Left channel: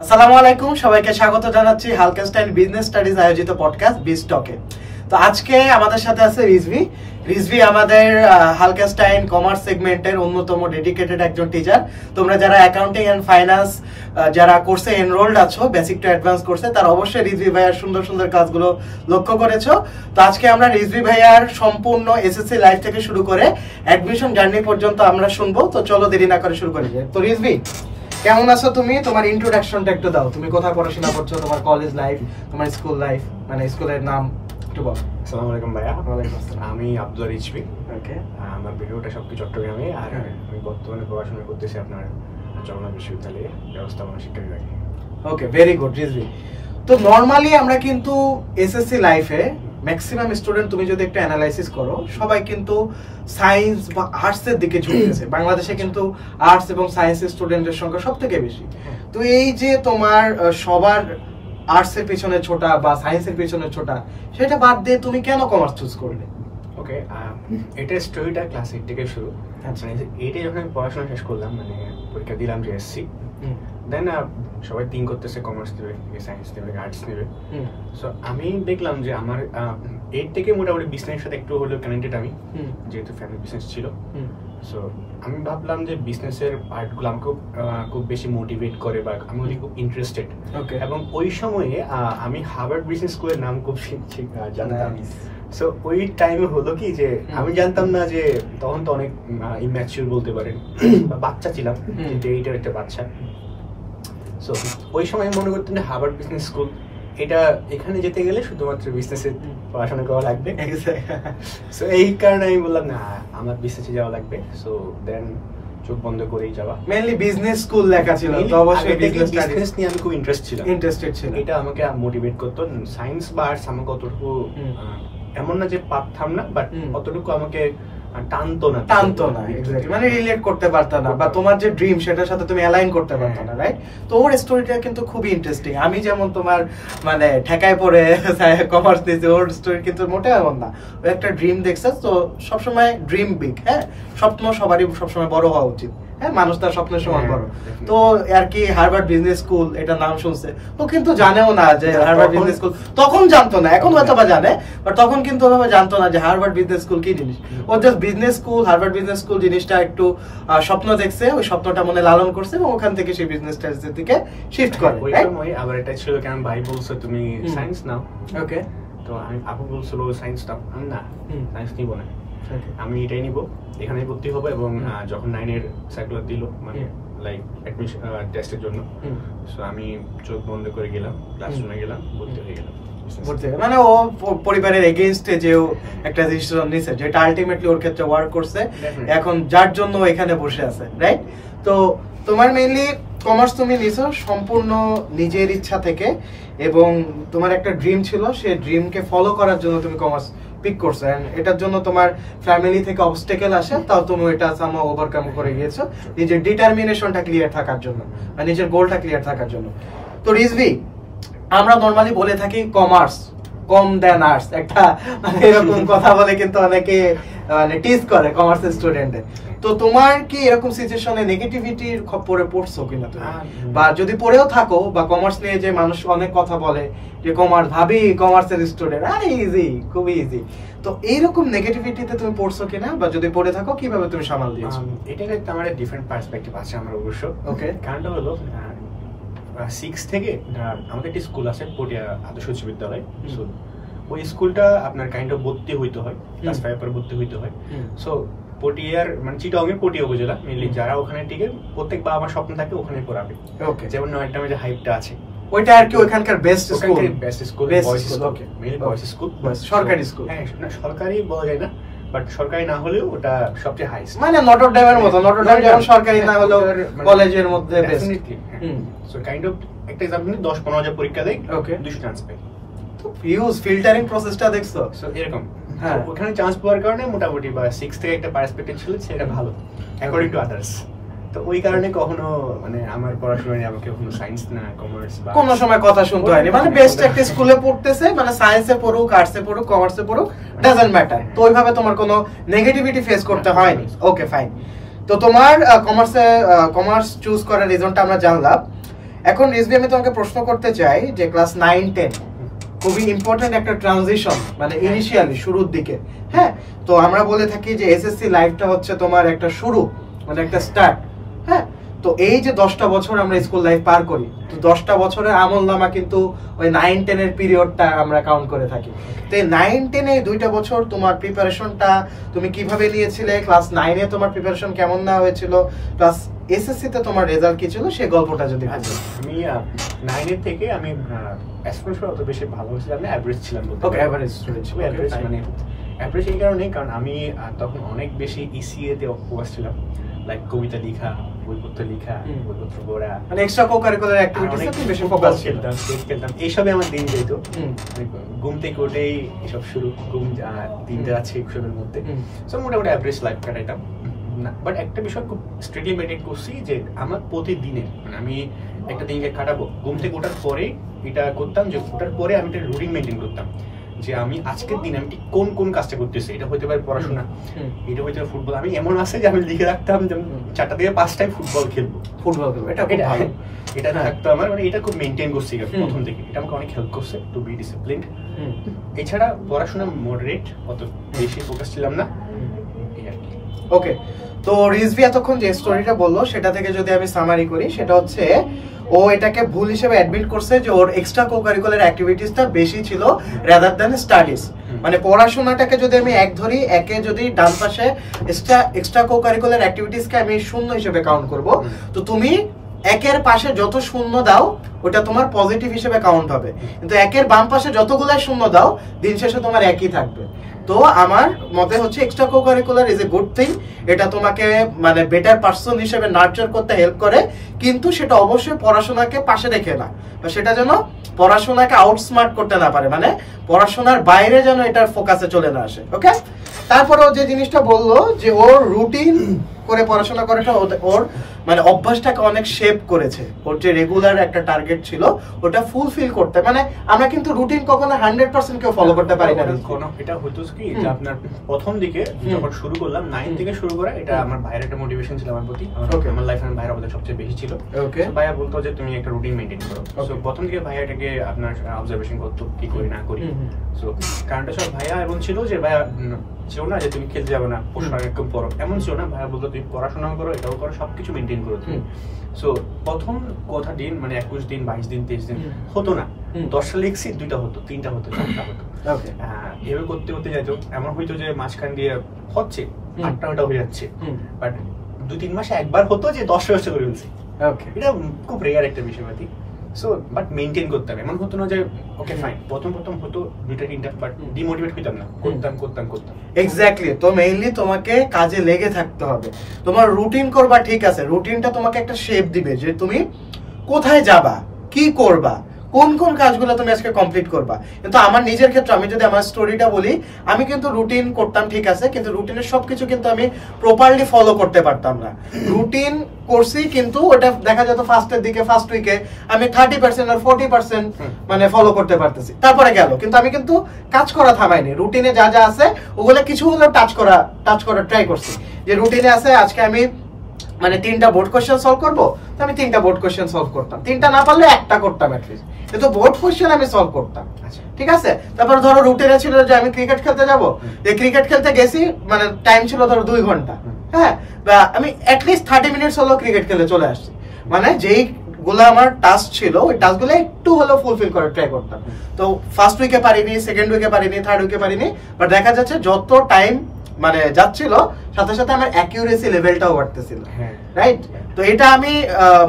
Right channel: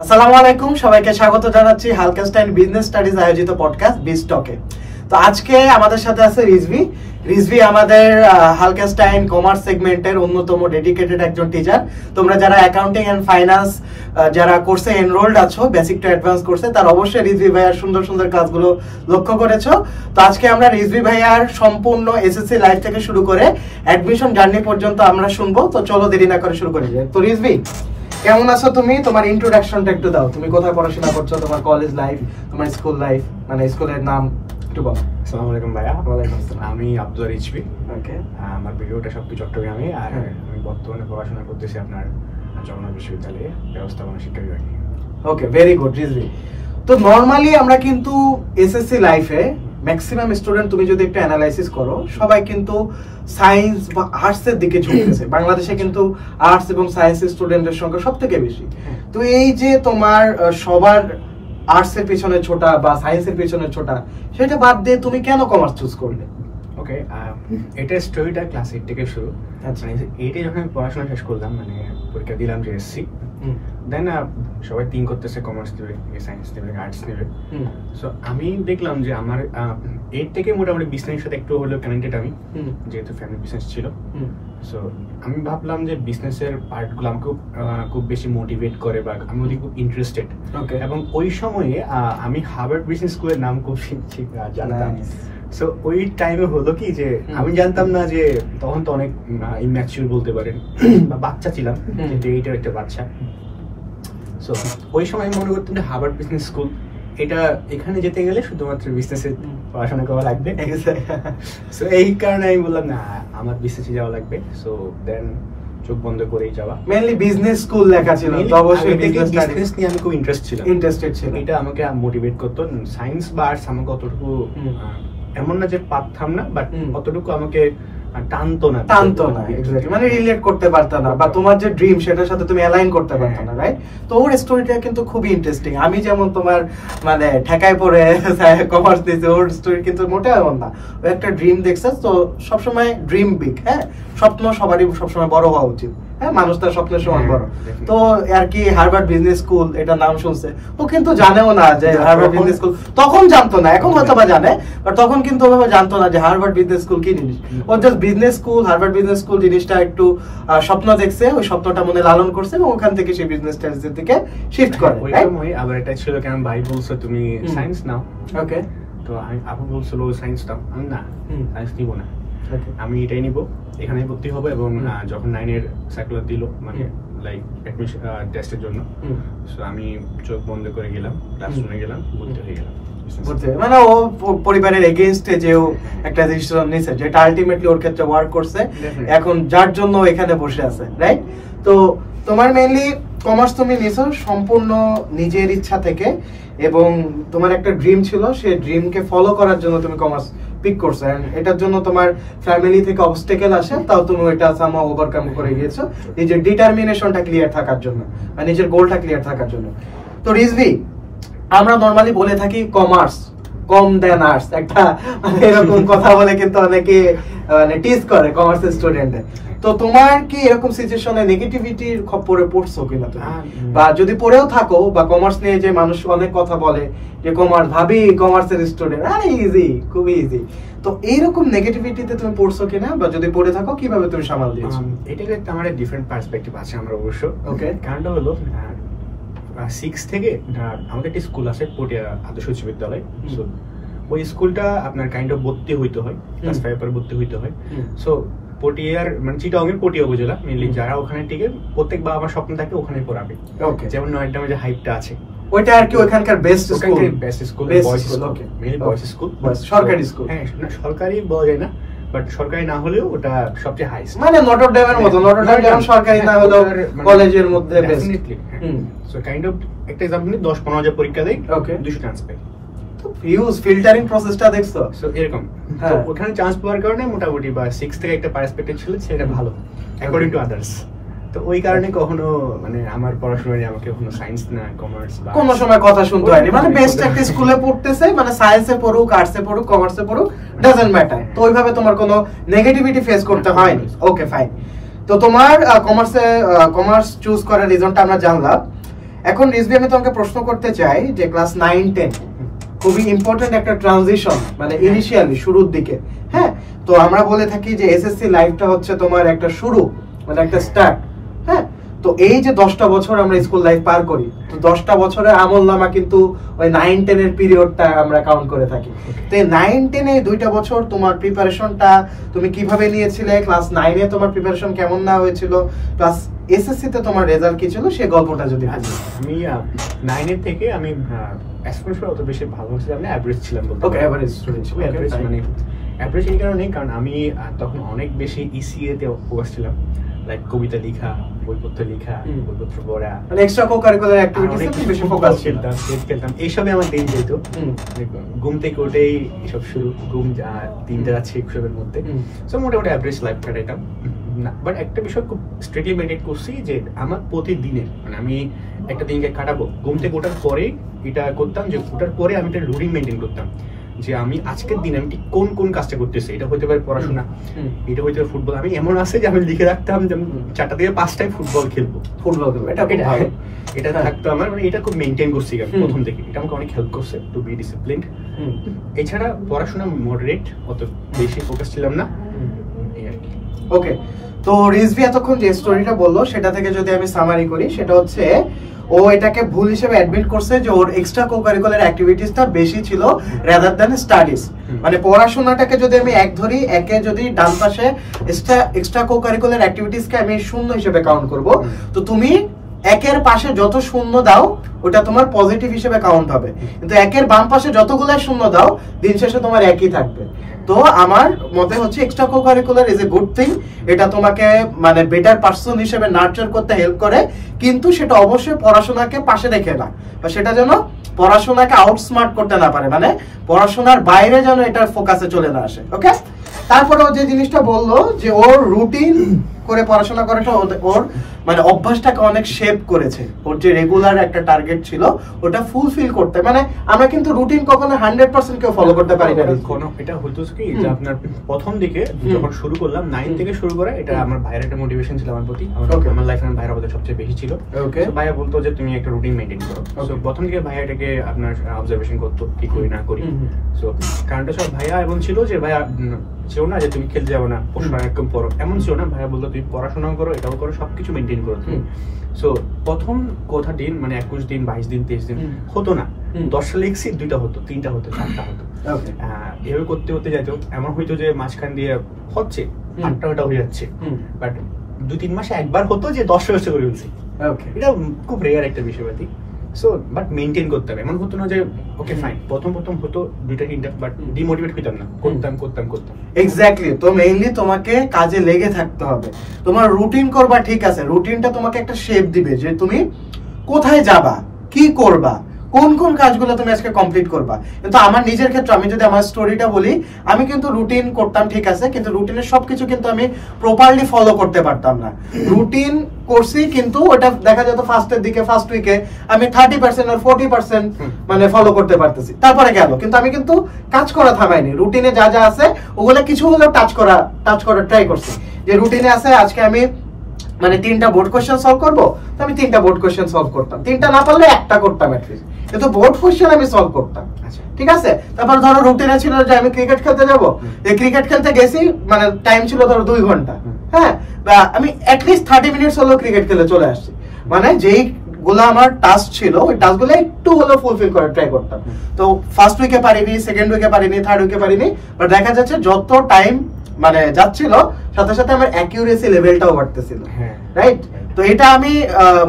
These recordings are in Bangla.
আসসালামু আলাইকুম, সবাইকে স্বাগত জানাচ্ছি হালকেনস্টাইন বিজনেস স্টাডিজ আয়োজিত পডকাস্ট বিজ টকে। তো আজকে আমাদের সাথে আছে রিজভি আমাদের হালকেনস্টাইন কমার্স সেগমেন্টের অন্যতম ডেডিকেটেড একজন টিচার। তোমরা যারা অ্যাকাউন্টিং এন্ড ফাইন্যান্স যারা কোর্সে এনরোলড আছো, বেসিক টু অ্যাডভান্স কোর্সে, তার অবশ্যই রিজভি ভাইয়ার সুন্দর সুন্দর কাজগুলো লক্ষ্য করেছো। তো আজকে আমরা রিজভি ভাইয়ার সম্পূর্ণ এসএসসি লাইফ থেকে শুরু করে অ্যাডমিশন জার্নি পর্যন্ত আমরা শুনবো। তো চলো দেরি না করে শুরু করি। তো রিজভি, কেমন আছো তুমি? তোমার ইন্ট্রোডাকশনটা একটু দাও। তুমি কোথায় পড়াশোনা করছো, তোমার কলেজ লাইফ, তোমার স্কুল লাইফ, মানে স্কুলের নাম একটু বলো। আসসালামু আলাইকুম ভাইয়া। ওয়ালাইকুম আসসালাম। আমি আব্দুল রিজভি। ওকে, আমার ভিডিওটা সবকি চট্টগ্রামে, আর আমি বর্তমানে পড়াশোনা করতেছি আপনার জগন্নাথ বিশ্ববিদ্যালয়ে ব্যবস্থাপনা শিক্ষা বিভাগে। ওকে, ভেরি গুড রিজভি। তো নরমালি আমরা কিন্তু এসএসসি লাইফে ম্যাক্সিমাম স্টুডেন্ট, তুমি যদি একটু অ্যানালাইসিস করো, সবাই কিন্তু সায়েন্স বা আর্টস এর দিকে ঝুঁকতেছে। বাংলাদেশে কিন্তু আর্টস এবং সায়েন্স স্টুডেন্টের সংখ্যা সবথেকে বেশি। তো এই যে তোমার সবার আর্টস এর পেছনে ছোটা বা সায়েন্স এর পেছনে ছোটা, সেটা বাদ দিয়ে তুমি কেন কমার্স চুজ করলে? ওকে, এটা স্টোরিটা ক্লাস 8 থেকে শুরু। মানে 8 যখন আমি পড়াশোনা শেষ করলাম, মানে পরীক্ষা দিলাম যে এসসি, দেন সবাই থিঙ্ক করতেছে কমার্স নেবে, সায়েন্স নেবে, আর্টস নেবে। সো আমি দেখলাম যে আমার 8 থেকে মোটামুটি বিজনেসের সাথে একটু হলেও কানেক্টেড আমি, যেহেতু ফ্যামিলি বিজনেস ছিল। সো আমি ভাবলাম যে বিজনেসের পার্টগুলো আমাকে খুব বেশি মোটিভেট করে বা আমি খুব ইন্টারেস্টেড। এবং ওই সময়ে আমি হার্ভার্ড বিজনেস স্কুলের নাম খুব জানতাম। সো ওই টাইমে হলো কি যে আমি জানতাম না যে তখন তো অনেক ইম্যাচিউর বলতে পারেন বা বাচ্চা ছিলাম, যে এইটার একটা বাচ্চা। সো ওই সময় মনে করতেন যে হার্ভার্ড বিজনেস স্কুল, এটা এখানে যেতে গেলে শুধুমাত্র বিজনেসে পড়াশোনা করা লাগবে। সো এই কারণে আমি বললাম না, আমার বিজনেসে যাওয়া লাগবে। সো দেন চোখ বন্ধ করেই যাওয়া। মেইনলি বিজনেস স্কুল লেখা ছিল, তো অবশ্যই বিজনেস নিয়ে আমি খুব ইন্টারেস্টেড ছিল। এটা আমাকে মোটিভেট করতো। সায়েন্স বা আর্টস আমাকে অতটুকু এমন না যে পারতাম না, বাট অতটুকু আমাকে টানতো না, এক্স্যাক্টলি, মানে রিলেট করতে পারতা না, বা তোমার যে ড্রিম সেটার সাথে তুমি অ্যালাইন করতে পারতা না, রাইট? তো ওর স্টোরিটা কিন্তু খুবই ইন্টারেস্টিং। আমি যেমন তোমার মানে ঠেকায় পড়ে কমার্স দিয়েছি, ওর স্টোরি কিন্তু মোটেও এমন না। ও একটা ড্রিম দেখছে, তো সবসময় ড্রিম বিগ। হ্যাঁ, স্বপ্ন সবারই সবসময় বড় হওয়া উচিত। হ্যাঁ, মানুষ তার স্বপ্নের সমান বড়। তো আর কি হার্ভার্ড বিজনেস স্কুল এটা নাম শুনছে, ও কিন্তু জানেও না যে হার্ভার্ড বিজনেস স্কুল, তখন জানতো না, এখন হয়তো বা জানে, বাট তখন কিন্তু ওভাবে জানতো না যে হার্ভার্ড বিজনেস স্কুল কি জিনিস। ও just business school, Harvard business school জিনিসটা একটু স্বপ্ন দেখছে, ওই স্বপ্নটা মনে লালন করছে এবং ওখান থেকে সেই বিজনেস স্টাডিজের দিকে শিফট করে। আবার এটা ছিল কেন ভাই বলছো তুমি সায়েন্স নাও। ওকে, তো আমি আপু বলছিল সায়েন্স নাও, আমি না সায়েন্স নিব না, আমি এটাই নিব, এখানে ভর্তি হবো। এবং যখন 9-এর সার্কুলার দিল, মানে লাইক অ্যাডমিশন টেস্টের জন্য, সো আমি চোখ বন্ধ করে গেলাম, ক্লাসরুমে গেলাম, ভর্তি হয়ে গেলাম। মানে ও পরিবারের এগেইনস্টে যে ও একটা ডিসিশন নিছে, যেটা আলটিমেটলি ওর ক্ষেত্রে ওয়ার্ক করছে, এখন যার জন্য এখানে বসে আছে, রাইট? তো তোমার মেইনলি কমার্স তুমি নিছো সম্পূর্ণ নিজের ইচ্ছা থেকে, এবং তোমার একটা ড্রিম ছিল, সেই ড্রিমকে ফলো করার জন্য তুমি কমার্স পিক করছো। এন্ড এটার জন্য তোমার ফ্যামিলি থেকে অবস্টেকেল আসে, তাও তুমি এটা সামহাউ ওভারকাম করে গিয়েছো নিজের ডিটারমিনেশনটা ক্লিয়ার থাকার জন্য, বা নিজের গোলটা ক্লিয়ার থাকার জন্য। তো রিজভি, আমরা নরমালি বলে থাকি কমার্স কম দেন আর্টস, একটা মানে এরকম কথা বলে কিন্তু অনেকে মানে টিজ করে কমার্স স্টুডেন্টে। তো তোমার কি এরকম সিচুয়েশনে নেগেটিভিটির খপ্পরে পড়ছো কিনা তুমি, বা যদি পড়েও থাকো, বা কমার্স নিয়ে যে মানুষ অনেক কথা বলে যে কমার্স, ভাবি কমার্সের স্টুডেন্ট, আরে ইজি, খুবই ইজি, তো এইরকম নেগেটিভিটিতে তুমি পড়ছো কিনা, বা যদি পড়ে থাকো কিভাবে তুমি সামাল দিয়েছো? এটাকে আমার ডিফারেন্ট পার্সপেক্টিভ আছে আমার অবশ্য। ওকে, কারণটা হলো 6 থেকে আমাদের একটা স্কুল আছে পটিয়া আদর্শ উচ্চ বিদ্যালয়। ওই স্কুলটা আপনার কাইন্ড অফ ভর্তি হইতে হয়, ক্লাস 5 পরে ভর্তি হইতে হয়। সো পটিয়ার মানে চিটাগং পটিয়া উপজেলা মেইনলি যারা ওখানে টিকে, প্রত্যেক বাবা আমার স্বপ্ন থাকে ওখানে পড়াবে। ওকে, যেমন নয়ডামে যে হাইপটা আছে, ওইটা আর কি ওখানকার বেস্ট স্কুল, বয়েজ স্কুল, ওকে মেইনলি বয়েজ স্কুল, সরকারি স্কুল। হ্যাঁ, সরকারি বলা যায় না, বাট সরকারি না হলেও ওটা সবচেয়ে হাইস্ট, মানে নটর ডেমের মতো। নটর ডেম যেমন সরকারি না হলেও কলেজের মধ্যে বেস্ট। সো কাইন্ড অফ একটা एग्जांपल 10-15 হাজার পরীক্ষা দেই, ওকে 200 চান্স পাই। তো ইউজ ফিল্টারিং প্রসেসটা দেখছো? সো এরকম, হ্যাঁ, ওখানে চান্স পাওয়ার কারণে মোটামুটি বা 6 থেকে একটা পার্সপেক্টিভ ছিল, সেটা ভালো অ্যাকর্ডিং টু আদার্স। তো ওই কারণে কখনো মানে আমার পড়াশোনায় আমাকে কখনো সায়েন্স না কমার্স বা কোনো সময় কথা শুনতে হয়নি, মানে বেস্ট একটা স্কুলে পড়তেছে, মানে সায়েন্সে পড়ুক, আর্টসে পড়ুক, কমার্সে পড়ুক, ডাজন্ট ম্যাটার। তো ওইভাবে তোমার কোনো নেগেটিভিটি ফেস করতে হয়নি। ওকে, ফাইন। তো তোমার কমার্স চুজ করার রিজনটা আমরা জানলাম। এখন রিজভি আমি তোমাকে প্রশ্ন করতে চাই যে ক্লাস 9-10 খুবই ইম্পর্টেন্ট একটা ট্রানজিশন, মানে ইনিশিয়ালি শুরুর দিকে। হ্যাঁ, তো আমরা বলে থাকি যে এসএসসি লাইফটা হচ্ছে তোমার একটা শুরু, মানে একটা স্টার্ট। হ্যাঁ, তো এই যে 10টা বছর আমরা স্কুল লাইফ পার করি, তো 10টা বছরের আমলনামা কিন্তু ওই 9-10 এর পিরিয়ডটা আমরা কাউন্ট করে থাকি। তো এই 9-10 এই 2টা বছর তোমার প্রিপারেশনটা তুমি কিভাবে নিয়েছিলে, ক্লাস 9 এ তোমার প্রিপারেশন কেমন না হয়েছিল, প্লাস এসএসসি তে তোমার রেজাল্ট কি ছিল, সেই গল্পটা যদি আমি 9 এর থেকে আমি অ্যাসপিরেশন অত বেশি ভালো হয়েছিল, আমি এভারেজ ছিলাম বলতে। ওকে, এভারেজ স্টুডেন্ট, মানে এভারেজ এই কারণেই কারণ আমি তখন অনেক বেশি ইসিএ তে ফোকাস ছিলাম, লাইক কবিতা লেখা, বইপত্র লেখা, বইপত্র পড়া, মানে এক্সট্রা কো-কারিকুলার অ্যাক্টিভিটিসে তুমি বেশি ফোকাস খেলতাম, এইসবে আমার দিন যেত। ঘুম থেকে উঠেই এসব শুরু, ঘুম 3টা যাচ্ছে এসবের মধ্যে। সো মোটামুটি অ্যাভারেজ লাইফ কাটাইতাম। বাট একটা বিষয় খুব স্ট্রিক্টলি মেনটেন করছি যে আমার প্রতিদিনের, মানে আমি একটা দিনকে কাটাবো, ঘুম থেকে ওঠার পরে এটা করতাম যে ওঠার পরে আমি একটা রুটিন মেনটেন করতাম যে আমি আজকের দিনে আমি ঠিক কোন কোন কাজটা করতেছি। এটা হতে পারে পড়াশোনা, এটা হতে পারে ফুটবল। আমি এমন আছে যে আমি লিখে রাখতাম যে 4টা থেকে 5টায় ফুটবল খেলবো। এটা থাকতো আমার, মানে এটা খুব মেনটেন করছি প্রথম থেকে। এটা আমাকে অনেক হেল্প করছে টু বি ডিসিপ্লিনড। এছাড়া পড়াশোনা মডারেট, অত বেশি ফোকাস ছিলাম না। ওকে, তো রিজভি এতক্ষণ যে স্টোরিটা বললো সেটা থেকে যদি আমি সামারি করি, সেটা হচ্ছে ও এটাকে ভুল হিসেবে অ্যাডমিট করছে যে ওর এক্সট্রা কো-কারিকুলার অ্যাক্টিভিটিসটা বেশি ছিল রাদার দ্যান স্টাডিজ। মানে পড়াশোনাটাকে যদি আমি এক ধরি, একে যদি ডান পাশে এক্সট্রা কো-কারিকুলার অ্যাক্টিভিটিসকে আমি শূন্য হিসেবে কাউন্ট করব, তো তুমি একের পাশে যত শূন্য দাও ওটা তোমার পজিটিভ হিসেবে কাউন্ট হবে, কিন্তু একের বাম পাশে যতগুলাই শূন্য দাও দিন শেষে তোমার একই থাকবে। তো আমার মতে হচ্ছে extra co-curricular is a good thing. এটা তোমাকে মানে বেটার পারসন হিসেবে নার্চার করতে হেল্প করে, কিন্তু সেটা অবশ্যই পড়াশোনাকে পাশে রেখে না, বা সেটা যেন পড়াশোনাকে আউটস্মার্ট করতে না পারে, মানে পড়াশোনার বাইরে যেন এটার ফোকাসে চলে না আসে। ওকে, তারপরে যে জিনিসটা বললো যে ওর রুটিন করে পড়াশোনা করাটা ওর মানে অভ্যাসটাকে অনেক শেপ করেছে। ওর যে রেগুলার একটা টার্গেট ছিল ওটা ফুলফিল করতে, মানে আমরা কিন্তু রুটিন কখনো 100% কেউ ফলো করতে পারি না। এটা হতো কি যে আপনার প্রথম দিকে যখন শুরু করলাম 9 থেকে শুরু করা, এটা আমার ভাইয়ের একটা মোটিভেশন ছিল আমার প্রতি। আমার লাইফে আমার ভাইয়ের আমাদের সবচেয়ে বেশি ছিল। ভাইয়া বলতো যে তুমি একটা রুটিন মেইনটেইন করো। সো প্রথম দিকে ভাইয়া এটাকে আপনার অবজারভেশন করতো কি করি না করি। সো কারণটা সব ভাইয়া এমন ছিল যে ভাইয়া ছিল না যে তুমি খেলতে যাবো না, পড়াশোনা একদম পড়ো, এমন ছিল না। ভাইয়া বলতো তুমি পড়াশোনা করো, এটাও করো, সবকিছু মেনটেন করো তুমি। সো প্রথম কথা দিন মানে 21 দিন 22 দিন 23 দিন হতো না, 10টা লিখছি 2টা হতো, 3টা হতো, 4টা হতো। এভাবে করতে করতে যাইতো, এমন হইতো যে মাঝখান দিয়ে হচ্ছে 8টা হয়ে যাচ্ছে, বাট 2-3 মাসে একবার হতো যে 10টা হচ্ছে করে ফেলছি। এটা খুব রেয়ার একটা বিষয়পাতি। সো বাট মেইনটেইন করতে হবে, এমন হতো না যে ওকে ফাইন প্রথম হতো 2টা-3টা, বাট ডিমোটিভেট হইতাম না, করতাম। এক্স্যাক্টলি, তো মেইনলি তোমাকে কাজে লেগে থাকতে হবে। তোমার রুটিন করবা, ঠিক আছে, রুটিনটা তোমাকে একটা শেপ দিবে যে তুমি কোথায় যাবা, কি করবা, কোন কোন কাজগুলো তুমি আজকে কমপ্লিট করবা। কিন্তু আমার নিজের ক্ষেত্রে আমি যদি আমার স্টোরিটা বলি, আমি কিন্তু রুটিন করতাম, ঠিক আছে, কিন্তু রুটিনের সবকিছু কিন্তু আমি প্রপারলি ফলো করতে পারতাম না। রুটিন করছি কিন্তু ওটা দেখা যেত ফার্স্ট উইকে আমি 30% আর 40% মানে ফলো করতে পারতেছি, তারপরে গেল, কিন্তু আমি কিন্তু কাজ করা থামাইনি। রুটিনে যা যা আছে ওগুলো কিছু হলেও টাচ করা ট্রাই করছি। যে রুটিনে আছে আজকে আমি মানে 3টা বোর্ড কোশ্চেন সলভ করবো, তো আমি 3টা বোর্ড কোশ্চেন সলভ করতাম, 3টা না পারলে একটা করতাম অ্যাটলিস্ট, কিন্তু বোর্ড কোশ্চেন আমি সলভ করতাম। ঠিক আছে, তারপর ধরো রুটিনে ছিল যে আমি ক্রিকেট খেলতে যাবো, ক্রিকেট খেলতে গেছি, মানে টাইম ছিল ধরো 2 ঘন্টা, হ্যাঁ, বা আমি অ্যাটলিস্ট 30 মিনিটস হলো ক্রিকেট খেলে চলে আসছি। মানে যেই গুলো আমার টাস্ক ছিল ওই টাস্ক গুলো একটু হলেও ফুলফিল করে ট্রাই করতাম। তো ফার্স্ট উইকে পারিনি, সেকেন্ড উইকে পারিনি, থার্ড উইকে পারিনি, বাট দেখা যাচ্ছে যত টাইম মানে যাচ্ছিল সাথে সাথে আমার অ্যাকিউরেসি লেভেলটাও বাড়তেছিল, রাইট? তো এটা আমি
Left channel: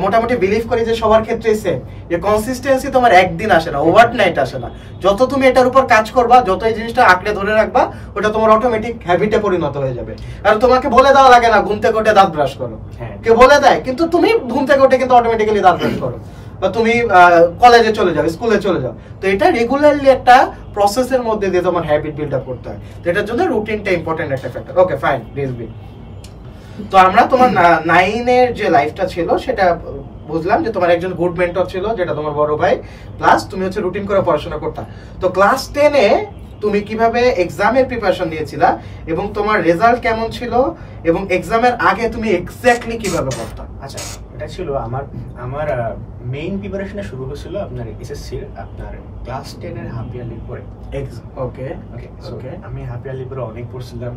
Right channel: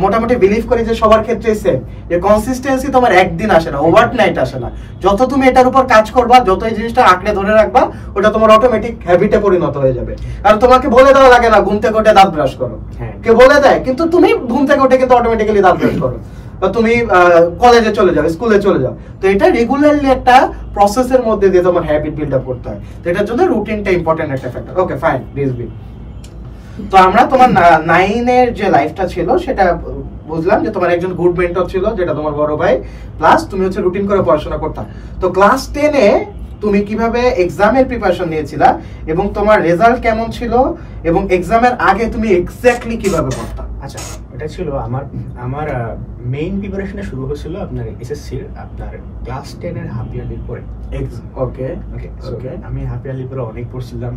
মোটামুটি বিলিভ করি যে সবার ক্ষেত্রেই সেম, যে কনসিস্টেন্সি তোমার একদিন আসে না, ওভারনাইট আসে না। যত তুমি এটার উপর কাজ করবা, যত এই জিনিসটা আঁকড়ে ধরে রাখবা, ওটা তোমার অটোমেটিক হ্যাবিটে পরিণত হয়ে যাবে। কারণ তোমাকে বলে দেওয়া লাগে না ঘুম থেকে উঠে দাঁত ব্রাশ করো, কেউ বলে দেয়, কিন্তু তুমি ঘুম থেকে উঠে কিন্তু অটোমেটিক্যালি দাঁত ব্রাশ করো, বা তুমি কলেজে চলে যাও, স্কুলে চলে যাও। তো এটা রেগুলারলি একটা প্রসেসের মধ্যে দিয়ে তোমার হ্যাবিট বিল্ড আপ করতে হয়। তো এটার জন্য রুটিনটা ইম্পর্টেন্ট একটা ফ্যাক্টর। ওকে ফাইন, রিজভি, তো আমরা তোমার 9 এর যে লাইফটা ছিল সেটা বুঝলাম যে তোমার একজন গুড মেন্টর ছিল যেটা তোমার বড় ভাই, প্লাস তুমি হচ্ছে রুটিন করে পড়াশোনা করতা। তো ক্লাস 10 এ তুমি কিভাবে এক্সামের প্রিপারেশন নিয়েছিলা এবং তোমার রেজাল্ট কেমন ছিল এবং এক্সামের আগে তুমি এক্স্যাক্টলি কিভাবে পড়তা? আচ্ছা, এটা ছিল আমার মেইন প্রিপারেশন শুরু হয়েছিল আপনার এসএসসির আপনার ক্লাস 10 এর হাফ ইয়ারলির পরে। ওকে ওকে ওকে, আমি হাফ ইয়ারলির পরে অনেক পড়ছিলাম,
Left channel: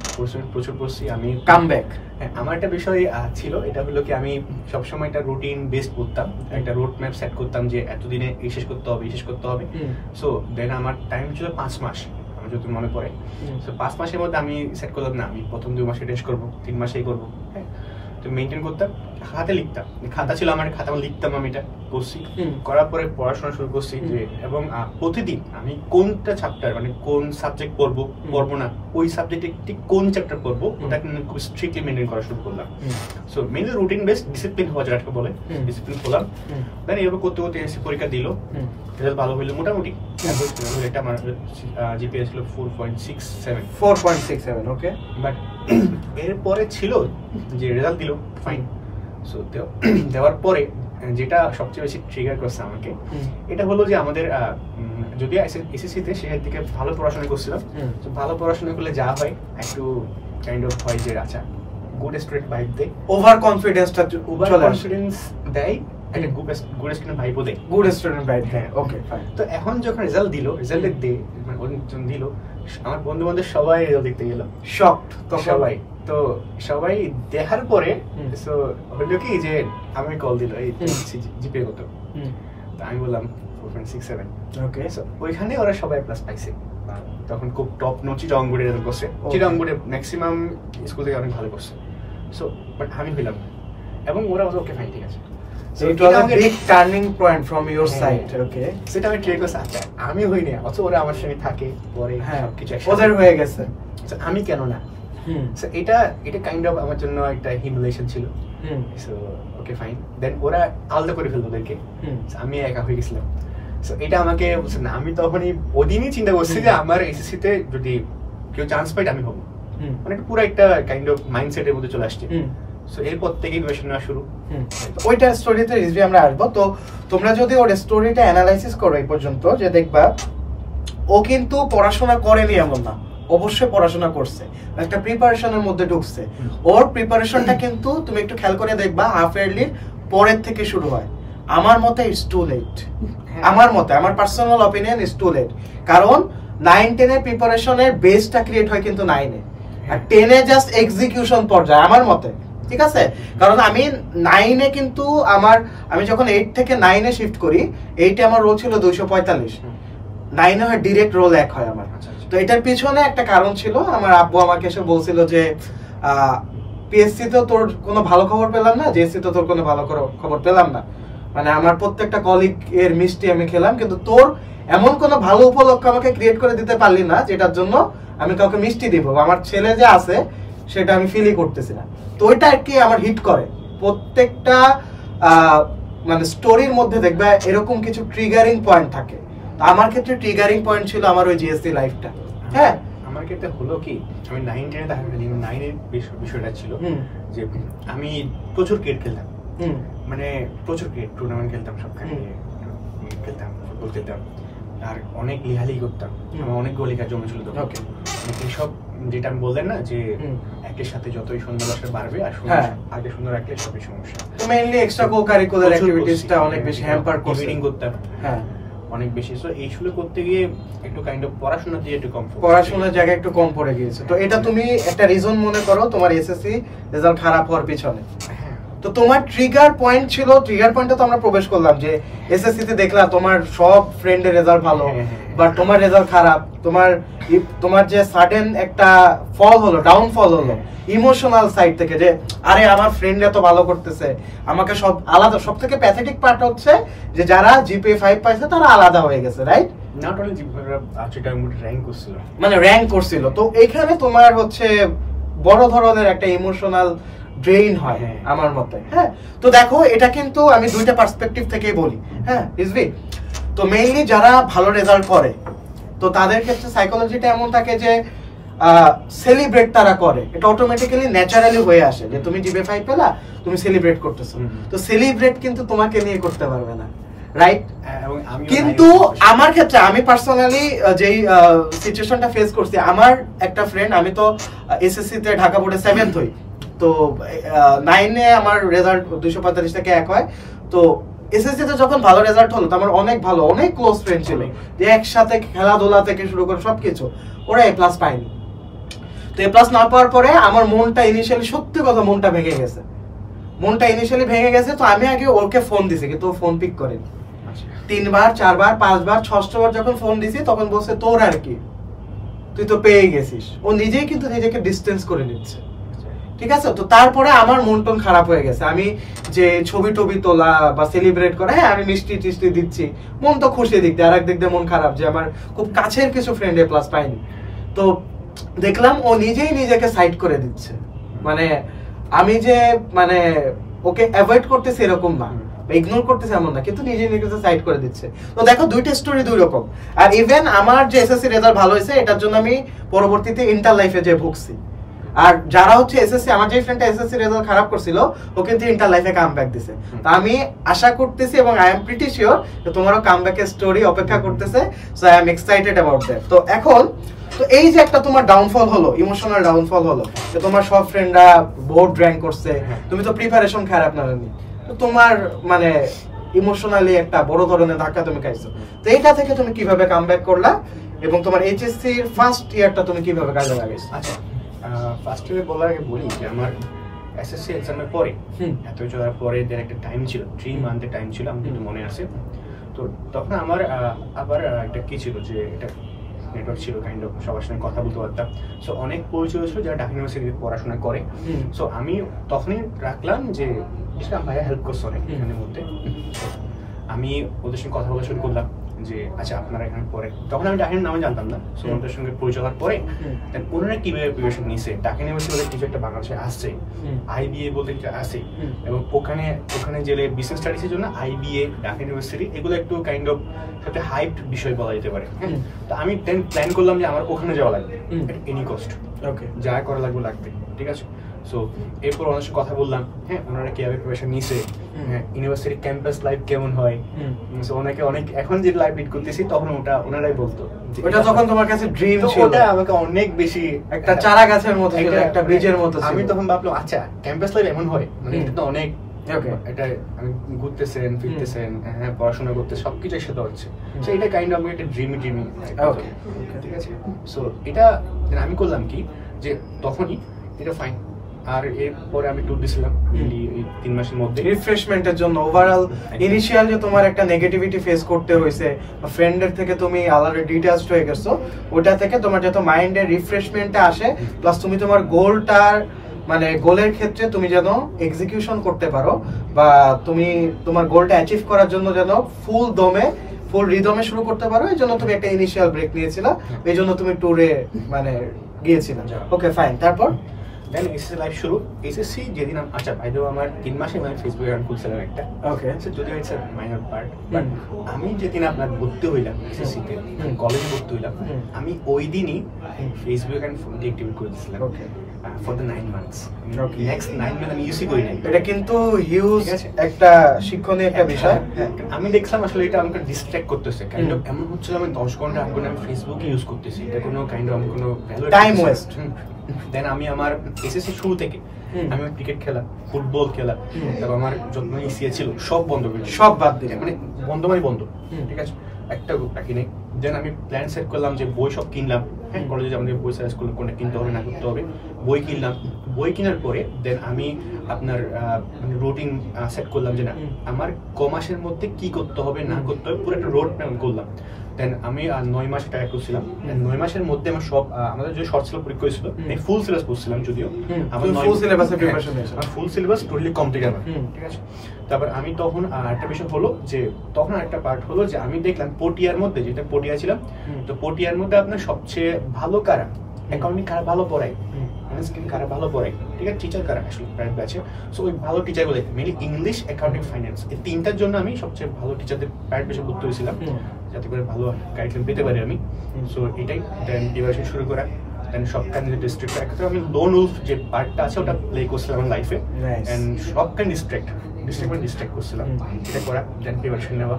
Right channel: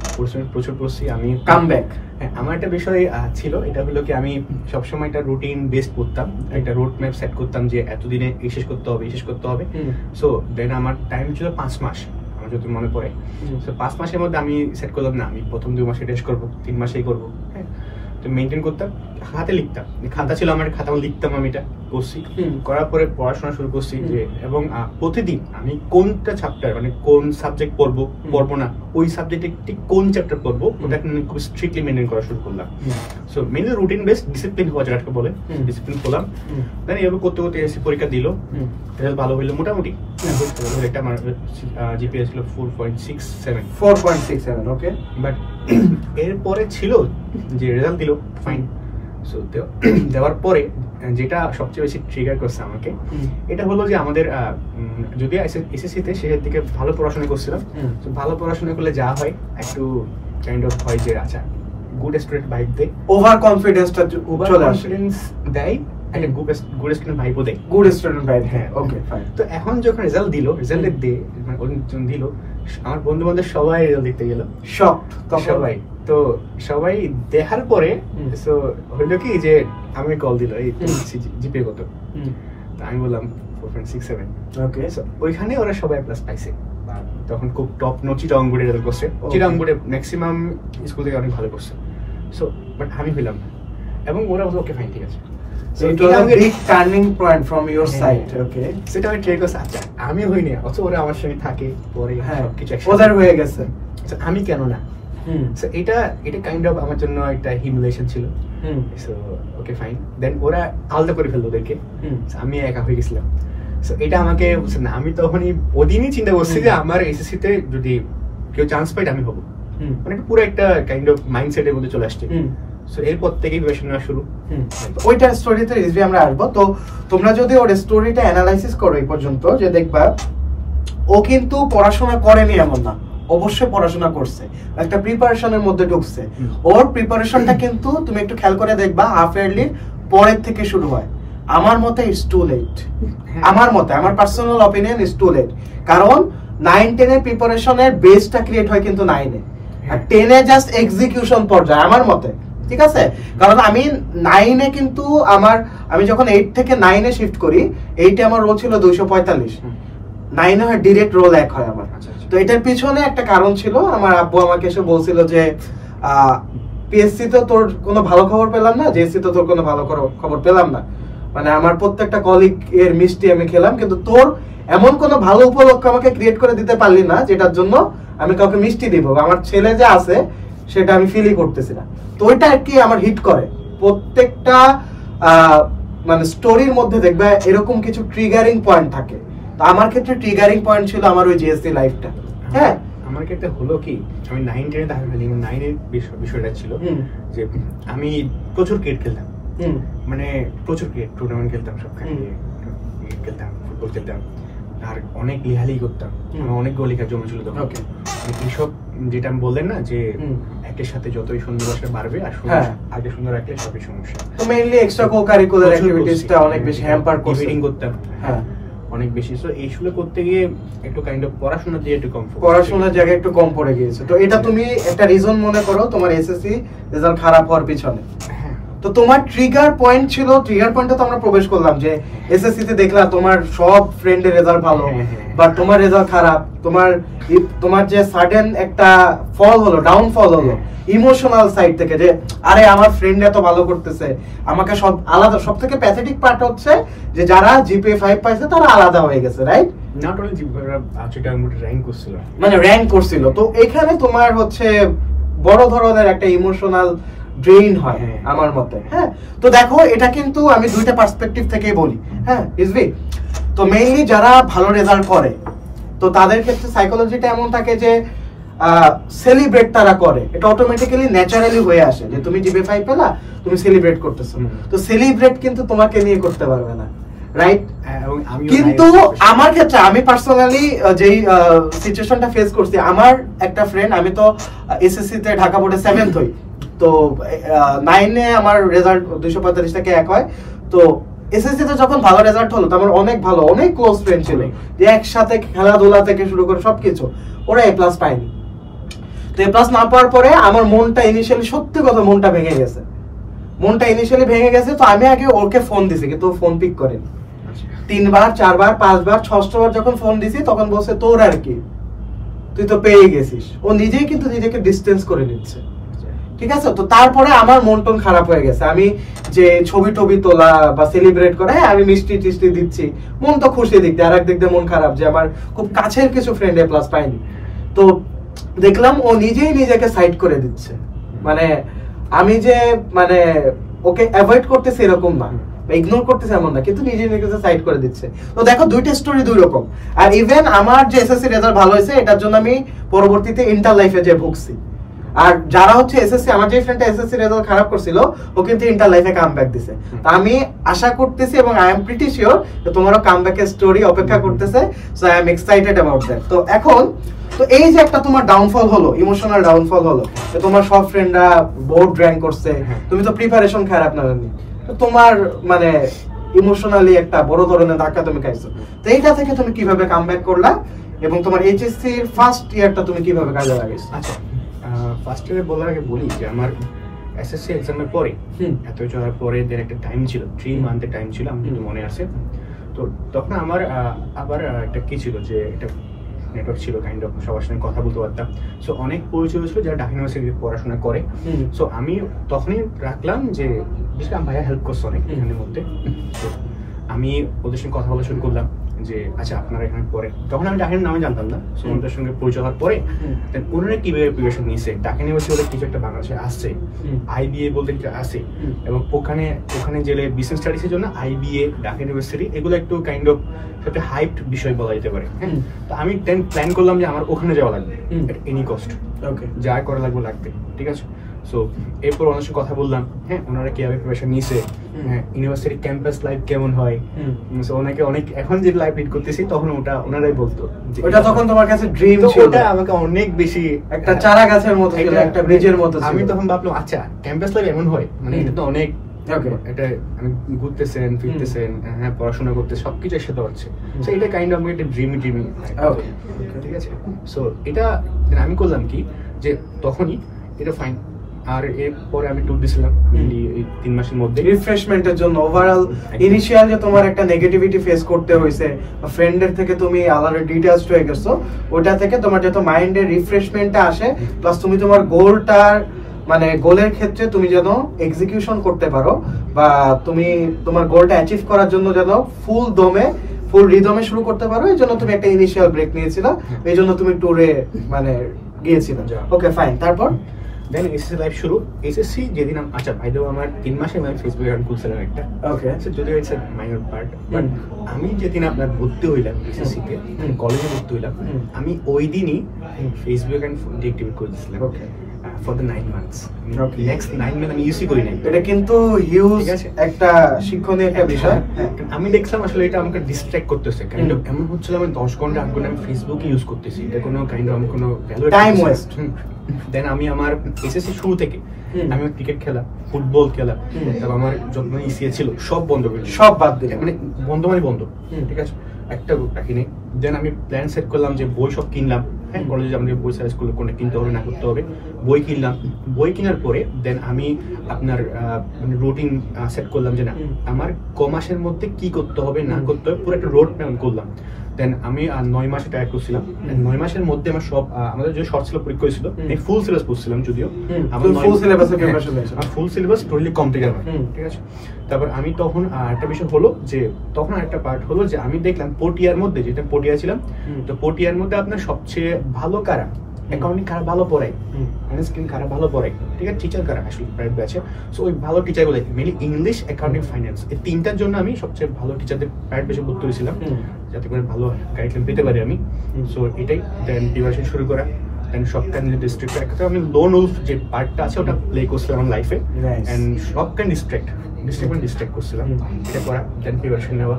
প্রচুর পড়ছি আমি। কামব্যাক, হ্যাঁ, আমার একটা বিষয় ছিল, এটা হলো কি আমি সবসময় একটা রুটিন বেস করতাম, একটা রোড ম্যাপ সেট করতাম যে এতদিনে এই শেষ করতে হবে। সো দেন আমার টাইম ছিল 5 মাস, আমার যদি মনে পড়ে। সো 5 মাসের মধ্যে আমি সেট করলাম না আমি প্রথম 2 মাসে টেস্ট করবো, 3 মাসেই করবো। হ্যাঁ, তো মেনটেন করতাম, হাতে লিখতাম, খাতা ছিল আমার, খাতা লিখতাম, আমি এটা করছি। করার পরে পড়াশোনা শুরু করছি যে, এবং প্রতিদিন আমি কোনটা চ্যাপ্টার মানে কোন সাবজেক্ট পড়বো না, ওই সাবজেক্টে ঠিক কোন চ্যাপ্টার পড়বো ওটাকে খুব স্ট্রিক্টলি মেনটেন করা শুরু করলাম। So mainly routine based discipline হওয়া যেটাকে বলে, ডিসিপ্লিন হলাম। দেন এভাবে করতে এসে পরীক্ষা দিল, রেজাল্ট ভালো হইলো মোটামুটি। একটা আমার জিপিএ ছিল 4.67। ওকে, বাট এরপরে ছিল যে রেজাল্ট দিল ফাইন। সো দেওয়ার পরে যেটা সবচেয়ে বেশি ট্রিগার করছে আমাকে, এটা হলো যে আমাদের যদি এসএসসি-তে সেটার দিকে ভালো পড়াশোনা করছিলাম। তো ভালো পড়াশোনা করলে যা হয় একটু কাইন্ড অফ হয় যে আচ্ছা গুড স্টুডেন্ট ভাইব দেয়, ওভার কনফিডেন্সটা চলে আসে, দেয় একটা গুড স্টুডেন্ট ভাইবও দেয়, গুড স্টুডেন্ট ভাইব। হ্যাঁ, ওকে ফাইন। তো এখন যখন রেজাল্ট রেজাল্টের ডে মানে যখন দিল, আমার বন্ধু বান্ধব সবাই রেজাল্ট দেখতে গেল, শকড সবাই। তো সবাই দেখার পরে সো হইলো কি যে আমি কল দিল এই জিপিএ কত, তো আমি বললাম 4.67। ওকে, ওইখানে ওরা সবাই প্লাস পাইছে, তখন খুব টপ নো চিটাগং বোর্ডে রেজাল্ট করছে, চিটাগং বোর্ডে ম্যাক্সিমাম স্কুল থেকে অনেক ভালো করছে। সো বাট আমি হইলাম না, এবং ওরা বলছে ওকে ফাইন ঠিক আছে। So it was a big turning point from your side. Okay, সেটা আমি ট্রাই করছি, আচ্ছা আমি হইনি, অথচ ওরা আমার সঙ্গে থাকে পরে সবকিছু ওদের হয়ে গেছে, আমি কেন না। সো এটা কাইন্ড অফ আমার জন্য একটা হিউমিলিয়েশন ছিল। সো ওকে ফাইন, দেন ওরা আলাদা করে ফেললো ওদেরকে, আমি একা হয়ে গেছিলাম। সো এটা আমাকে না, আমি তখনই ওদিনই চিন্তা করছি যে আমার এসএসসি তে যদি কেউ চান্স পাই আমি হবো, মানে পুরো একটা কাইন্ড অফ মাইন্ডসেটের মধ্যে চলে আসছে। সো এরপর থেকেই প্রিপারেশন নেওয়া শুরু। ওইটা স্টোরিতে রিভিউ আমরা আসবো। তো তোমরা যদি ওর স্টোরিটা অ্যানালাইসিস করো এই পর্যন্ত, যে দেখবা ও কিন্তু পড়াশোনা করেনি এমন না, অবশ্যই পড়াশোনা করছে, একটা প্রিপারেশনের মধ্যে ঢুকছে। ওর প্রিপারেশনটা কিন্তু তুমি একটু খেয়াল করে দেখবা হাফ ইয়ারলির পরের থেকে শুরু হয়। আমার মতে ইটস টু লেট, আমার personal opinion it's too late. কারণ 9-10 এর প্রিপারেশনের বেসটা ক্রিয়েট হয় কিন্তু 9 এ, আর 10 এ জাস্ট এক্সিকিউশন পর্যায়ে আমার মতে, ঠিক আছে? কারণ আমি 9 এ কিন্তু আমি যখন 8 থেকে 9 এ শিফট করি, 8 এ আমার রোল ছিল 245, 9 এ হয় ডিরেক্ট রোল 1 হয় আমার। তো এটার পিছনে একটা কারণ ছিল, আমার আব্বু আমাকে এসে বলছিল যে পিএসসি তো তোর কোনো ভালো খবর পেলাম না, জেএসসি তো তোর কোনো ভালো খবর পেলাম না, মানে আমার প্রত্যেকটা কলিগ এর মিষ্টি আমি খেলাম, কিন্তু তোর এমন কোনো ভালো উপলক্ষ আমাকে ক্রিয়েট করে দিতে পারলি না যেটার জন্য আমি কাউকে মিষ্টি দিব, আমার ছেলে যে আছে সেটা আমি ফিলই করতেছি না। তো ওইটা আর কি আমার হিট করে, প্রত্যেকটা মানে স্টোরির মধ্যে দেখবে এরকম কিছু ট্রিগারিং পয়েন্ট থাকে। তো আমার ক্ষেত্রে ট্রিগারিং পয়েন্ট ছিল আমার ওই জিএসসি লাইফটা। হ্যাঁ, আমার ক্ষেত্রে হলো কি, আমি 9-10 দেখা গেল 9 এর বিষয়টা ছিল যে আমি প্রচুর ক্রিকেট খেলতাম, মানে প্রচুর ক্রিকেট টুর্নামেন্ট খেলতাম, সবখানে খেলতাম, ফুটবল খেলতাম, আর অনেক লেখালেখি করতাম, আমার অনেক গোল লেখার জন্য ছিল তখন। এইসব যেটা আমি বললেন না যে একের সাথে যতই সুন্দর আসলে বাড়বে, আর আগে সুন্দর রাখলে সবই সমস্যা। তো মেইনলি এক্সট্রা কো-কারিকুলার অ্যাক্টিভিটিসটা অনেক বেশি হ্যাম্পার করতাম। হ্যাঁ, অনেক বেশি। সো এইগুলো করতে গিয়ে একটু কাইন্ড অফ পড়াশোনার দিয়ে একটু কম, পড়াশোনার জায়গায় একটু কম পড়ে গিয়েছে। তো এটা তুমি একটা রিজন মনে করো তোমার এসএসসি রেজাল্ট খারাপ হওয়ার পিছনে। তো তোমার ট্রিগার পয়েন্ট ছিল, ট্রিগার পয়েন্টে তো আমরা প্রবেশ করলাম যে এসএসসি তে দেখলা তোমার সব ফ্রেন্ডের রেজাল্ট ভালো, বাট তোমার রেজাল্ট খারাপ, তোমার যে সাডেন একটা ফল হলো, ডাউনফল হলো ইমোশনাল সাইড থেকে, যে আরে আমার ফ্রেন্ড এত ভালো করতেছে, আমাকে সব আলাদা। সব থেকে প্যাথেটিক পার্ট হচ্ছে যে যারা জিপিএ 5 পাইছে তারা আলাদা হয়ে গেছে, right? Not only GPA, rank করছিল, মানে র‍্যাঙ্ক করছিল। তো এখানে তোমার হচ্ছে বড় ধরনের একটা ইমোশনাল ড্রেইন হয় আমার মতে। হ্যাঁ, তো দেখো এটা কিন্তু আমি দুইটা পার্সপেক্টিভ থেকেই বলি। হ্যাঁ রিজভি, তো মেইনলি যারা ভালো রেজাল্ট করে তো তাদের ক্ষেত্রে সাইকোলজিটা এমন থাকে যে সেলিব্রেট তারা করে, এটা অটোমেটিক্যালি ন্যাচারালি হয়ে আসে যে তুমি জিপিএ 5 পেলা, তুমি সেলিব্রেট করতেছো। তো সেলিব্রেট কিন্তু তোমাকে নিয়ে করতে পারবে না, রাইট? কিন্তু আমার ক্ষেত্রে আমি পার্সোনালি যেই সিচুয়েশনটা ফেস করছি, আমার একটা ফ্রেন্ড, আমি তো এসএসসি তে ঢাকা বোর্ডে 7th হই, তো 9-এ আমার রেজাল্ট 245 থেকে 1 হয়। তো এসএসসি তে যখন ভালো রেজাল্ট হলো, তো আমার অনেক ভালো অনেক ক্লোজ ফ্রেন্ড ছিল যে একসাথে খেলাধুলা থেকে শুরু করে সবকিছু, ওরা এ প্লাস পায়নি। তো এ প্লাস না পাওয়ার পরে আমার মনটা ইনিশিয়ালি, সত্যি কথা মনটা ভেঙে গেছে, তো আমি আগে ওকে ফোন দিছি কিন্তু ও ফোন পিক করেনি। 3বার 4বার 5বার 6বার যখন ফোন দিছি তখন বলছে তোর আর কি, তুই তো পেয়ে গেছিস। ও নিজেই কিন্তু নিজেকে ডিস্টেন্স করে নিচ্ছে, ঠিক আছে। তো তারপরে আমার মন টন খারাপ হয়ে গেছে। আমি যে ছবি টবি তোলা বা সেলিব্রেট করে, হ্যাঁ আমি মিষ্টি টিষ্টি দিচ্ছি, মন তো খুশি দিক দিয়ে, আর এক দিক দিয়ে মন খারাপ যে আমার খুব কাছের কিছু ফ্রেন্ড এ প্লাস পাইনি। তো দেখলাম ও নিজেই নিজেকে সাইড করে দিচ্ছে, মানে আমি যে মানে ওকে অ্যাভয়েড করতেছি এরকম না, ইগনোর করতেছে এমন না, কিন্তু নিজে নিজেকে সাইড করে দিচ্ছে। তো দেখো দুইটা স্টোরি দুই রকম। আর ইভেন আমার যে এসএসসি রেজাল্ট ভালো হয়েছে, এটার জন্য আমি পরবর্তীতে ইন্টার লাইফে যে ভুগছি। আর যারা হচ্ছে এসএসসি, আমার যে ফ্রেন্ডটা এসএসসি রেজাল্ট খারাপ করছিল, ও কিন্তু ইন্টার লাইফে কামব্যাক দিছে। তো আমি আশা করতেছি এবং আই এম প্রিটি শিওর যে তোমারও কামব্যাকের স্টোরি অপেক্ষা করতেছে। So I am excited about that. তো এখন তো এই যে একটা তোমার ডাউনফল হলো, ইমোশনাল ডাউনফল হলো, যে তোমার সব ফ্রেন্ডরা বোর্ড র্যাঙ্ক করছে, তুমি তো প্রিপারেশন খারাপ না জানি, তো তোমার মানে ইমোশনালি একটা বড় ধরনের ধাক্কা তুমি খাইছো। তো এইটা থেকে তুমি কিভাবে কামব্যাক করলা এবং তোমার এইচএসসি এর ফার্স্ট ইয়ারটা তুমি কিভাবে কাজে লাগাইছো? আচ্ছা, ফার্স্ট ইয়ারে বলার আগে বলি যে আমার এসএসসি এক্সামের পরে, এত যাওয়ার পরে দেন একটা টাইম ছিল, 3 মান্থের টাইম ছিল, আমার কিন্তু মনে আছে। তো তখন আমার আবার একটা কি ছিল যে এটা নেটওয়ার্ক ছিল, কাইন্ড অফ সবার সঙ্গে কথা বলতে পারতাম। সো অনেক পরিচয় ছিল যারা ঢাকা ইউনিভার্সিটিতে পড়াশোনা করে। সো আমি তখনই রাখলাম যে বিশেষ করে ভাইয়া হেল্প করছে অনেক এখানের মধ্যে। আমি ওদের সঙ্গে কথা বলা শুরু করলাম যে আচ্ছা আপনারা এখানে পড়ে, তখন আমি ঢাকা নামে জানতাম না। সো ওদের সঙ্গে পরিচয় হওয়ার পরে দেন ওনারা কিভাবে প্রিপারেশন নিচ্ছে, ঢাকা ইউনিভার্সিটি ওদের কিছু একটা বাংলাদেশে আসছে, আইবিএ বলতে কিছু আছে, এবং ওখানে গেলে বিজনেস স্টাডিজের জন্য আইবিএ, ঢাকা ইউনিভার্সিটি এগুলো একটু কাইন্ড অফ একটা হাইপড বিষয় বলা যেতে পারে। তো আমি দেন প্ল্যান করলাম যে আমার ওখানে যাওয়া লাগবে এনি কস্ট, ওকে যা করা লাগবে, ঠিক আছে। সো এরপর ওনার সাথে কথা বললাম, হ্যাঁ ওনারা কিভাবে প্রিপারেশন নিছে, হ্যাঁ ইউনিভার্সিটি ক্যাম্পাস লাইফ কেমন হয়। সো ওনাকে অনেক এখন যে লাইফ লিড করতেছি তখন ওনারাই বলতো, ওটা তখন তোমার কাছে ড্রিম ছিল, ওটা আমাকে অনেক বেশি একটা চারা গাছের মতো ছিল, একটা ব্রিজের মতো ছিল। আমি তখন ভাবলাম আচ্ছা ক্যাম্পাস লাইফ এমন হয়, মানে এটা তো অনেক, এটা আমি ঘুরতেছেন ফিরতেছেন, হ্যাঁ পড়াশোনা করতে সবকিছু একসাথে হচ্ছে। সো এটা কাইন্ড অফ একটা ড্রিমি, ঠিক আছে। সো এটা আমি করলাম কি যে তখনই এটা ফাইন। আর এরপরে আমি ট্যুর দিছিলাম এই 3 মাসের মধ্যে রিফ্রেশমেন্টের জন্য। ওভারঅল ইনিশিয়াল যে তোমার একটা নেগেটিভিটি ফেস করতে হয়েছে, ফ্রেন্ডের থেকে তুমি আলাদা ডিটেইলস হয়ে গেছো, ওটা থেকে তোমার যত মাইন্ডের রিফ্রেশমেন্টটা আসে, প্লাস তুমি তোমার গোলটার মানে গোলের ক্ষেত্রে তুমি যেন এক্সিকিউশন করতে পারো, বা তুমি তোমার গোলটা অ্যাচিভ করার জন্য যেন ফুল রিদমে শুরু করতে পারো, এই জন্য তুমি একটা ইনিশিয়াল ব্রেক নিয়েছিলা, এই জন্য তুমি ট্যুরে মানে গিয়েছিলা। ওকে ফাইন, তারপর দেন এসএসসি লাইফ শুরু। এসএসসি যেদিন আচ্ছা ভাই দেবো আমার 3 মাসে আমি ফেসবুক অ্যাকাউন্ট খুলছিলাম একটা, ওকে যদিও ইটস মাইনর পার্ট, বাট আমি যেদিন আপনার ভর্তি হইলাম এসএসসি তে, কলেজে ভর্তি হইলাম, আমি ওই দিনই ফেসবুক অ্যাকাউন্ট ডিএক্টিভেট করে দিয়েছিলাম, okay for the 9 months. Next 9 month আমি ইউজই করি নাই। এটা কিন্তু হিউজ একটা শিক্ষণীয় একটা বিষয়। আমি দেখলাম আসলে এটা আমাকে ডিস্ট্র্যাক্ট করতেছে, কাইন্ড অফ এমন হচ্ছিল আমি 10 ঘন্টা আমি ফেসবুকে ইউজ করতেছি, এটা কোনো কাইন্ড অফ আমি কোনো ভ্যালু টাইম ওয়েস্ট। দেন আমি আমার এসএসসি শুরু থেকে আমি ক্রিকেট খেলা, ফুটবল খেলা, তারপর আমার যত ইসিএ ছিল সব বন্ধ করে দিই, সব বাদ দিই, মানে বন্ধ, ঠিক আছে, একটা বাকি নেই। দেন আমি প্ল্যান সেট করলাম যে বই সব কিনলাম, হ্যাঁ কলেজে আমাদের বই সাজেস্ট করলে কোনটা কিনতে হবে না করতে হবে, বই কিনলাম। বই কেনার পরে দেন আমি আপনার মানে রুটিন সেট করলাম যে না আমার কমাসের মধ্যে কি করতে হবে না করতে হবে, পুরো একটা রোড ম্যাপ করলাম। দেন আমি 9 মাসে টায়ার করছিলাম। 9 মাসের মধ্যে আমার সব আমাদের যে শর্ট ছিল পরীক্ষা হয়েছিল, আমি ফুল সিলেবাস পড়ছিলাম, যদিও আমার ফুল সিলেবাসে প্রিপারেশন নিয়েছি, আমার ফুল সিলেবাস টোটালি কমপ্লিট আমার, ঠিক আছে। তারপর আমি তখন একটা বিষয় হলো যে তখন একটা পার্ট হলো যে আমি দেখলাম পটিয়ার মধ্যে, যেটা পটিয়া ছিলাম, তো পটিয়ার মধ্যে আপনার সবচেয়ে ভালো কারা, অ্যাকাউন্টিং কারা ভালো পড়ায়, ম্যানেজমেন্ট কারা ভালো পড়ায়, ঠিক আছে, টিচার কারা আসলে প্রাইভেট ব্যাচে। সো ওই ভালো টিচারগুলো মেনলি ইংলিশ, অ্যাকাউন্টিং, ফাইন্যান্স, এই 3টার জন্য আমি সবচেয়ে ভালো টিচারদের প্রাইভেট ব্যাচে ভর্তি হয়েছিলাম, যাতে করে ভালো গাইডলাইন পেতে পারি আমি। সো এটাই দেন প্রিপারেশন শুরু করা। দেন সব কাইন্ড ডিস্ট্রিক্ট একটা আমি লোন উলফ যে পার্টটা আছে ওটা প্লে করছিলাম আমার লাইফে, এন্ড সব কাইন্ড ডিস্ট্রিক্ট করছিলাম, এটা করা। দেন প্রিপারেশন নেওয়া,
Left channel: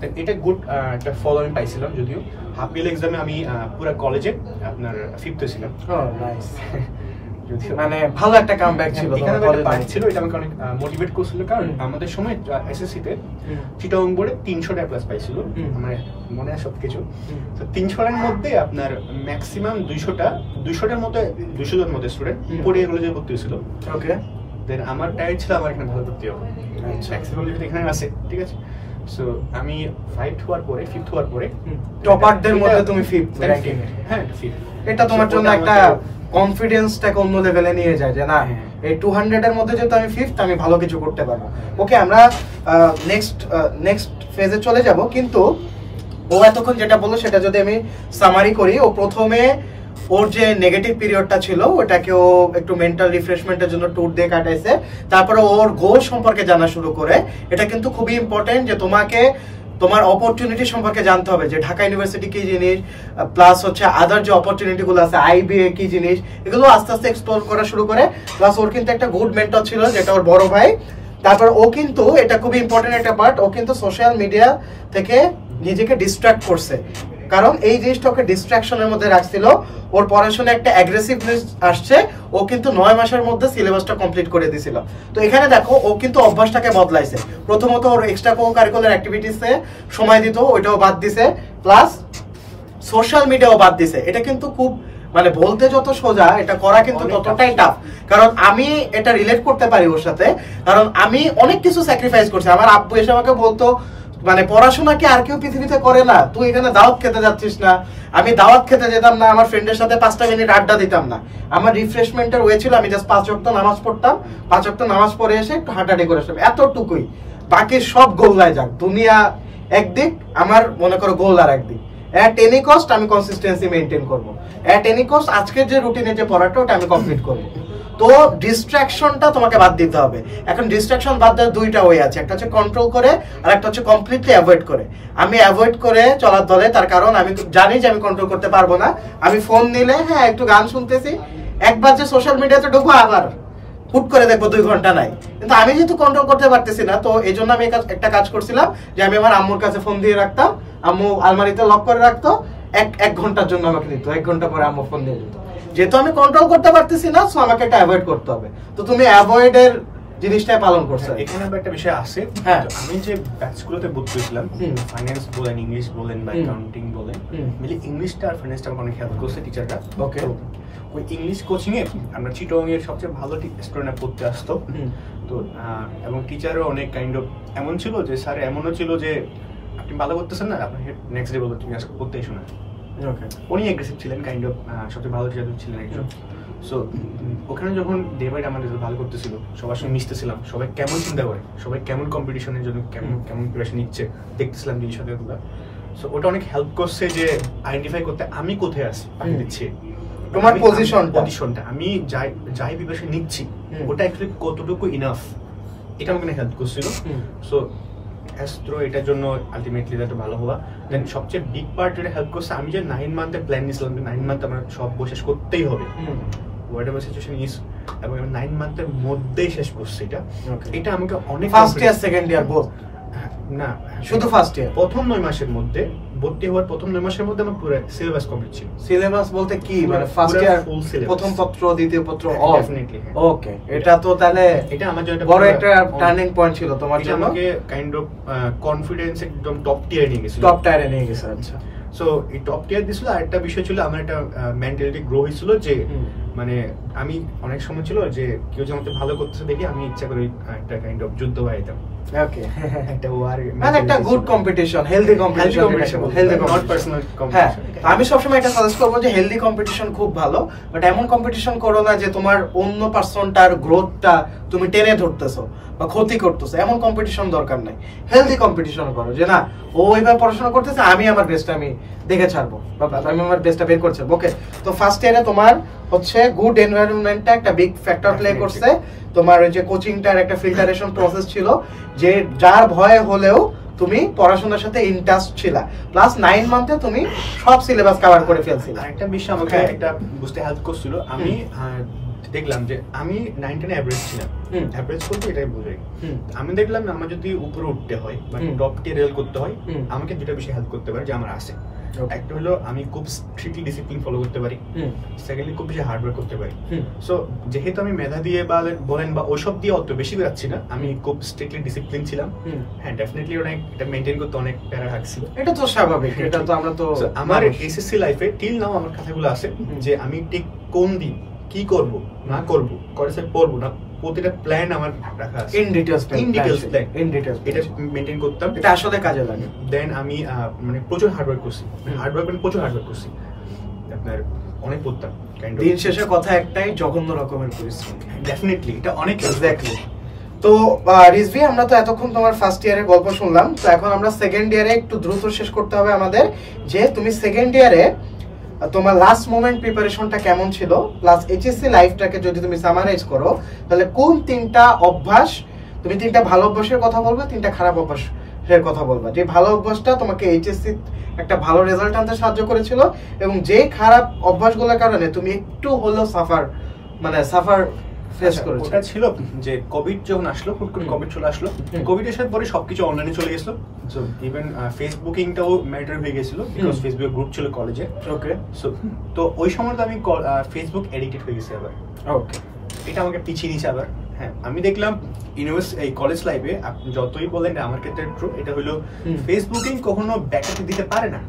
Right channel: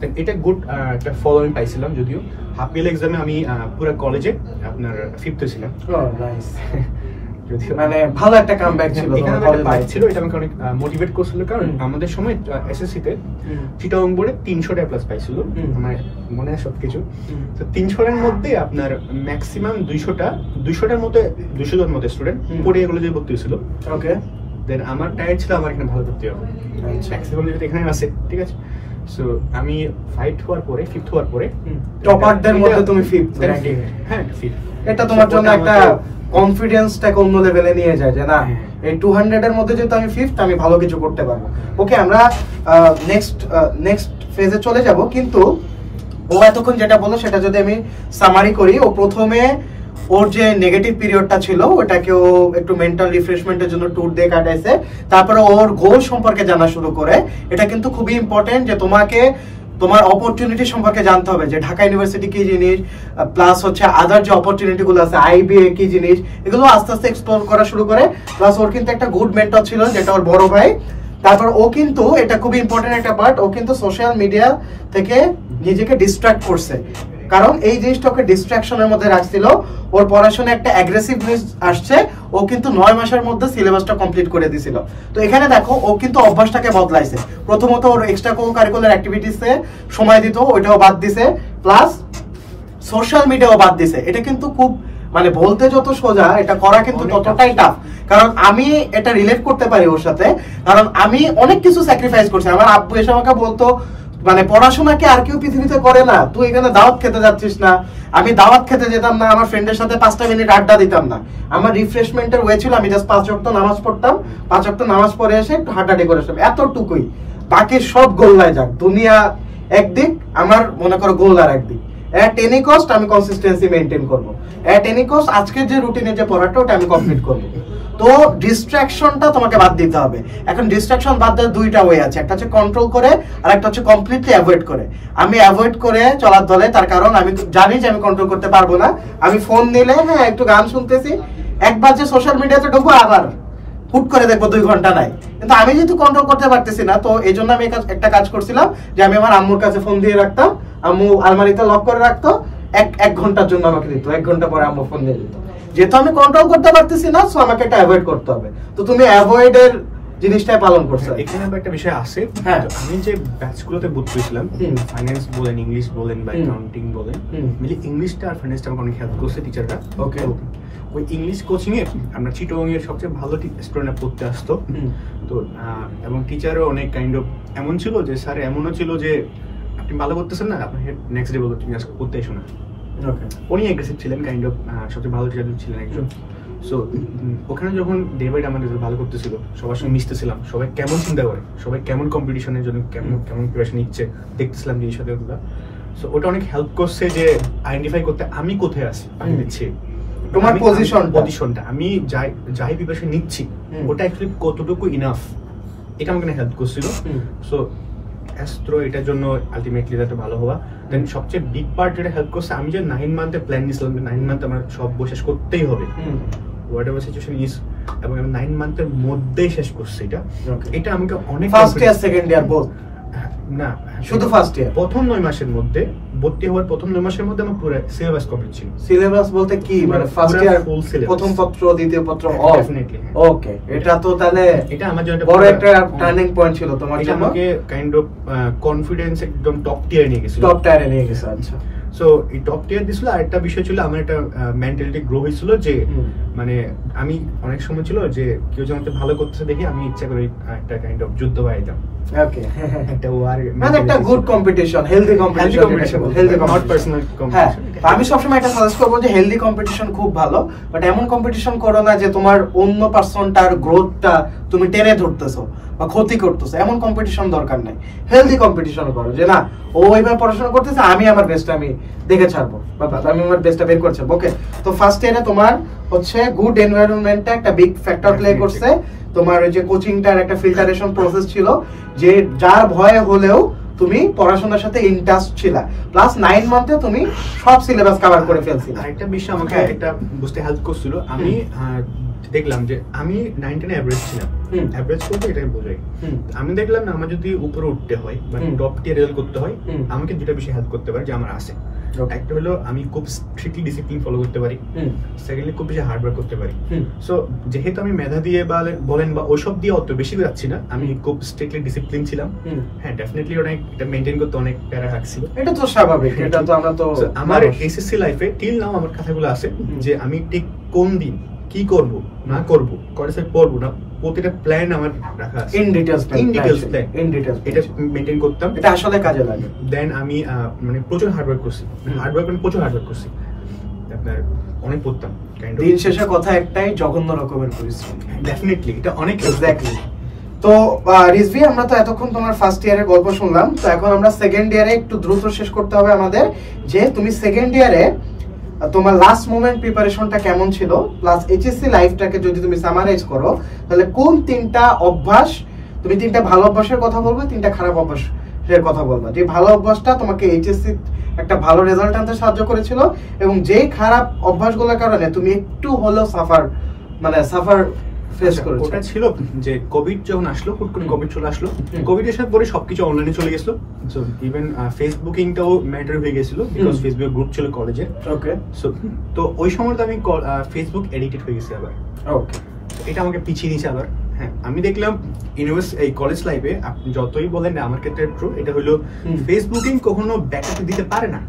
দেন এটা গুড একটা ফলো আমি পাইছিলাম, যদিও হাফ ইয়ার এক্সামে আমি পুরো কলেজে আপনার 5th হয়েছিলাম। মানে ভালো একটা কামব্যাক ছিল। এখানে একটা পার্ট ছিল, এটা আমাকে অনেক মোটিভেট করছিল, কারণ আমাদের সময় এসএসসি তে চিটাগং বোর্ডে 300টা প্লাস পাইছিল আমার মনে আছে সবকিছু। তো 300 এর মধ্যে আপনার ম্যাক্সিমাম 200টার মধ্যে 200 জন মতো স্টুডেন্ট পড়ে এগুলো যে ভর্তি হয়েছিল। ওকে, দেন আমার টার্গেট ছিল আমার এখানে ভালো ভর্তি হবে, অ্যাক্সেসিবিলিটি এখানে আছে, ঠিক আছে। সো আমি 5th হওয়ার পরে 5th হওয়ার পরে টপারদের মধ্যে তুমি 5th র‍্যাঙ্কিং। হ্যাঁ 5th। এটা তোমার জন্য একটা কনফিডেন্সটাকে অন্য লেভেলে নিয়ে যায় যে না এই 200 এর মধ্যে যেহেতু আমি 5th, আমি ভালো কিছু করতে পারবো। ওকে, আমরা নেক্সট ফেজে চলে যাব, কিন্তু ও এতক্ষণ যেটা বললো সেটা যদি আমি সামারি করি, ও প্রথমে ওর যে নেগেটিভ পিরিয়ডটা ছিল ওটাকে ও একটু মেন্টাল রিফ্রেশমেন্টের জন্য ট্যুর দিয়ে কাটাইছে, তারপরে ওর গোল সম্পর্কে জানা শুরু করে। এটা কিন্তু খুবই ইম্পর্টেন্ট যে তোমাকে তোমার অপরচুনিটি সম্পর্কে জানতে হবে, যে ঢাকা ইউনিভার্সিটি কি জিনিস, প্লাস হচ্ছে আদার যে অপরচুনিটি গুলো আছে আইবিএ কি জিনিস, এগুলো আস্তে আস্তে এক্সপ্লোর করা শুরু করে। প্লাস ওর কিন্তু একটা গুড মেন্টর ছিল যেটা ওর বড় ভাই। তারপর ও কিন্তু, এটা খুবই ইম্পর্টেন্ট একটা পার্ট, ও কিন্তু সোশ্যাল মিডিয়া থেকে নিজেকে ডিস্ট্রাক্ট করছে, কারণ এই জিনিসটা ওকে ডিস্ট্রাকশনের মধ্যে রাখছিল। ওর পড়াশোনা একটা অ্যাগ্রেসিভনেস আসছে, ও কিন্তু 9 মাসের মধ্যে সিলেবাসটা কমপ্লিট করে দিছিল। তো এখানে দেখো ও কিন্তু অভ্যাসটাকে বদলাইছে। প্রথমত ওর এক্সট্রা কারিকুলার অ্যাক্টিভিটিসে সময় দিত, ওইটাও বাদ দিছে, প্লাস সোশ্যাল মিডিয়াও বাদ দিছে। এটা কিন্তু খুব মানে বলতে যত সোজা, এটা করা কিন্তু ততটাই টাফ। কারণ আমি এটা রিলেট করতে পারি ওর সাথে, কারণ আমি অনেক কিছু স্যাক্রিফাইস করছি। আমার আব্বু এসে আমাকে বলতো মানে পড়াশোনাকে আর কেউ পৃথিবীতে করে না, তুই এখানে দাওয়াত খেতে যাচ্ছিস না। আমি দাওয়াত খেতে যেতাম না, আমার ফ্রেন্ডের সাথে 5টা মিনিট আড্ডা দিতাম না। আমার রিফ্রেশমেন্টের ওয়ে ছিল আমি জাস্ট 5 ওয়াক্ত নামাজ পড়তাম, 5 ওয়াক্ত নামাজ পড়ে এসে একটু হাঁটাহাঁটি করে আসতাম, এতটুকুই। বাকি সব গোল্লায় যাক, দুনিয়া একদিক, আমার মনে করো গোল আর একদিক। এট এনি কস্ট আমি কনসিস্টেন্সি মেইনটেইন করব, এট এনি কস্ট আজকের যে রুটিনে যে পড়াটা ওটা আমি কমপ্লিট করব। তো ডিস্ট্রাকশনটা তোমাকে বাদ দিতে হবে। এখন ডিস্ট্রাকশন বাদ দেওয়ার দুইটা ওয়ে আছে, একটা হচ্ছে কন্ট্রোল করে আর একটা হচ্ছে কমপ্লিটলি অ্যাভয়েড করে। আমি অ্যাভয়েড করে চলার দলে, তার কারণ আমি জানি যে আমি কন্ট্রোল করতে পারবো না। আমি ফোন নিলে হ্যাঁ একটু গান শুনতেছি, একবার যে সোশ্যাল মিডিয়াতে ঢুকবো আবার হুট করে দেখবো 2 ঘন্টা নাই। কিন্তু আমি যেহেতু কন্ট্রোল করতে পারতেছি না, তো এই জন্য আমি একটা কাজ করছিলাম যে আমি আমার আম্মুর কাছে ফোন দিয়ে রাখতাম, আম্মু আলমারিতে লক করে রাখতো, এক ঘন্টার জন্য আমাকে দিত, 1 ঘন্টা পরে আম্মু ফোন দিয়ে দিত। যেহেতু আমি কন্ট্রোল করতে পারতেছি না, সো আমাকে এটা অ্যাভয়েড করতে হবে। তো তুমি অ্যাভয়েড এর জিনিসটাই পালন করছো। এখানে একটা বিষয় আছে, হ্যাঁ, আমি যে ব্যাচগুলোতে ভর্তি হয়েছিলাম, ফাইন্যান্স বলেন, ইংলিশ বলেন বা অ্যাকাউন্টিং বলেন, মিলে ইংলিশটা আর ফাইন্যান্সটা আমাকে অনেক হেল্প করছে টিচাররা। ওকে, ওই ইংলিশ কোচিং এ আমরা চিটগং এর সবচেয়ে ভালো স্টুডেন্টরা পড়তে আসতো। তো এবং টিচারও অনেক কাইন্ড অফ এমন ছিল যে স্যার এমনও ছিল যে আপনি ভালো করতেছেন না, আপনাকে নেক্সট ডে বলতো তুমি আজকে পড়তে এসো না। উনি অ্যাগ্রেসিভ ছিলেন, কাইন্ড অফ সবচেয়ে ভালো টিচার ছিলেন একজন। সো ওখানে যখন ডে বাই ডে আমাদের ভালো করতেছিল, সবার সঙ্গে মিশতেছিলাম, সবাই কেমন চিন্তা করে, সবাই কেমন কম্পিটিশনের জন্য কেমন প্রিপারেশন নিচ্ছে দেখতেছিলাম জিনিসগুলো। সো ওটা অনেক হেল্প করছে যে আইডেন্টিফাই করতে আমি কোথায় আছি, আমি দিচ্ছি তোমার পজিশনটা, আমি যাই প্রিপারেশন নিচ্ছি ওটা অ্যাকচুয়ালি কতটুকু ইনাফ, এটা আমাকে হেল্প করছিল। সো অ্যাস্ট্রো এটার জন্য আলটিমেটলি একটা ভালো হওয়া। দেন সবচেয়ে বিগ পার্ট যেটা হেল্প করছে, আমি যে 9 মান্থে প্ল্যান নিয়েছিলাম, 9 মান্থ আমার সব বই শেষ করতেই হবে, হোয়াট এভার সিচুয়েশন ইজ, এবং আমি 9 মান্থের মধ্যেই শেষ করছি। এটা আমাকে অনেক first year second year both না, শুধু ফার্স্ট ইয়ার, প্রথম 9 মাসের মধ্যে ভর্তি হওয়ার প্রথম 9 মাসের মধ্যে আমার পুরো সিলেবাস কমপ্লিট ছিল। সিলেবাস বলতে কি, মানে ফার্স্ট ইয়ার প্রথম পত্র দ্বিতীয় পত্র? ডেফিনেটলি। ওকে, এটা তো তাহলে এটা আমার জন্য বড় একটা টার্নিং পয়েন্ট ছিল তোমার জন্য। আমাকে কাইন্ড অফ কনফিডেন্স একদম টপ টিয়ারে নিয়ে গেছিল। টপ টিয়ারে নিয়ে গেছে, আচ্ছা। সো এই টপ টিয়ার দিছিল। আর একটা বিষয় ছিল, আমার একটা মেন্টালিটি গ্রো হয়েছিল যে মানে আমি অনেক সময় ছিল যে কেউ যেমন ভালো করতেছে দেখে আমি ইচ্ছা করে একটা কাইন্ড অফ যুদ্ধ বাড়াইতাম। ওকে, এটা ওয়ার মানে একটা good competition, healthy competition, not personal competition. হ্যাঁ, আমি সবসময় এটা সাজেস্ট করবো যে হেলদি কম্পিটিশন খুব ভালো, বাট এমন কম্পিটিশন করো না যে তোমার অন্য পার্সনটার গ্রোথটা তুমি টেনে ধরতেছো বা ক্ষতি করতেছো, এমন কম্পিটিশন দরকার নাই। হেলদি কম্পিটিশন করো, যে না ও এইভাবে পড়াশোনা করতেছে, আমি আমার বেস্ট আমি দেখে ছাড়বো, আমি আমার বেস্টটা বের করছি। ওকে, তো ফার্স্ট ইয়ারে তোমার হচ্ছে গুড এনভায়রনমেন্টটা একটা বিগ ফ্যাক্টর প্লে করছে। তোমার ওই যে কোচিংটার একটা ফিল্টারেশন প্রসেস ছিল, যে যার ভয় হলেও তুমি পড়াশোনার সাথে ইন্টারেস্ট ছিলা, প্লাস 9 মান্থে তুমি সব সিলেবাস কভার করে ফেলছিলা। একটা বিষয় আমাকে এটা বুঝতে হেল্প করছিল, আমি দেখলাম যে আমি 9-10 এভারেজ ছিলাম। এভারেজ বলতে এটাই বোঝাই, আমি দেখলাম আমার যদি উপরে উঠতে হয় বা টপ টিয়ার রেল করতে হয়, আমাকে দুটো বিষয় হেল্প করতে পারে যে আমার আছে। একটা হলো আমি খুব স্ট্রিক্টলি ডিসিপ্লিন ফলো করতে পারি, সেকেন্ডলি খুব বেশি হার্ড ওয়ার্ক করতে পারি। সো যেহেতু আমি মেধা দিয়ে বলেন বা ওসব দিয়ে অত বেশি যাচ্ছি না, আমি খুব স্ট্রিক্টলি ডিসিপ্লিন ছিলাম। হ্যাঁ ডেফিনেটলি অনেক এটা মেইনটেইন করতে অনেক প্যারা লাগছিল, এটা তো স্বাভাবিক, এটা তো আমরা তো আমার এসএসসি লাইফে টিল নাও আমার কথাগুলো আছে যে আমি ঠিক কোন দিন কি করব না করব, কলেজে পড়বো না, প্রতিটা প্ল্যান আমার রাখা আছে, ইন ডিটেইলস এটা মেইনটেইন করতাম, এটা আসলে কাজে লাগে। দেন আমি মানে প্রচুর হার্ড ওয়ার্ক করছি, প্রচুর হার্ড ওয়ার্ক করছি, আপনার অনেক পড়তাম। দিন শেষে কথা একটাই, জঘন্য রকমের পরিশ্রম। ডেফিনেটলি এটা অনেক এক্স্যাক্টলি। তো রিজভি, আমরা তো এতক্ষণ তোমার ফার্স্ট ইয়ারের গল্প শুনলাম, তো এখন আমরা সেকেন্ড ইয়ারে একটু দ্রুত শেষ করতে হবে আমাদের, যে তুমি সেকেন্ড ইয়ারে তোমার লাস্ট মোমেন্ট প্রিপারেশনটা কেমন ছিল, প্লাস এইচএসসি লাইফটাকে যদি তুমি সামারাইজ করো, তাহলে কোন তিনটা অভ্যাস, তুমি তিনটা ভালো অভ্যাসের কথা বলবে, তিনটা খারাপ অভ্যাসের কথা বলবা, যে ভালো অভ্যাসটা তোমাকে এইচএসসি একটা ভালো রেজাল্ট আনতে সাহায্য করেছিল, এবং যে খারাপ অভ্যাসগুলোর কারণে তুমি একটু হলেও সাফার ফেস করেছো। ওটা ছিল যে কোভিড যখন আসলো, হুট করে কোভিড চলে আসলো, কোভিড আসার পরে সবকিছু অনলাইনে চলে গেছিল, সো ইভেন ফেসবুকিংটাও ম্যাটার হয়ে গেছিল, বিকজ ফেসবুক গ্রুপ ছিল কলেজে। ওকে, সো তো ওই সময়টা আমি ফেসবুক এডিক্টেড হয়ে গেছি আবার। ওকে, এটা আমাকে পিছিয়ে নিয়েছে আবার। হ্যাঁ, আমি দেখলাম এই কলেজ লাইফে আপনি যতই বলেন, আমার ক্ষেত্রে ট্রু, এটা হলো ফেসবুকিং কখনো ব্যাকআপ দিতে পারে না।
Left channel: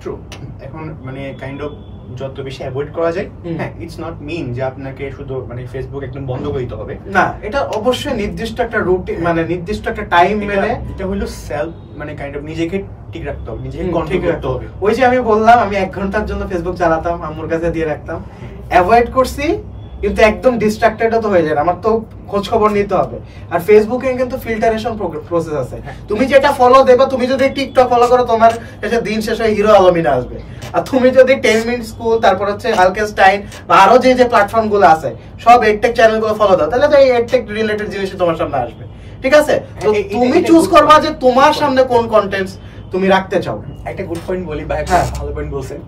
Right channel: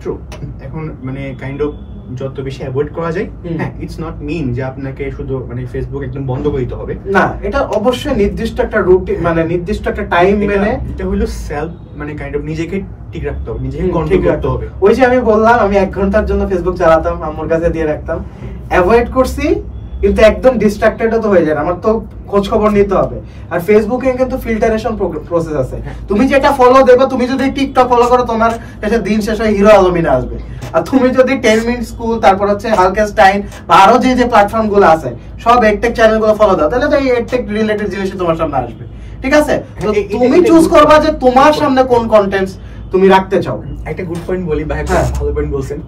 ট্রু, এখন মানে কাইন্ড অফ যত বেশি অ্যাভয়েড করা যায়। হ্যাঁ, ইটস নট মিন যে আপনাকে শুধু মানে ফেসবুক একদম বন্ধ করে দিতে হবে না, এটা অবশ্যই নির্দিষ্ট একটা রুটিন, মানে নির্দিষ্ট একটা টাইম মেনে, এটা হলো সেলফ মানে কাইন্ড অফ নিজেকে ঠিক রাখতে হবে, নিজেকে কন্ট্রোল করতে হবে। ওই যে আমি বললাম, আমি 1 ঘন্টার জন্য ফেসবুক চালাতাম, আম্মুর কাছে দিয়ে রাখতাম, অ্যাভয়েড করছি, কিন্তু একদম ডিস্ট্রাক্টেডও তো হয়ে যায়, আমার তো খোঁজ খবর নিতে হবে। আর ফেসবুকে কিন্তু ফিল্টারেশন প্রসেস আছে, তুমি যেটা ফলো দেবে, তুমি যদি টিকটক ফলো করো, তোমার কাছে দিন শেষে হিরো আলমিনা আসবে। আর তুমি যদি 10 মিনিট স্কুল, তারপর হচ্ছে হালকেস্টাইন বা আরো যে যে প্ল্যাটফর্ম গুলো আছে, সব এডটেক চ্যানেল গুলো ফলো দাও, তাহলে তো এই এডটেক রিলেটেড জিনিসই তোমার সামনে আসবে। ঠিক আছে, তো তুমি চুজ করবা যে তোমার সামনে কোন কন্টেন্টস তুমি রাখতে চাও। একটা গুড পয়েন্ট বলি, ভাই ভালো পয়েন্ট বলছেন।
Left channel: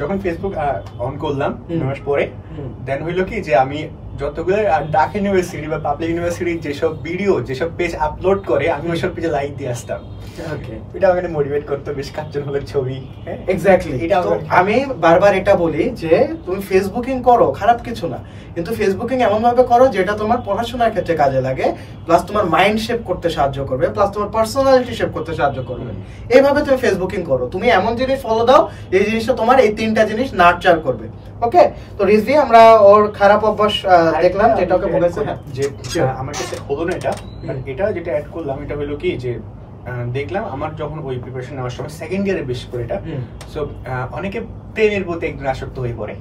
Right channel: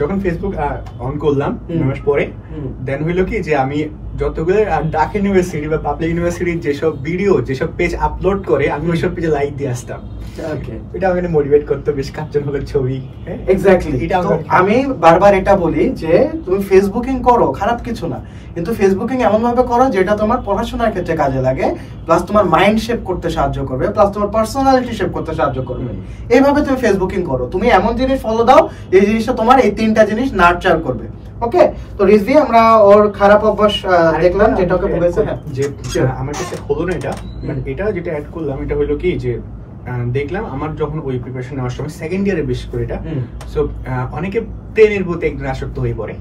যখন ফেসবুক অন করলাম 2 মাস পরে, দেন হইলো কি যে আমি যতগুলো ঢাকা ইউনিভার্সিটি বা পাবলিক ইউনিভার্সিটির যেসব ভিডিও, যেসব পেজ আপলোড করে, আমি ওইসব পেজে লাইক দিয়ে আসতাম। এটা আমাকে মোটিভেট করতো, বেশ কাঞ্চন হলের ছবি। এক্স্যাক্টলি, আমি বারবার এটা বলি যে তুমি ফেসবুকিং করো, খারাপ কিছু না, কিন্তু ফেসবুকিং এমন ভাবে করো যেটা তোমার পড়াশোনার ক্ষেত্রে কাজে লাগে, প্লাস তোমার মাইন্ড শেপ করতে সাহায্য করবে, প্লাস তোমার পার্সোনালিটি শেপ করতে সাহায্য করবে। এইভাবে তুমি ফেসবুকিং করো, তুমি এমন জিনিস ফলো দাও এই জিনিসটা তোমার এই 3টা জিনিস নার্চার করবে। ওকে, তো রিজভি, আমরা ওর খারাপ অভ্যাস দেখলাম, যেটা ওকে বলেছে যে আমার কাছে হলো না এটা, এটা যেটা অ্যাড করলাম, এটা হলো কি যে দেখলাম আমার যখন ওই প্রিপারেশন নেওয়ার সময় সেকেন্ড ইয়ারে বেশ করে এটা, সো অনেকে প্রেমের প্রতি একদম আসক্ত হয়ে পড়ে।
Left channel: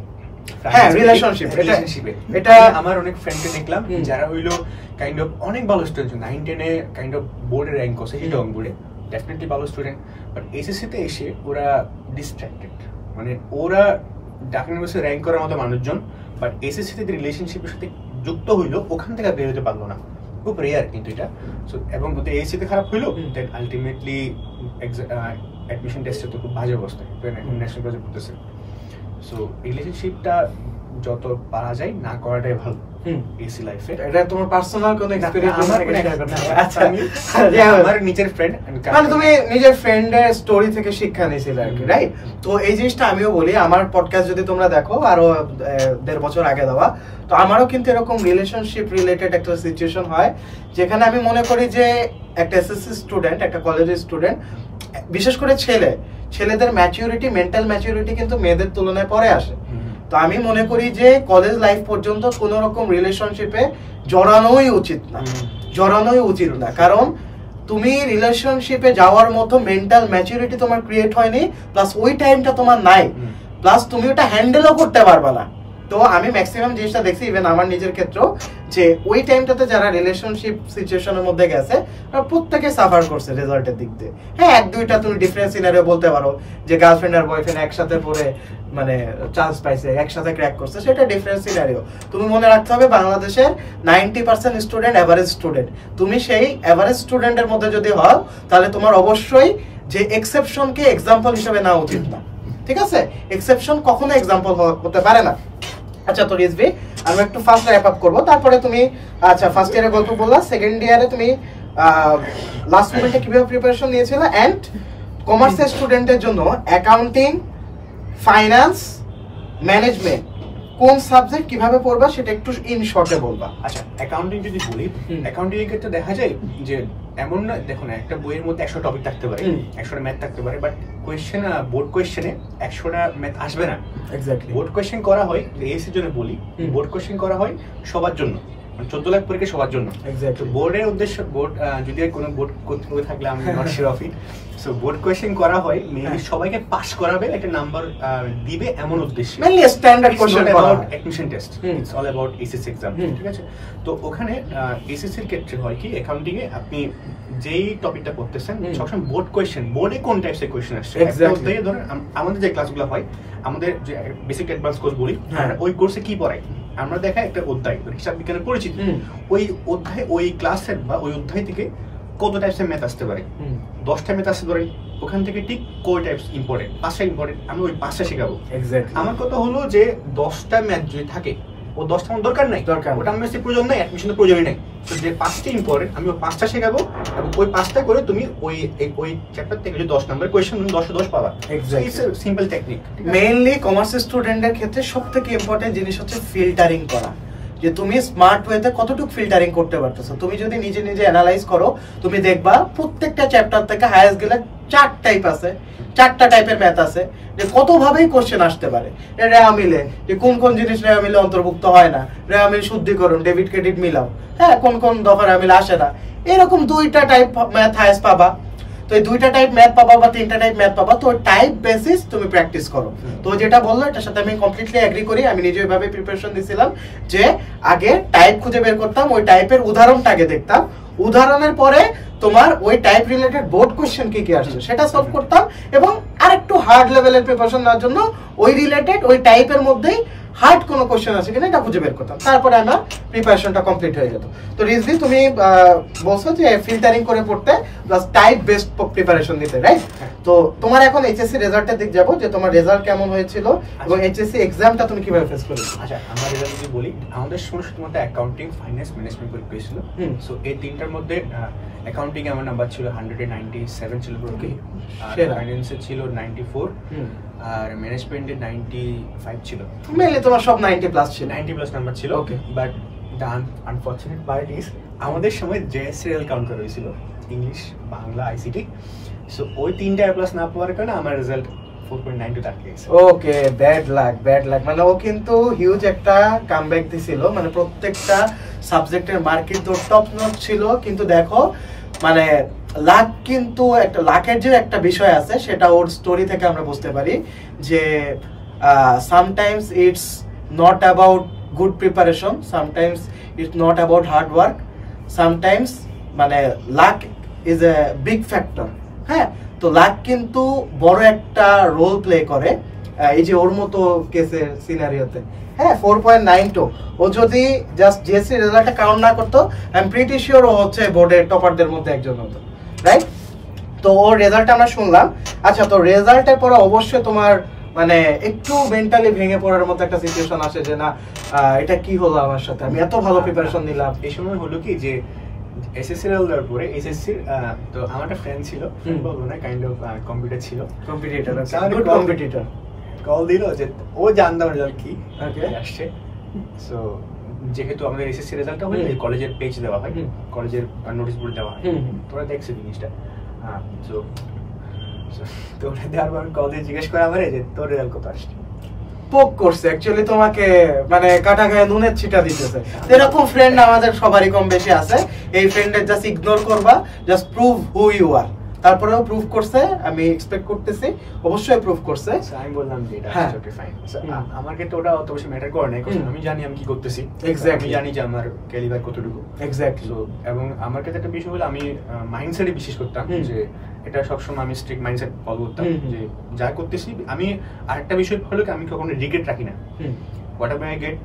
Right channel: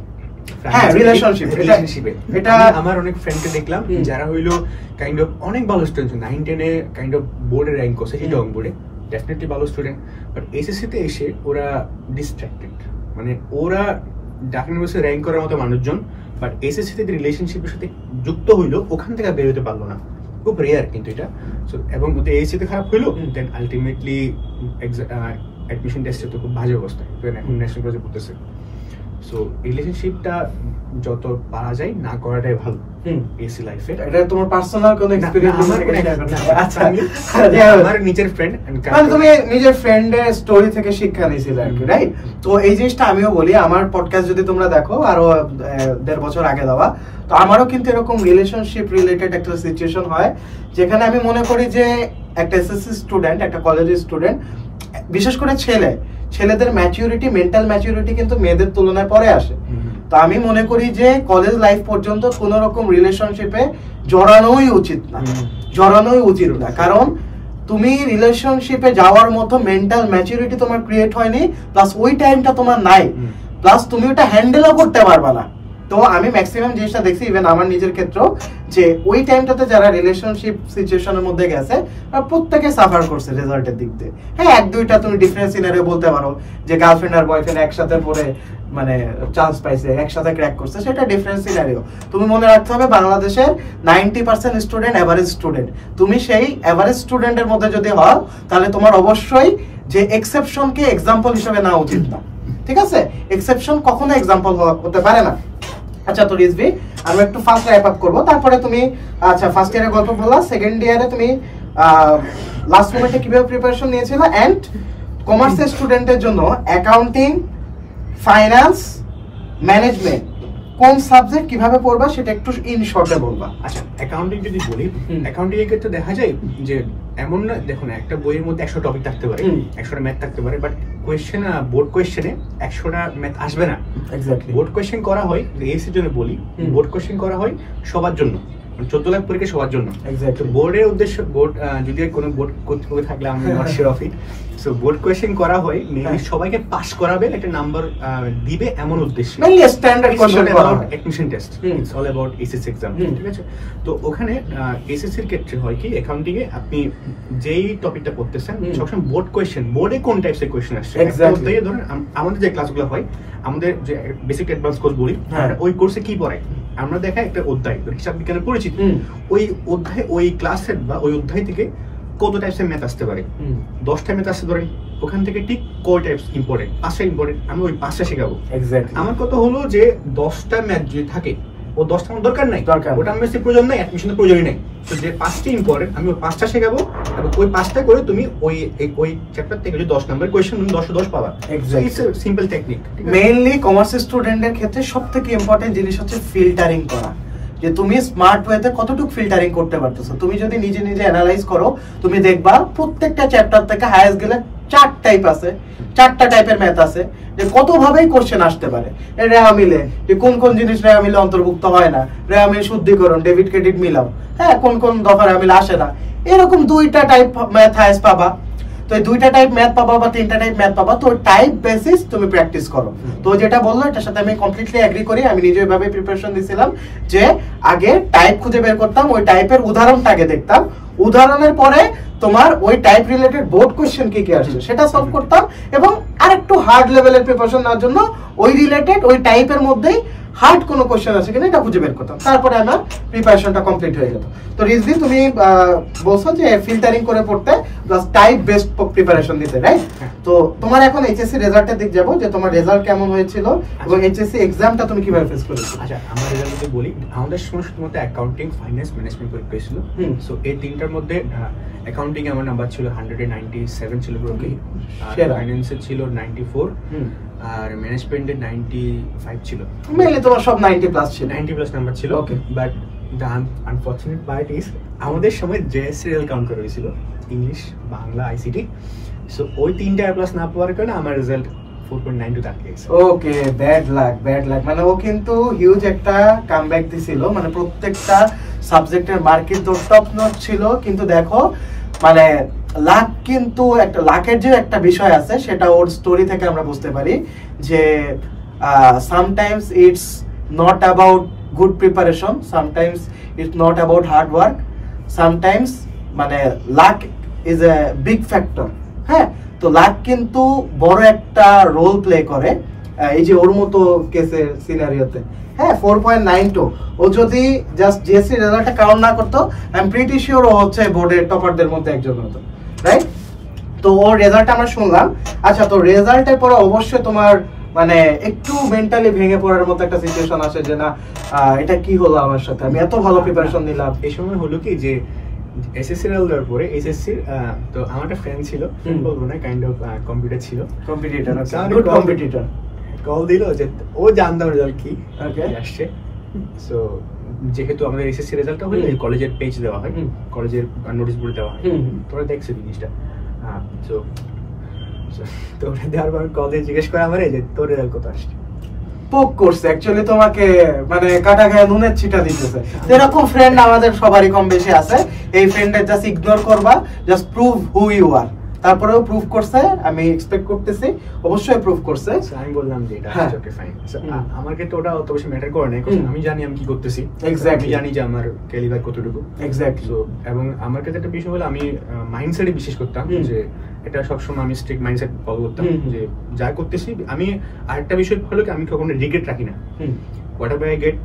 হ্যাঁ, রিলেশনশিপে এটা আমার অনেক ফ্রেন্ডকে দেখলাম যারা হইলো কাইন্ড অফ অনেক ভালো স্টুডেন্ট, 9-10 এ কাইন্ড অফ বোর্ডে র্যাঙ্ক করছে, হিটং বোর্ডে, ডেফিনেটলি ভালো স্টুডেন্ট, বাট এসএসসি তে এসে ওরা ডিস্ট্রাক্টেড, মানে ওরা ঢাকা ইউনিভার্সিটি র্যাঙ্ক করার মতো মানুষজন, বাট এসএসসি তে রিলেশনশিপের সাথে যুক্ত হইলো, ওখান থেকে বের হতে পারলো না, খুব রেয়ার কিন্তু এটা। সো এবং ওদের এসএসসি তে খারাপ হইলো, দেন আলটিমেটলি অ্যাডমিশন টেস্টে তো খুব বাজে অবস্থা, এখন ন্যাশনাল কলেজে পড়তেছে। সো রিলেশনশিপটা যত পারা যায় না করাটাই ভালো এসি লাইফে। এটা তোমার পার্সোনাল কোন এক্সপেরিয়েন্স? আচ্ছা, আমার নিজের ফ্রেন্ড, মানে তুমি নিজের ফ্রেন্ডের স্টোরি থেকে শিক্ষা নিয়েছিলে আর কি, রাইট? তো এই জিনিসটা আমিও বলি, আমার পডকাস্ট যদি তোমরা দেখো, আরো 1.5 বছর আগে দেওয়া, তো আমারও কিন্তু এরকম রিলেশনশিপ রিলেটেড একটা সিচুয়েশন হয়, যেখানে আমি মনে করি যে একটা এসএসসি স্টুডেন্ট, একটা কলেজের স্টুডেন্ট, বিশেষ করে ছেলেদের ম্যাচুরিটি, মেন্টাল ম্যাচুরিটি কিন্তু মেয়েদের তুলনায় পরে আসে। তো আমি মনে করি যে কলেজ লাইফ পর্যন্ত কোন রকম রিলেশনশিপে জড়ানোই উচিত না, কারণ তুমি রিলেশনশিপে যাওয়ার মতো মেন্টাল ম্যাচুরিটি তোমার ক্রিয়েট হয়নি, প্লাস ওই টাইমটা তোমার নাই, প্লাস তুমি ওটা হ্যান্ডেলও করতে পারবা না। তো আমি ম্যাক্সিমাম জিনিসটা দেখছি, ইভেন আমার নিজের ক্ষেত্রেও, যে ওই টাইমটাতে যারা রিলেশনশিপ সিচুয়েশনের মধ্যে গেছে, প্রত্যেকে সাফার করছে রেজাল্টের দিক দিয়ে। হ্যাঁ, 1-2টা তুমি ডিফারেন্ট সিনারিও বলতে পারো, যে গার্লফ্রেন্ড আর বয়ফ্রেন্ড একসাথে পড়ে মানে চান্স পাইছে, একসাথে ক্র্যাক করছে, সেটা ডিফারেন্ট সিনারিও। তুমি মনে রাখতে হবে, বাংলাদেশের 90% স্টুডেন্ট এভারেজ স্টুডেন্ট। তুমি সেই এভারেজ স্টুডেন্টের মধ্যে যদি হও, তাহলে তোমার অবশ্যই যে এক্সেপশনকে এক্সাম্পল হিসেবে নেওয়া উচিত না। ঠিক আছে, এক্সেপশন কখনো এক্সাম্পল হতে পারে না। আচ্ছা, তো রিজভি, আমি একটু ফার্স্ট র্যাপ আপ করবো, তারপরে তুমি, আচ্ছা, ফার্স্ট ইয়ারে গল্প বললা, সেকেন্ড ইয়ারে তুমি লাস্ট মোমেন্টে কিভাবে প্রিপারেশন নিয়েছিলে, এন্ড কমার্সের স্টুডেন্টের জন্য অ্যাকাউন্টিং, ফাইন্যান্স, ম্যানেজমেন্ট কোন সাবজেক্ট কিভাবে পড়বা সেটা একটু ইন শর্টে বলবা। আচ্ছা, অ্যাকাউন্টিং যদি বলি, অ্যাকাউন্টিং এর ক্ষেত্রে দেখা যায় যে এমন না, দেখো না, একটা বইয়ের মধ্যে 100 টপিক থাকতে পারে, 100টা ম্যাথ থাকতে পারে, বাট কোয়েশ্চেন, বোর্ড কোয়েশ্চেনে 100টা ম্যাথ আসবে না। এক্স্যাক্টলি। বোর্ড কোয়েশ্চেন করা হয়, এসির জন্য বলি, বোর্ড কোয়েশ্চেন করা হয় সবার জন্য, 14 লাখ পরীক্ষা সবার জন্য। বোর্ডের উদ্দেশ্য, বোর্ড যদি কোনো বোর্ড কর্তৃপক্ষ থাকলে আমি not sure of it, so board question করা হয় মেইনলি সবাইকে পাস করাবে, একটা নাম্বার দিবে এমন উদ্দেশ্যে, মেইনলি স্ট্যান্ডার্ড কোশ্চেন করা হয়, admission test, it's all about SSC exam, ঠিক আছে? তো ওখানে এসএসসির ক্ষেত্রে হয় কি, অ্যাকাউন্টিং এ আপনি যেই টপিকটা পড়তেছেন সবসময় বোর্ড কোয়েশ্চেন, বোর্ডে কোন টাইপসের কোয়েশ্চেন আসছে, ধরেন আমাদের যে ক্লাসগুলো হয়, আমাদের যে বেসিক অ্যাডভান্স কোর্স বলি, ওই কোর্সে কি পড়ায় আমরা দেখা একটা অধ্যায়, হিসাব বিজ্ঞানের পরিচিতি, ওই অধ্যায়, ওই ক্লাসের বা ওই অধ্যায় থেকে কত টাইপসের ম্যাথ আসতে পারে, 10টা ম্যাথ আসতে ধরেন, ওখান থেকে ঠিক কয় টাইপস ইম্পর্টেন্ট, 5টা ইম্পর্টেন্ট, আমি ওই 5টা শেখাবো। আমার কথা হলো যে 10টা ম্যাথ যদি থাকে, ও 10টা আমার দরকার নাই, ওটা আমার প্রয়োজন নাই, অ্যাডমিশনের প্রয়োজনই নাই। তো যে 5টি ইম্পর্টেন্ট, আমি ওই 5টা শেখাবো, এবং ওই 5টা করে তুমি ওই চ্যাপ্টার থেকে যদি 10 নম্বরের কোয়েশ্চেন, তুমি 10 পাবা। It's a simple technique. Mainly commerce স্টুডেন্টের ক্ষেত্রে সবথেকে ইম্পর্টেন্ট জিনিস হচ্ছে ফিল্টারিং করা, যে তুমি স্মার্ট ওয়েতে কতটুকু ফিল্টারিং করতে পারতেছো। তুমি যদি নিজে নিজে অ্যানালাইজ করো, তুমি দেখবা প্রত্যেকটা চ্যাপ্টার থেকে হাইয়েস্ট গেলে 4 টাইপ আছে, 4টা টাইপের ম্যাথ আছে, যে কত ভাবেই কোশ্চেন আসতে পারে। রেওয়া মিলে, যে কোন কোন জিনিস রেওয়া মিলে অন্তর্ভুক্ত হয় না, রেওয়া মিল শুদ্ধিকরণ, ডেবিট ক্রেডিট মিলাও, হ্যাঁ, কোন কোন দফা রেওয়া মিল আসে না, এরকম 2টা টাইপ ম্যাথ হাইয়েস্ট পাবা। তো এই 2টা টাইপ ম্যাথ পাবা বা 3টা টাইপ ম্যাথ পাবা, তো টাইপ বেসিস তুমি প্র্যাকটিস করো। তো যেটা বললো এটার সাথে আমি কমপ্লিটলি এগ্রি করি। আমি নিজে এভাবে প্রিপারেশন দিছিলাম যে আগে টাইপ খুঁজে বের করতাম, ওই টাইপের উদাহরণটা আগে দেখতাম, উদাহরণের পরে তোমার ওই টাইপ রিলেটেড বোর্ড কোশ্চেন কি কি আসছে সেটা সলভ করতাম, এবং আরেকটু হার্ড লেভেলের প্রিপারেশন নেওয়ার জন্য ওই রিলেটেড ওই টাইপের মধ্যেই হার্ড কোনো কোশ্চেন আছে কিনা এটা খুঁজে বের করতাম, তারপরে আমার প্রিপারেশনটা কমপ্লিট হয়ে যেত। তো রিজভি, তুমি বলছো যে ফিল্টারিং করে পড়তে প্লাস টাইপ বেসড প্রিপারেশন নিতে, রাইট? তো তোমার এখন এইচএসসি রেজাল্টের দিক যাবো, যে তোমার রেজাল্ট কেমন হয়েছিল এবং এইচএসসি এক্সামটা তুমি কিভাবে ফেস করেছো? আচ্ছা, আমার রেজাল্ট যদি বলি, আমাদের সময় শুধুমাত্র অ্যাকাউন্টিং, ফাইন্যান্স, ম্যানেজমেন্ট পরীক্ষা ছিল। সো এই তিনটার মধ্যে অ্যাকাউন্টিং আমার নাম্বার ছিল 197 ছিল পুরো, ফাইন্যান্সে ছিল 94, আর ম্যানেজমেন্টে 95 ছিল। মেইনলি তোমার সব 90 প্লাস ছিল, 90 প্লাস নাম্বার ছিল। Okay, but the unfortunate part is আমাদের সময় জেএসসিএল কাউন্ট করা হয়েছিল, ইংলিশ, বাংলা, আইসিটি। সো ওই 3টা প্লাস না পাওয়ার কারণে আমার রেজাল্ট 4.92 দাঁড়িয়ে গেছে। ওকে, ব্যাড লাক। মানে ও কিন্তু হিউজ একটা কামব্যাক দিছিল, মানে প্রত্যেকটা সাবজেক্টের মার্কেট তো টপ নচ ছিল, কিন্তু দেখো মানে লাক, কিন্তু একটা লাকের যে একটা বিষয় আছে সেটা ওর স্টোরি থেকে আমরা বুঝতে পারি যে sometimes it's not about good preparation, sometimes it's not about hard work, sometimes মানে luck is a big factor. হ্যাঁ, তো লাক কিন্তু বড় একটা রোল প্লে করে এই যে ওর মতো কেসের সিনারিওতে। হ্যাঁ, 4.92, ও যদি জাস্ট জিএসসি রেজাল্টটা কাউন্ট না করতো, আই এম প্রিটি শিওর ও হচ্ছে বোর্ডের টপারদের মধ্যে একজন হতো, রাইট? তো ওর রেজাল্ট আমরা শুনলাম। আচ্ছা, তো রেজাল্টের পরে অবশ্যই তোমার মানে একটু মেন্টালি ভেঙে পড়ার মতো একটা সিচুয়েশন আসে যে না, এটা কি হলো আমার সাথে, আমি এত ভালো প্রিপারেশন নিলাম। এই সময় হলো কি যে এসএসসি রেজাল্টের পরে এসএসসি, তো আমার একটা ফ্রেন্ড ছিল, বলবো না, কাইন্ড অফ কম্পিটিটর, কল দিল যে ও জানতাম রেজাল্ট কি আসছে। সো যেহেতু আমাদের এসএসসি রেজাল্টটা হলে কলেজের পেজ দেওয়া হয়, কলেজের নোটিশ বোর্ড দেওয়া হয়, তোরা দেখছো জিনিসটা। সো তো ওটা দেওয়ার পর কল দিয়ে জিজ্ঞেস করে আমারে যে তোর রেজাল্ট কত আসছে। পোক করছে অ্যাকচুয়ালি তোমাকে, মানে কাটা গায়ে নুনের ছিটা দিতেছে। এরকম ফ্রেন্ড আমাদের সবারই কম বেশি আছে। এই ফ্রেন্ডের জাস্ট ইগনোর করবা, just prove who you are. তারপরেও প্রুভ করছে, আমি এক্সপেক্ট করতেছি অবশ্যই প্রুভ করছে। আমি বললাম যে এটা ওকে ফাইন। আমার ক্ষেত্রে ওটা অত বেশি ম্যাটার করে না, কারণ আমি জানি আমি কি করতেছি, এক্স্যাক্টলি আমি জানি যে আমার ক্যালিবার কতটুকু, এক্স্যাক্টলি। এবং আমার ক্ষেত্রে একটা বিষয় হলো আমি মাইন্ডসেটে বিশ্বাস করতাম, যে এটা সবসময় আমি স্ট্রিক্ট মাইন্ডসেট ফলো করতাম, যে যা করতেছি আমি। আরেকটা বিষয় হলো কি, আমি কখনো রিগ্রেট রাখি না। হোয়াট এভার আই গেট,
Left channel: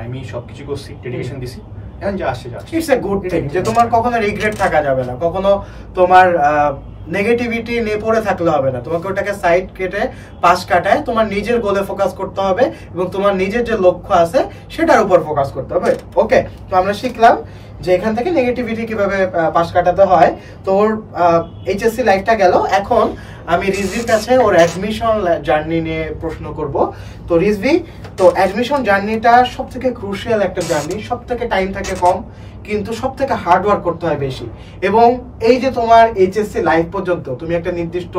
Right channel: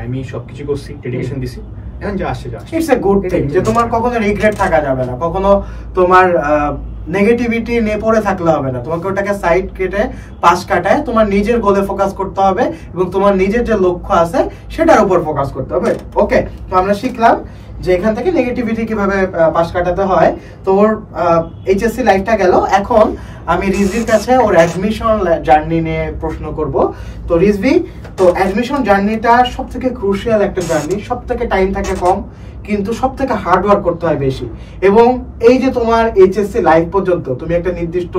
আমি সবকিছু করছি, ডেডিকেশন দিছি, এখন যা আসছে যা আসছে। ইটস এ গুড থিং যে তোমার কখনো রিগ্রেট থাকা যাবে না, কখনো তোমার নেগেটিভিটি নিয়ে পড়ে থাকলে হবে না। তোমাকে ওটাকে সাইড কেটে পাশ কাটায় তোমার নিজের গোলে ফোকাস করতে হবে, এবং তোমার নিজের যে লক্ষ্য আছে সেটার উপর ফোকাস করতে হবে। ওকে, তো আমরা শিখলাম যে এখান থেকে নেগেটিভিটি কিভাবে পাশ কাটাতে হয়। তোর এইচএসসি লাইফটা গেল, এখন আমি রিজভির কাছে ওর অ্যাডমিশন জার্নি নিয়ে প্রশ্ন করব। তো রিজভি, তো অ্যাডমিশন জার্নিটা সব থেকে ক্রুশিয়াল একটা জার্নি, সব থেকে টাইম থাকে কম, কিন্তু সব থেকে হার্ড ওয়ার্ক করতে হয় বেশি। এবং এই যে তোমার এইচএসসি লাইফ পর্যন্ত তুমি একটা নির্দিষ্ট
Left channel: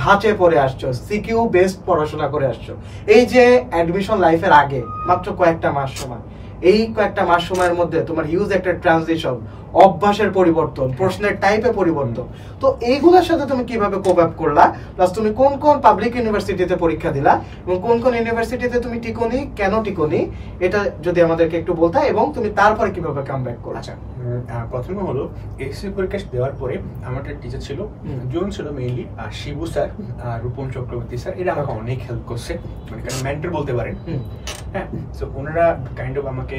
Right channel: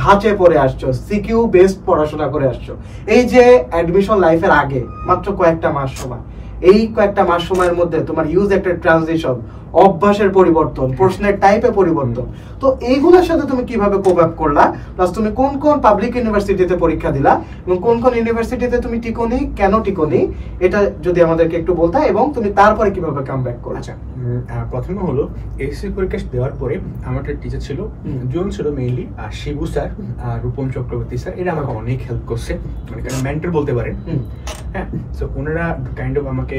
ধাঁচে পড়ে আসছো, সিকিউ বেসড পড়াশোনা করে আসছো, এই যে অ্যাডমিশন লাইফের আগে মাত্র কয়েকটা মাস সময়, এই কয়েকটা মাস সময়ের মধ্যে তোমার ইউজ একটা ট্রানজিশন, অভ্যাসের পরিবর্তন, প্রশ্নের টাইপে পরিবর্তন, তো এইগুলোর সাথে তুমি কিভাবে কোপ আপ করলা, প্লাস তুমি কোন কোন পাবলিক ইউনিভার্সিটিতে পরীক্ষা দিলা এবং কোন কোন ইউনিভার্সিটিতে তুমি টিকোনি, কেন টিকোনি, এটা যদি আমাদেরকে একটু বলতা, এবং তুমি তারপরে কিভাবে কামব্যাক করলা। আচ্ছা, প্রথমে হলো এসএসসি পরীক্ষা দেওয়ার পরে আমার একটা টিচার ছিল, দুজন ছিল মেইনলি, শিবু স্যার আর রূপম চক্রবর্তী স্যার। এরা আমাকে অনেক হেল্প করছে, মানে মেন্টর বলতে পারেন। হ্যাঁ, তো ওনারা কাইন্ড অফ আমাকে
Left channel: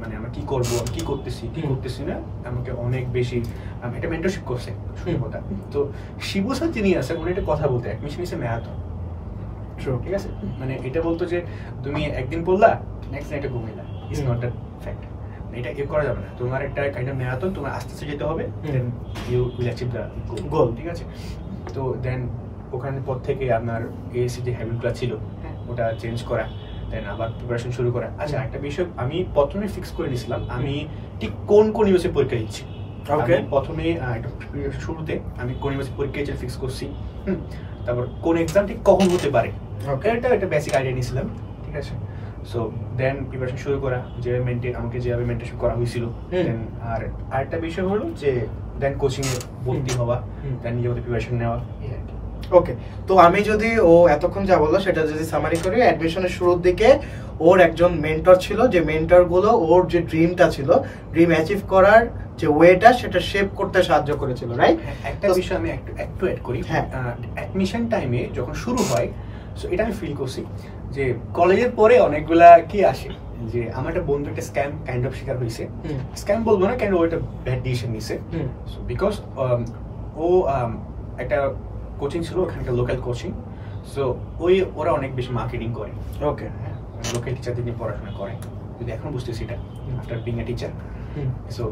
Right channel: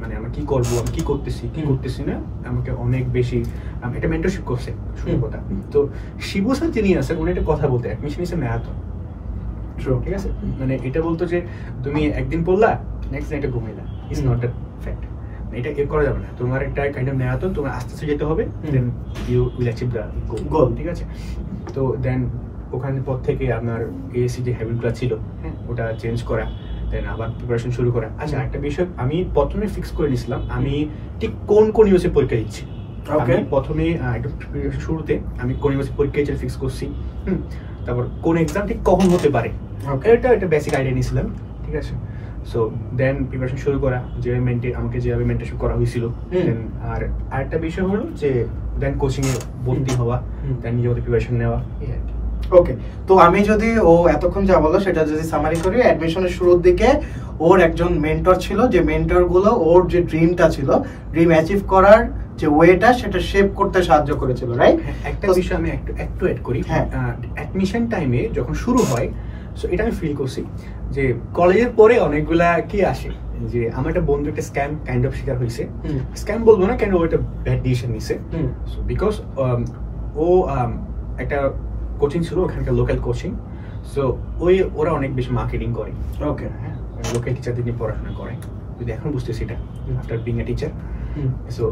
মানে আমি কি করবো, আমি কি করতেছি না, আমাকে অনেক বেশি একটা মেন্টরশিপ করছে শুরু কথা। তো শিবু স্যার যিনি আছে, উনি একটা কথা বলতে, অ্যাডমিশন ইজ এ ম্যারাথন। ঠিক আছে, মানে এটা বলতো যে তুমি একদিন পড়লা, নেক্সট দিন একটা ঘুমিলা, ইজ নট আ ফ্যাক্ট। এটা করা যাবে না, তোমার একটা কাইন্ড অফ ম্যারাথন, তোমার আস্তে আস্তে যেতে হবে, then you will achieve the goal. ঠিক আছে, তো দেন ওখানে পর থেকে আপনার এএসসি যে হ্যাবিটগুলো ছিল ওটা চেঞ্জ করা, দেন আবার প্রিপারেশন শুরু করা। আচ্ছা, একটা বিষয় আমি প্রথমে ফিক্স করে নিয়েছিলাম, আমি ঠিক কোন কোন ইউনিভার্সিটি পরীক্ষা দিচ্ছি। প্রথমে একটা প্রিপারেশন শুরুতে আমি কোন ইউনিভার্সিটি পরীক্ষা দিচ্ছি ফিক্স করছি, তারপর কোন এক্সাম ঠিক কখন হতে পারে, এটা একটা বেসিক আইডিয়া নিয়েছিলাম। ঠিক আছে, সো দেন প্রিপারেশন শুরু করা, আমাকে যেভাবে মেন্টরশিপ করা হয়েছিল। দেন আর আরেকটা বিষয় হলো যে দেন কোচিং এ ভর্তি হওয়া, দেন নিজের প্রিপারেশন নেওয়া, এই আর কি। ওকে, তো আমি যদি ও এতক্ষণ যা বললো সেটা যদি সামারি করি, অ্যাডমিশনের শুরুর দিকে ওর একজন মেন্টর ছিল, যে মেন্টর গুলো ওর যে ড্রিমটা ছিল, ড্রিম অ্যাচিভ করার যে ওয়েটা, সেটা শেপ করতে সাহায্য করেছিল, রাইট? একটা বিষয় আমি একটু অ্যাড করি। হ্যাঁ, অ্যাডমিশন টাইমে যখন শুরু হয়, সো এটা আমি ফিল করছি যে কলেজের পরে অনেকগুলা কি আসে, যে আমার একটা বন্ধু একটা স্ক্যাম কাইন্ড অফ শিকার হয়েছে। স্ক্যাম বলবো না, কেন ও একটা ব্যাড ডিসিশন নিছে, বিকজ ও একটা কোচিং ছিল, ওখানকার লোকাল কোচিং, সো ওরা অনেক বেশি মার্কেটিং করে। ওকে, লোকাল টিচারদের নিয়ে পড়াশোনা করে, যদি এখন বুঝতেছি এটা after being a teacher. So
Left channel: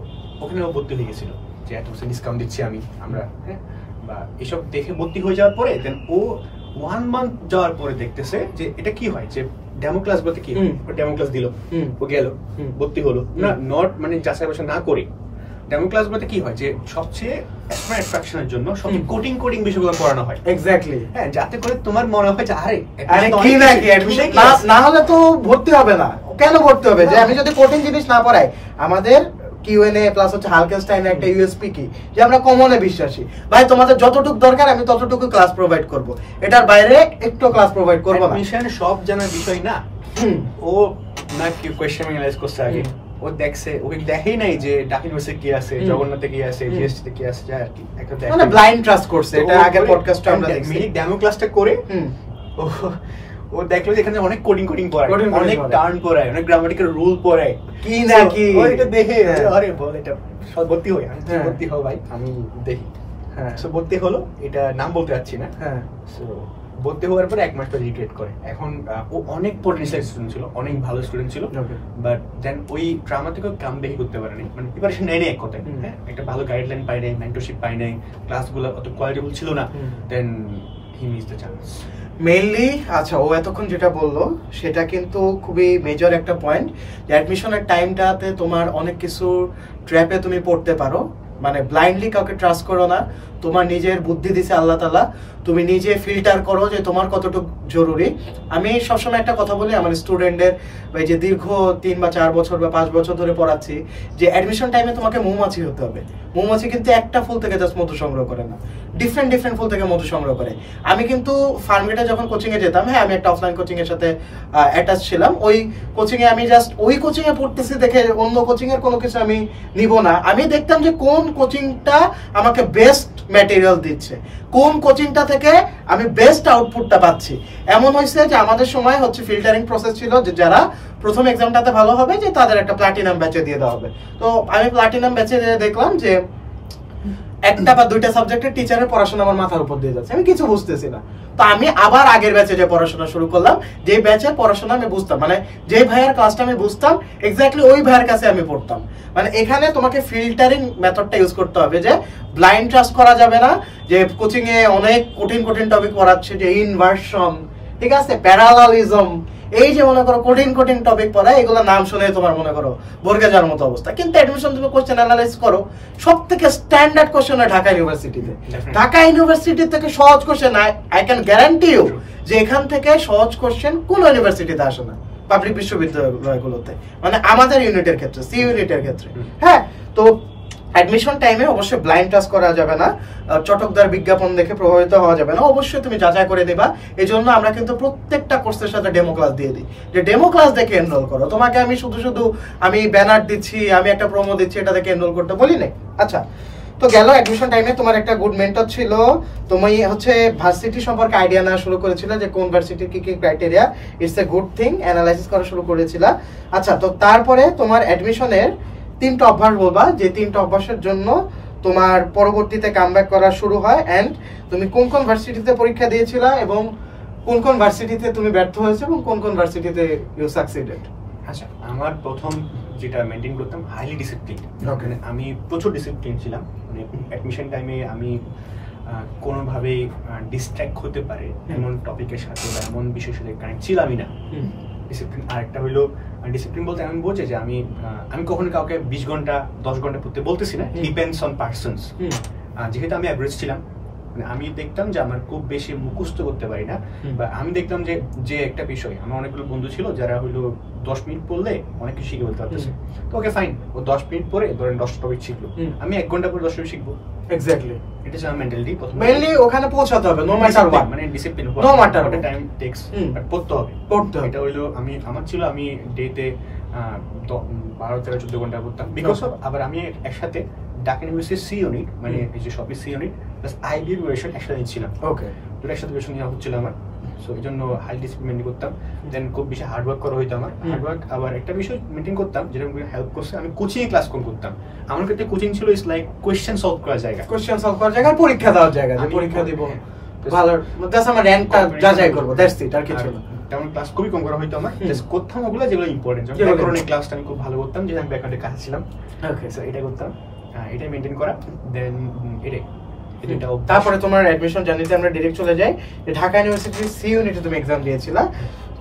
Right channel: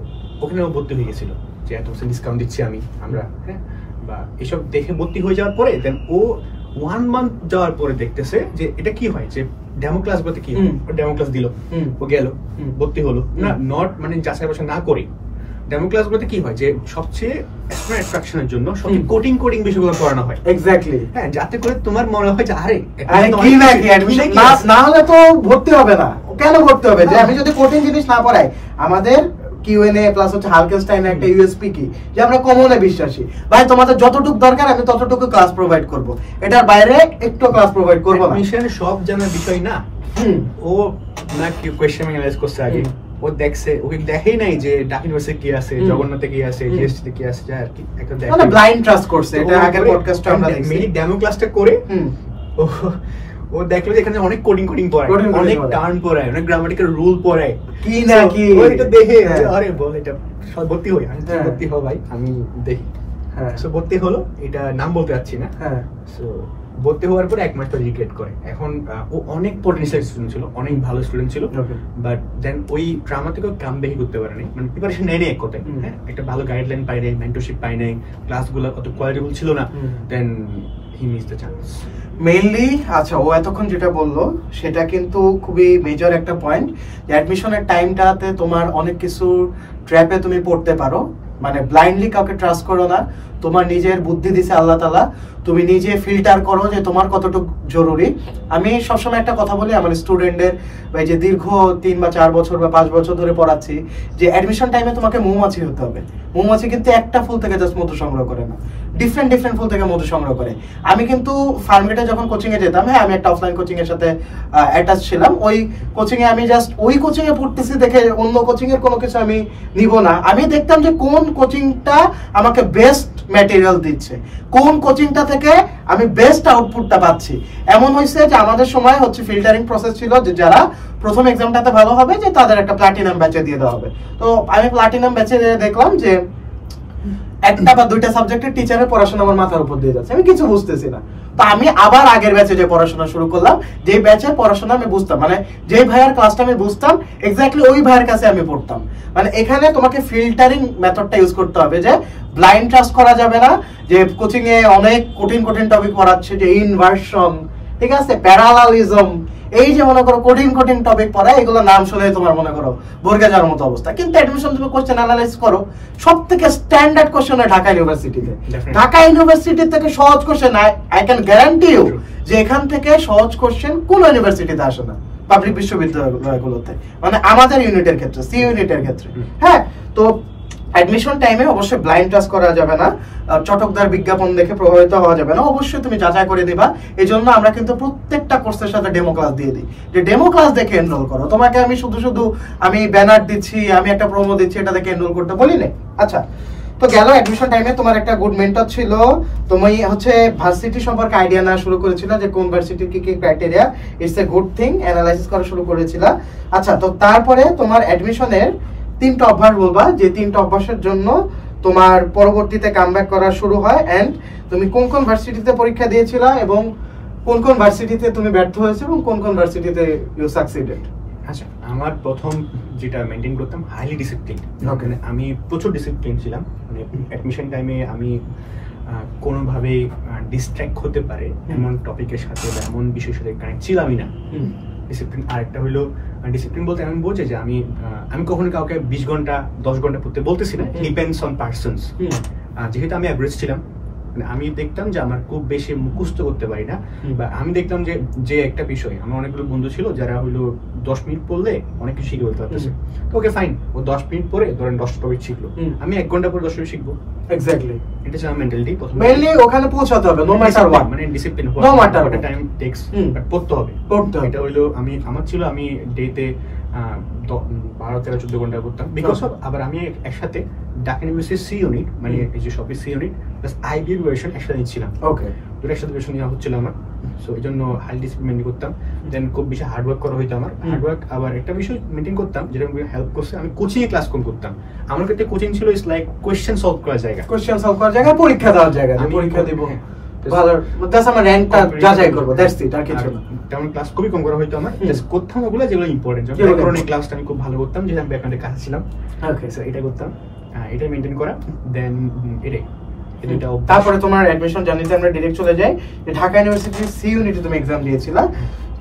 ওখানে ও ভর্তি হয়ে গেছিল যে এত ডিসকাউন্ট দিচ্ছি আমরা, হ্যাঁ, বা এসব দেখে ভর্তি হয়ে যাওয়ার পরে দেন ও 1 মান্থ যাওয়ার পরে দেখতেছে যে এটা কি হয়, যে ডেমো ক্লাস বলতে কি হয়, ও ডেমো ক্লাস দিল, ও গেল, ভর্তি হলো না, নট মানে যাচাই বাছাই না করে। ডেমো ক্লাস বলতে কি হয়, যে সবচেয়ে অ্যাট্রাকশনের জন্য সবচেয়ে কোডিং বিষয়গুলো পড়ানো হয়। এক্স্যাক্টলি, হ্যাঁ, যাতে করে তোমার মনে হয় যে আরে কি না কি অ্যাডমিশন না হলে তো ভর্তি হবে না, কেন ভর্তি হবে, যে আমি যদি কোডিং জিনিস না পড়াই। আমাদের কিউএনএ প্লাস হচ্ছে হালকেনস্টাইনের একটা ইউএসপি কি, যে আমরা কমনে বিশ্বাসী, ভাই তোমাদের যতটুকু দরকার আমি ততটুকু ক্লাস প্রোভাইড করব, এটার বাইরে একটু ক্লাস প্রোভাইড করব না। মিশনে সব জানার বিষয় না, ও না কি কোশ্চেন অ্যানালাইজ করছে আগে, ও দেখছে, ওকে দেখেই নাই যে ঢাকা ইউনিভার্সিটি কি আছে, জগন্নাথে কি আছে, জিএসটি কি আছে, যা আর কি একটা মানে ব্লাইন্ড ট্রাস্ট করছে। এটা আগের পডকাস্টে আমরা দেখছি, মিনি ডেমো ক্লাসটা করে ও দেখলো যে এখানে অনেক কোডিং পড়ায়, অনেক টার্ন পড়ায়, অনেক গ্রামাটিক্যাল রুল পড়ায়, কি না কি, এটা দেখে আরে বল এটা ভর্তি হই, আমি ভর্তি হও ভাই, আমি দেখি। হ্যাঁ, সো ভর্তি হলো, এটা নাম বলতে যাচ্ছি না। হ্যাঁ, সো ভর্তি হওয়ার পরে 1 মাস পর রিগ্রেট করে। এখন ও অনেক পটেনশিয়াল স্টুডেন্ট ছিল, অনেক ভালো স্টুডেন্ট ছিল, বাট দেন ওই ড্রামা থেকে কামব্যাক করতে পারেনি, মানে প্রিপারেশন নেয়নি এক কথায়। হ্যাঁ, একটা ভালো গাইডলাইন পাই নাই, মেন্টরশিপ পাই নাই, ক্লাসগুলো অত কোয়ালিটিফুল ছিল না, then he miss the chance mainly. আচ্ছা, ও এতক্ষণ যেটা বললো সেটা কিন্তু খুবই মেজর একটা পয়েন্ট, যে অ্যাডমিশনের টাইমটাতে তোমার অনেক কিছু ট্র্যাপে তুমি পড়তে পারো, মানে ব্লাইন্ডলি কাউকে ট্রাস্ট করো না, তোমার নিজের বুদ্ধি দিছে আল্লাহ তাআলা, তুমি নিজে ফিল্টার করো যে তোমার কতটুকু জরুরি। আমি সবসময় একটা কথা বলি আমার স্টুডেন্টদের, যে দীর্ঘ 3 বা 4 বছর বা 5 বছর ধরে পড়াচ্ছি, যে অ্যাডমিশন টাইমে তোমাকে মৌমাছি হতে হবে। মৌমাছি কিন্তু একটা ফুল থেকে জাস্ট মধু সংগ্রহ করে না, ডিফারেন্ট ফুল থেকে মধু সংগ্রহ করে। আমি কিন্তু ফার্মগেটে যখন কোচিং এ যেতাম, হ্যাঁ আমি একটা অফলাইন কোচিং এর সাথে অ্যাটাচ ছিলাম, ওই কোচিং এ আমি জাস্ট ওই কোচিং এ পড়তেছি দেখে অন্য কোচিং এর কোনো কিছু আমি নিব না, আমি দেখতাম যে কোন কোচিংটা আমাকে বেস্ট ম্যাটেরিয়াল দিচ্ছে, কোন কোচিংটা থেকে আমি বেস্ট আউটপুটটা পাচ্ছি। এমন হয়েছে যে আমাদের সময় হচ্ছে ফিল্টারিং প্রসেস ছিল, যে যারা প্রথম এক্সামটাতে ভালো হবে যে তাদের একটা প্লাটিনাম ব্যাচে দিয়ে দেওয়া হবে। তো আমি প্লাটিনাম ব্যাচে দেখলাম যে একটা বা দুইটা সাবজেক্টের টিচারের পড়াশোনা আমার মাথার উপর দিয়ে যাচ্ছে, আমি কিছু বুঝতেছি না। তো আমি আবার আগের ব্যাচে যে পড়াশোনা শুরু করলাম, যে ব্যাচের পড়াশোনা আমি বুঝতাম, মানে যে ভাইয়ার ক্লাসটা আমি বুঝতাম এক্স্যাক্টলি ওই ভাইয়ের কাছে আমি পড়তাম। মানে এখানে তোমাকে ফিল্টারিং মেথডটা ইউজ করতে হবে, যে ব্লাইন্ড ট্রাস্ট করা যাবে না, যে কোচিং এ অনেক কঠিন কঠিন টপিক পড়াচ্ছে, যে ইনভার্সন, ঠিক আছে, প্যারালালিজম, এই যে মনে করো কঠিন কঠিন টপিক পড়ায়, এগুলো নাম শুনে তোমার মনে করো বর্গে যাওয়ার মতো অবস্থা। কিন্তু অ্যাডমিশন তুমি কোশ্চেন অ্যানালাইজ করো, সব থেকে স্ট্যান্ডার্ড কোশ্চেন হয় ঢাকা ইউনিভার্সিটিতে। ঢাকা ইউনিভার্সিটি থেকে সহজ question I can guarantee you যে এখান থেকে সহজ কোশ্চেন কোন ইউনিভার্সিটিতে আসে না, পাবলিক বিশ্ববিদ্যালয়গুলোতে, মানে আমাদের ইউনিটের ক্ষেত্রে, সি ইউনিটের ক্ষেত্রে। হ্যাঁ, তো অ্যাডমিশন টাইমে অবশ্যই ব্লাইন্ড ট্রাস্ট করা যাবে না, চটকদার বিজ্ঞাপন দেখে প্রভাবিত হওয়া যাবে না, অবশ্যই তুমি যাচাই করে দিবা। এই জন্য আমরা কিন্তু প্রত্যেকটা কোর্সের সাথে ডেমো ক্লাস দিয়ে দিই, যে ডেমো ক্লাস দেখে এনরোল করো। তোমাকে আমি শুধু আমি ব্যানার দিচ্ছি, আমি একটা প্রোমো দিচ্ছি, এটা দেখে এনরোল করতে বলি না। আচ্ছা, তো গেল অ্যাডমিশন টাইমে তোমার একটা গুড মেন্টর ছিল, তুমি হচ্ছে ভার্সিটি সম্পর্কে আইডিয়া নেওয়া শুরু করেছিল, যে কোন ভার্সিটির কি কি criteria, it's a good thing, analysis করা শুরু করেছিল। আচ্ছা, তো তারপরে তোমার অ্যাডমিশনের 3টা অভ্যাস বলবা, যে 3টা অভ্যাসের জন্য তোমার পরবর্তীতে কামব্যাক করা শুরু হয়, এন্ড তুমি কোন কোন ভার্সিটিতে পরীক্ষা দিয়েছিলা এবং কোন কোন ভার্সিটিতে তুমি ব্যর্থ হয়েছে এবং কোন কোন ভার্সিটিতে ইউ সাকসিডেড। আচ্ছা, আমার প্রথম যেটা মেইনটেইন করতাম, হাইলি ডিসিপ্লিন। ওকে, আমি প্রচুর ডিসিপ্লিন ছিলাম, মানে অ্যাডমিশন টাইমে আমি কোনোভাবে ডিস্ট্র্যাক্ট হতে পারে এমন টপিকের সাথে বা এমন বিষয়ের সাথে কানেক্ট ছিলামই না। ডিসিপ্লিন। আরেকটা হইলো, ডিসিপ্লিন বলতে আমি বোঝে যে আমি কখনো কাউকে 20 ঘন্টা 10 ঘন্টা পড়তে বলতেছি না, ডিপেন্ডস অন পারসনস। যেহেতু আমি অ্যাভারেজ ছিলাম, মানে আমি দেখতাম যে আমার খুব বেশি মুখস্থ করতে পারি না, বা আমি দেখতাম যে একটা বিষয়, আমার অনেকগুলো বন্ধু ছিল যারা হইলো 10 মিনিট পড়লে অনেক কিছু শিখে বলতে পারতেছে। ওকে ফাইন, ও 10 মিনিট পরে ধরেন 10 টপিক শিখলো, আমি 1 ঘন্টা পরে 10 টপিক শিখবো। এক্স্যাক্টলি, এটা ছিল মেন্টালিটি। মেইনলি ওখানে পৌঁছাতে হবে, নো ম্যাটার হোয়াট, মানে discipline, no matter what time takes, but পড়তে হবে। এটা হইলো আমার ছিল, আমি ডেতে 12-14 ঘন্টা পড়তাম, বিকজ অফ আবার আমি একসাথে ঢাকা ইউনিভার্সিটি সি ইউনিট, মানে এই যে সবই C unit plus IB version একসাথে নিচ্ছিলাম। ওকে, দুটো একসাথে ভার্সন নেওয়া হচ্ছিল আমার, সো এই জন্য হাই ডিসিপ্লিন মেনটেন করতাম। দেন খুব বেশি হার্ডওয়ার্ক করা হইতো আমার। হার্ডওয়ার্ক আবার একটা বিষয় মেনটেন করতাম যেটা আমাকে হেল্প করছে, আমি কোচিং এ ক্লাস কম করতাম। আমার ক্ষেত্রে কোচিং ছিল ইজ লাইক কোয়েশ্চেন সলভ করার জায়গা, পরীক্ষা দেওয়ার জায়গা, পরীক্ষা দিব ভালো, দ্যাটস আমার র‍্যাঙ্কটা যাচাই করব, দ্যাটস ইট, আর কিছু না। তেমন ক্লাস খুবই কম করা হইতো আমার, জাস্ট করতাম ওগুলো যেগুলো ইম্পর্টেন্ট। যেমন ব্যাকরণের ক্লাসটা আমি খুব ভালো করতাম, যেটা আমি ব্যাকরণের কাছে ছিলাম। ওকে, সো এটা করতাম, এটা মেইনটেইন করা। দেন তারপরে তোমার অ্যাডমিশন জার্নিতে আমরা ডাইরেক্ট চলে যাই। ঢাকা ইউনিভার্সিটি সি ইউনিটে তুমি এক্সাম দিয়েছিলা,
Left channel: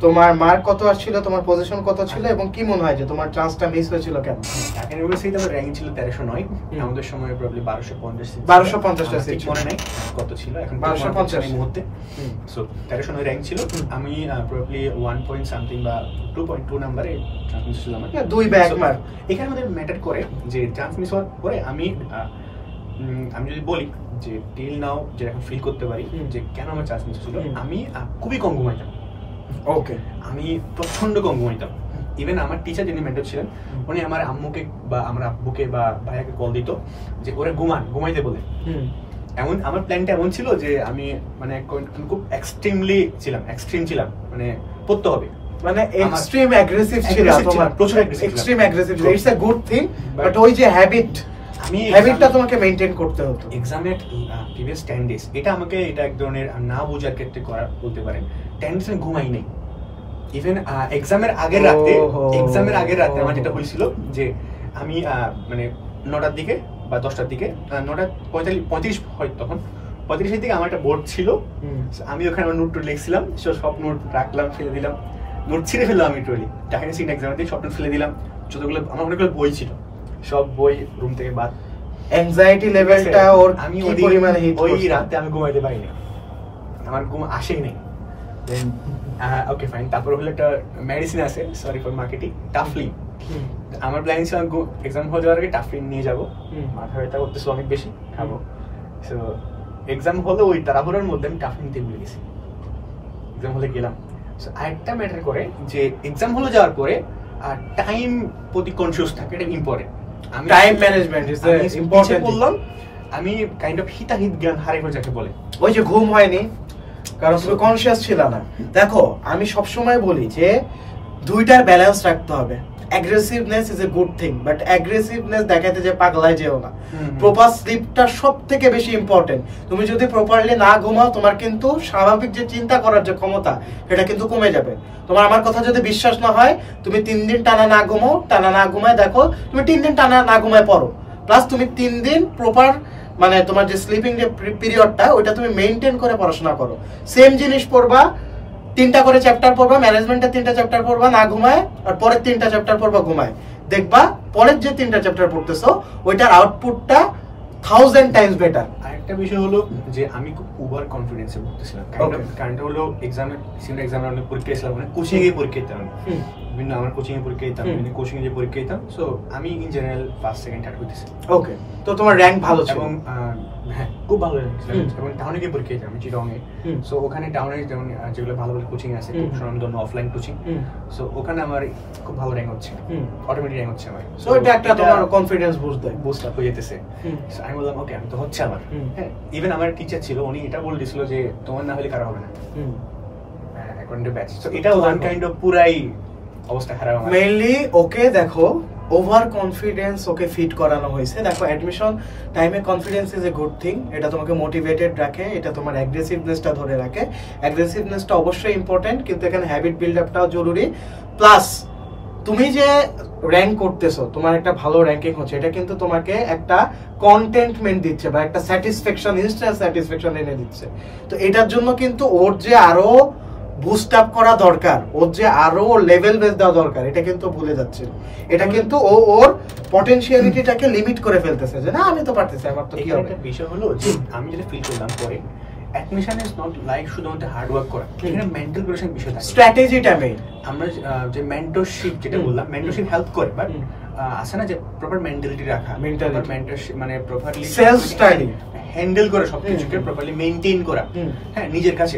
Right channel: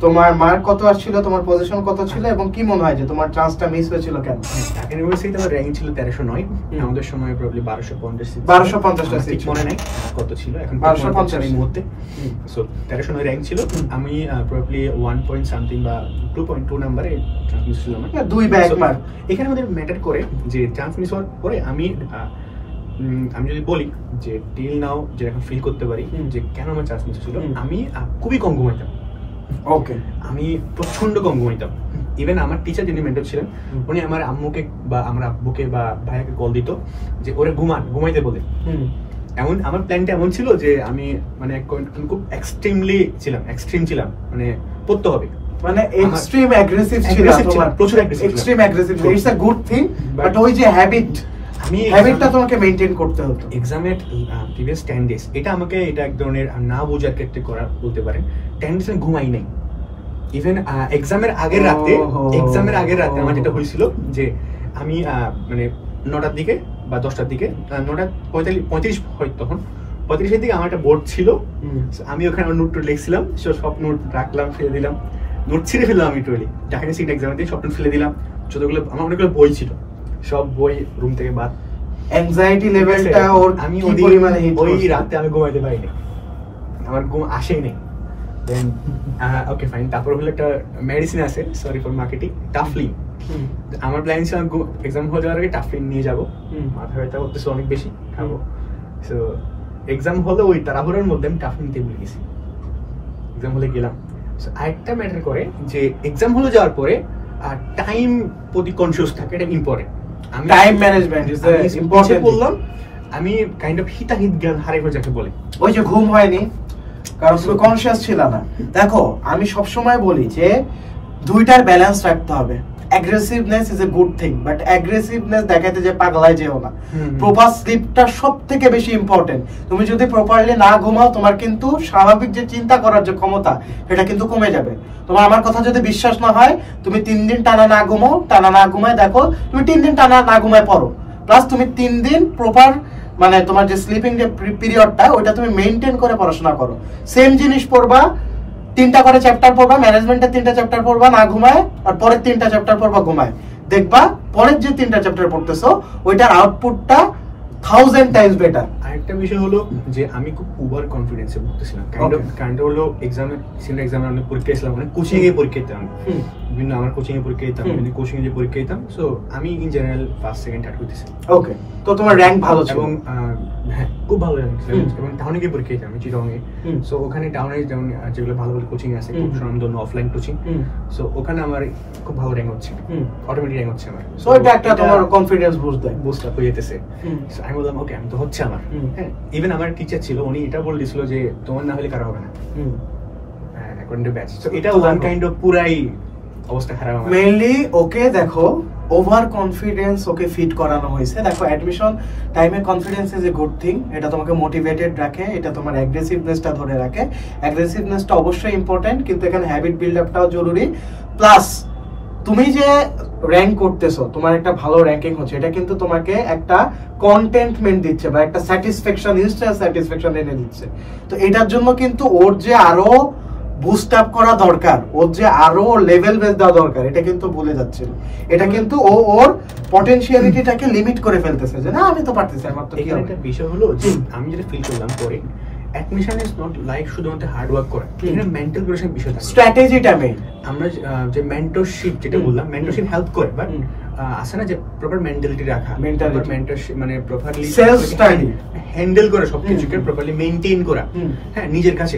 তোমার মার্ক কত আসছিল, তোমার পজিশন কত ছিল, এবং কি মনে হয় যে তোমার চান্সটা মিস হয়েছিল কেন? ঢাকা ইউনিভার্সিটিতে আমার র্যাঙ্ক ছিল 1309, আমাদের সময় প্রবাবলি 1250 টা সিট মনে নাই কত ছিল, এখন 1250 এই মুহূর্তে। সো 1309 র্যাঙ্ক ছিল, আমি প্রবাবলি 1 পয়েন্ট সামথিং বা 2.2 নম্বরে চান্স মিস ছিল আমার, 2 বা 1 মার্ক। এখানে আমাদের ম্যাটার করে যে চান্স মিস হওয়ার পরে আমি যদি বলি যে টিল নাও যে এখন ফিল করতে পারি যে কেন আমার চান্স মিস ছিল, আমি খুবই কম ঘুমাইতাম। ওকে, আমি প্রচন্ড কম ঘুমাইতাম। ইভেন আমার টিচার যিনি মেন্টর ছিলেন, উনি আমার আম্মুকে বা আমার আব্বুকে বা ভাইয়াকে কল দিত যে ওরে ঘুমাইতে বলে। এমন আমার প্ল্যানটা এমন ছিল যে আমি মানে খুব এক্সট্রিম ছিলাম, মানে পড়তে হবে, মানে এক্সট্রিম অ্যাগ্রেসিভ ছিল তোমার, প্রচুর extreme aggressive. It's a good thing, but ওই যে হ্যাবিটটা তোমাকে মেইনটেইন করতে হতো। এক্সামের প্রিভিয়াস 10 ডেজ এটা এক ধরনের না বোঝার ক্ষেত্রে করা বলতে পারেন। 10 ডেজ আমি ঘুমাই নাই। ইভেন এক্সামের আগের রাতে আমার যেটা হয়েছিল যে আমি মানে 9টার দিকে বা 10টার দিকে, 9:35 হয় তখন, 35-এর দিকে আমার একটা বোর্ড ছিল, আমি ওখানে নোট লিখছিলাম, সব নোট রাখলাম, ফেলে দিলাম, নোট ছিঁড়ে ফেললাম আমি টোটালি। ঢাকা ইউনিভার্সিটি এক্সামের দিকে সব নোট ফেলে দিলাম, যতগুলো আমার অনেকগুলো বই ছিল সব বই রুম থেকে বাদ। অ্যাংজাইটি লেভেলটা ওর আমি ওই রাতে আমি ঘুমাইতে পারিনি, আমার ঘুম আসেই নেই। দেন ওকে ফাইন, তারপর হলো একটা মেডিসিন আছে, সরি ফর মার্কেটিং, টাফলিন। আমার প্ল্যান ছিল এক্সাম হয়ে যাওয়ার আগে টাফলিন নিয়ে যাবো, মাথা ব্যথা করতেছে অনেক বেশি, খাবো। সো এক্সাম হলো ওই তাড়াহুড়োর মধ্যে আমি টাফলিন নিতে ভুলে গেছি, এক্সাম হলে গেলাম। সো আরেকটা ম্যাটার করে যে এক্সাম হলে যাওয়ার পরে টাইম প্রতি কনসিয়াস থাকে, এটা important. Time management is important বললাম। আমি কাইন্ড অফ হিতাহিত জ্ঞান হারিয়ে যাকে বলে, ওই যে ঘুম হয়নি কারণ তুমি কনসিয়াস ছিল না। দেখো আমি সব সময় বলি যে দুইটার ব্যালেন্স রাখতে হবে। Aggressiveness is a good thing, but aggressiveness দেখাতে যে পাগলায় যেও না। প্রপার স্লিপটা সবথেকে বেশি ইম্পর্টেন্ট। তুমি যদি প্রপারলি না ঘুমাও, তোমার কিন্তু স্বাভাবিক যে চিন্তা করার যে ক্ষমতা, সেটা কিন্তু কমে যাবে। তোমার আমার কথা যদি বিশ্বাস না হয়, তুমি 3 দিন টানা না ঘুমাও, টানা না ঘুমায় দেখো, তুমি 3 দিন টানা না ঘুমায় পড়ো, প্লাস তুমি 3 দিন প্রপার মানে তোমার যে স্লিপিং যে পিরিয়ডটা, ওইটা তুমি মেইনটেইন করে পড়াশোনা করো। সেম জিনিস পড়বা, 3টা করে চ্যাপ্টার পড়বা, ম্যানেজমেন্টের 3টা চ্যাপ্টার পড়বা না ঘুমায়, আর পরের 3টা চ্যাপ্টার পড়বা ঘুমায়। দেখবা পরের যে 3টা চ্যাপ্টার পড়তেছো, ওইটার আউটপুটটা 1000 টাইমস বেটার। আরেকটা বিষয় হলো যে আমি খুব ওভার কনফিডেন্সে পড়তেছিলাম। কাইন্ড হলো এক্সামে অনেক পরীক্ষা দিয়েছিলাম, অনেক কোচিং এ পরীক্ষা দিতাম, বিভিন্ন আমার কোচিং এ পরীক্ষা দিতাম, কোচিং এ পরীক্ষা দিতাম। সো আমি in general first second third হইতেছি। ওকে, তো তোমার র্যাঙ্ক ভালো ছিল? এবং হ্যাঁ, খুব ভালো র্যাঙ্ক ছিল। এবং টাউনে গিয়ে পরীক্ষা দিতাম, আমি চিটাগং এ। সো ওখানে টাউনে যেমন যেগুলো ভালো ভালো কোচিং আছে, খুব স্বনামধন্য অফলাইন কোচিং, সো ওখানে আমার খুব ভালো র্যাঙ্ক হচ্ছে, অটোমেটিক র্যাঙ্ক হচ্ছে আমার। সো এটা একটা তোমার কনফিডেন্স বুস্ট দেয়, বুস্ট আপ হয়ে যেতেছে। সো আমি বললাম ওকে, আমি তো হচ্ছে আমার। হ্যাঁ, ইভেন আমার টিচার ছিল, উনি এটা বলে দিছিল যে তোমার না হলে কারো হবে না, অ্যাকর্ডিং টু ব্যাচ। সো এটা ওয়ান কাইন্ড অফ পুরাই অবস্থা খারাপ আমার। মেইনলি ওকে দেখো, ওভার কনফিডেন্স ওকে ফিট করানো হয়েছে। দেখো অ্যাডমিশন টাইমে confidence is a good thing, এটা তোমাকে মোটিভেটেড রাখে, এটা তোমার অ্যাগ্রেসিভনেসটা ধরে রাখে। অ্যাগ্রেসিভনেসটা অবশ্যই ইম্পর্টেন্ট, কিন্তু এখানে হ্যাবিট বিল্ড আপটাও জরুরি। প্লাস তুমি যে র্যাঙ্ক করতেছো, তোমার একটা ভালো র্যাঙ্কিং হচ্ছে, এটা কিন্তু তোমাকে একটা কন্টেন্টমেন্ট দিচ্ছে বা একটা স্যাটিসফ্যাকশন, ইনস্ট্যান্ট স্যাটিসফ্যাকশন এনে দিচ্ছে। তো এটার জন্য কিন্তু ওর যে আরো বুস্ট আপ করা দরকার, ওর যে আরো লেভেল বেস দেওয়া দরকার, এটা কিন্তু ভুলে যাচ্ছিল। এটা কিন্তু ও ওর পটেনশিয়ালিটিটাকে লিমিট করে ফেলতেছে, যে না আমি তো পারতেছি, আমার তো কি হবে। একটা বিষয় হলো যে আমি যেটা ফিল করলাম পরে, অ্যাডমিশন ইজ নট লাইক শুধুমাত্র হার্ড ওয়ার্ক করা, এখানে মেন্টাল প্রিপারেশন বিষয় থাকে, স্ট্র্যাটেজিটা মেইন। আমরা যে মেন্টরশিপ যেটা বললাম, মেন্টরশিপ হেল্প করে, বাট আছে না যে প্রপার মেন্টালিটি রাখা, মেন্টরশিপ মানে প্রপারলি সেলফ স্টাডি হ্যান্ডেল করা, সবকিছুকে প্রপারলি মেইনটেইন করা, হ্যাঁ নিজের কাছে।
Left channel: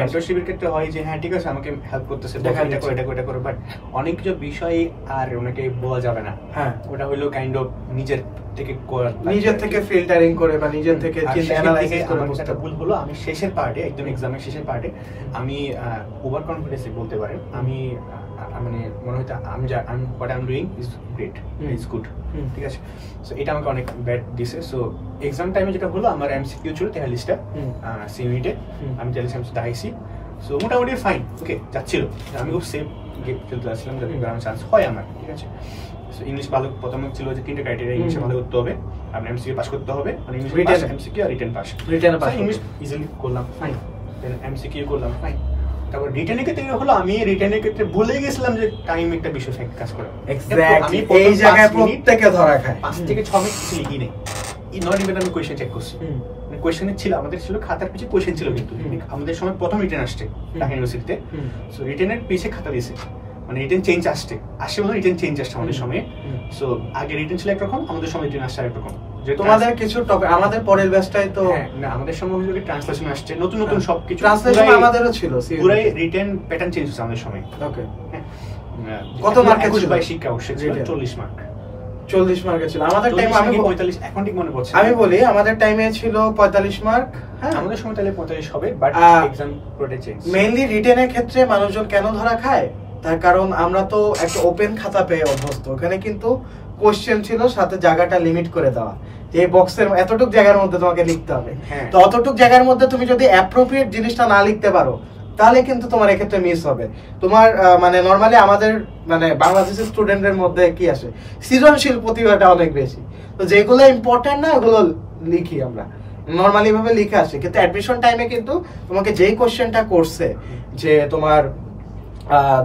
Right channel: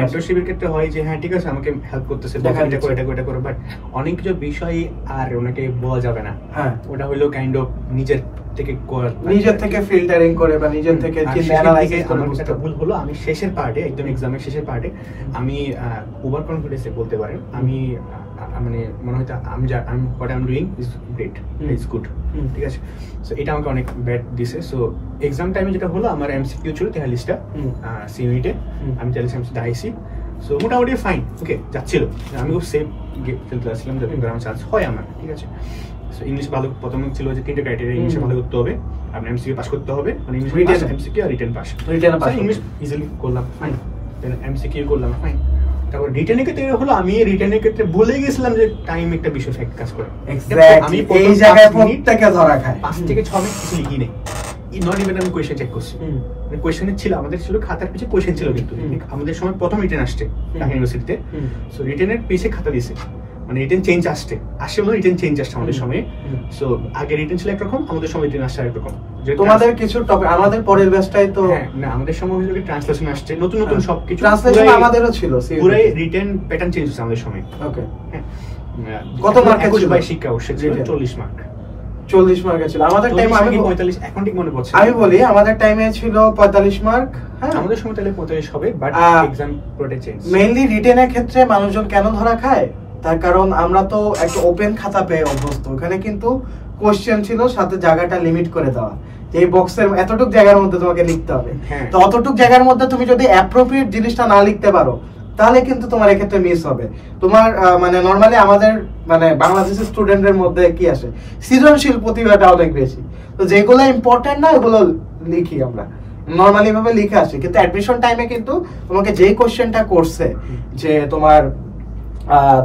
মেন্টরশিপের ক্ষেত্রে হয় যে হ্যাঁ ঠিক আছে আমাকে হেল্প করতেছে, এটা করে, বাট অনেক কিছু বিষয় আর ওনাকে বলা যাবে না। হ্যাঁ, ওটা হলো কাইন্ড অফ নিজের থেকে ফিল্টারিং করে বা নিজের থেকে অ্যানালাইসিস করে। একটা ভুল হলো, আমি শেষের পার্টে, একদম এক্সামের শেষের পার্টে আমি ওভার কনফিডেন্সে বলতে পারেন, আমি মানে মনে হয় আমি what I am doing is great, is good, ঠিক আছে। সো এটা আমাকে অনেক ব্যাড দিছে। সো এক্সাম টাইমে যেটা হলো, আমার এমসিকিউ ছিল 43টা সিইউনিটে, আমি 43 এমসি দাইছি। সো মোটামুটি ফাইন, ওকে যাচ্ছিল, আমি খুব সেফ খেলতে আসছিলাম, যাতে গ্রাউন্ড চান্স হয় আমার, ঠিক আছে। ইংলিশ ভালো, প্রথম ছিল যে 3টে ক্রাইটেরিয়া, ইংলিশে ভালো করতে হবে, আপনার এমসিকিউ পাস করতে হবে, মানে English pass, MCQ are written pass. English easily করলাম, ফাইন। দেন এমসিকিউ করলাম, ফাইন। তারপর রিটেনের ক্ষেত্রে হলো, আমি রিটেনের ক্ষেত্রে ভুলে গেছিলাম যে টাইম একটা বিষয় ফ্যাক্ট কাজ করে। এক্স্যাক্টলি এই জায়গায় প্রত্যেকটা ধরা খায়। 5 থেকে 6 মিনিট কিছু লিখি নেই, নট ইভেন আমি কোয়েশ্চেন চেক করছি। মানে কোয়েশ্চেন ছিল, আমাদের ছিল খাতার পিছে কোয়েশ্চেন ছিল, কিন্তু আমাদের সময় প্রথম রিটেন আসছে ঢাকা ইউনিভার্সিটিতে। সো রিটেনের পিছে খাতা দিয়েছে, মানে রিটেন চেঞ্জ আসছে মানে রিটেন চেঞ্জ আসছে আমাদের সময়ে। সো আগে রিটেন ছিল একরকম, আমাদের সময় রিটেন আসছে আরেকরকম। তোমাদের কিছু টপিক, আমাদের পরের ব্যাচটাই তো না, আমাদের সময় হলো ট্রান্সলেশন আসছে, নতুন নতুন সবকিছু ট্রান্সলেশন আমাদেরও ছিল, পুরো রিটেন প্যাটার্ন চেঞ্জ হচ্ছে আমাদের সময়। ওকে, কত মার্কের ছিল? শিক্ষা অবশ্যই 40 মার্ক, 40 মার্কের ছিল আমাদের টাইমে। আমি 45, এখন ঠিক মনে পড়ছে। আমি বলি আমাদের টাইমে ছিল 45 মার্ক। হ্যাঁ, আমাদের সময় তাহলে 45 হবে, বাট এক্সাম প্রোটে চেঞ্জ। মেইনলি রিটেনের ক্ষেত্রে মানুষজন কেন ধরা খায়, তার কারণ আমরা তো একটা ওপেন খাতা পেয়ে অভ্যস্ত। ওখানে কিন্তু কোশ্চেন ছিল, সাথে জায়গাটা লিমিট করে দেওয়া, এই বক্সের এতটুক জায়গার মধ্যে তোমাকে লিখতে হবে। তো অতটুক জায়গার মধ্যে তুমি যদি অ্যাপ্রোপ্রিয়েট জিনিসটা না লিখতে পারো, তাহলে কিন্তু তোমার এক্ষেত্রে মিস হবে। তোমার মানে নর্মালি আমাদের মানে বাংলাদেশের স্টুডেন্টদের মধ্যে কি আসে, সৃজনশীল প্রতিভাটা অনেক বেশি। তো যেগুলো ইম্পর্টেন্ট না, এগুলো লিখি আমরা, নর্মালি ভাবে লিখে আসে। কিন্তু অ্যাডমিশন টাইমে কিন্তু তোমাকে যেই কোশ্চেনটা করছে, যে তোমার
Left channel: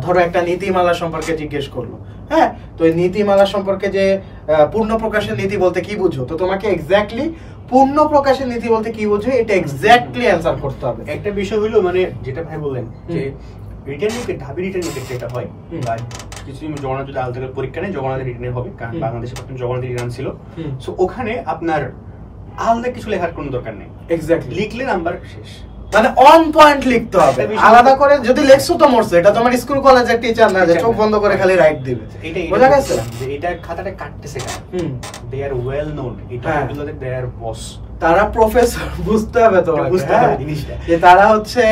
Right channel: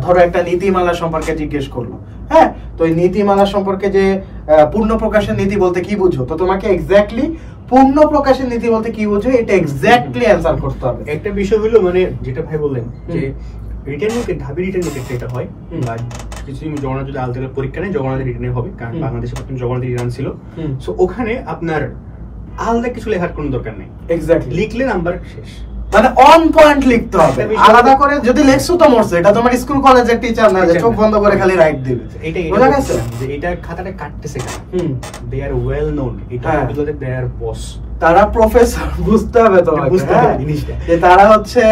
ধরো একটা নীতিমালা সম্পর্কে জিজ্ঞেস করলো, হ্যাঁ, তো এই নীতিমালা সম্পর্কে যে পূর্ণ প্রকাশের নীতি বলতে কি বুঝো, তো তোমাকে এক্স্যাক্টলি পূর্ণ প্রকাশের নীতি বলতে কি বুঝো এটা এক্স্যাক্টলি অ্যানসার করতে হবে। একটা বিষয় হলো, মানে যেটা ভাই বললেন যে রিটেন নিয়ে ঢাবি রিটেন নিয়ে যেটা হয়, বা কিছু জগন্নাথ যদি আলাদা পরীক্ষা নেই, জগন্নাথের রিটেনে হবে, কারণ বাংলাদেশে প্রথম জগন্নাথ রিটার্ন ছিল। সো ওখানে আপনার আলাদা কিছু লেখার কোনো দরকার নেই, এক্স্যাক্টলি লিখলে নাম্বার শেষ, মানে অন পয়েন্ট লিখতে হবে। আলাদা করে যদি লেখছো তো মরছে, এটা তোমার স্কুল কলেজের টিচার না যে চোখ বন্ধ করে খালি রাইট দিবে। বোঝা গেছে যে এটা খাতাটা কাটতেছে কারা, দে আর ওয়েল নোন, এটা বিকজ দে আর বস, তারা প্রফেসর, বুঝতে হবে তোমাকে যে তারা হচ্ছে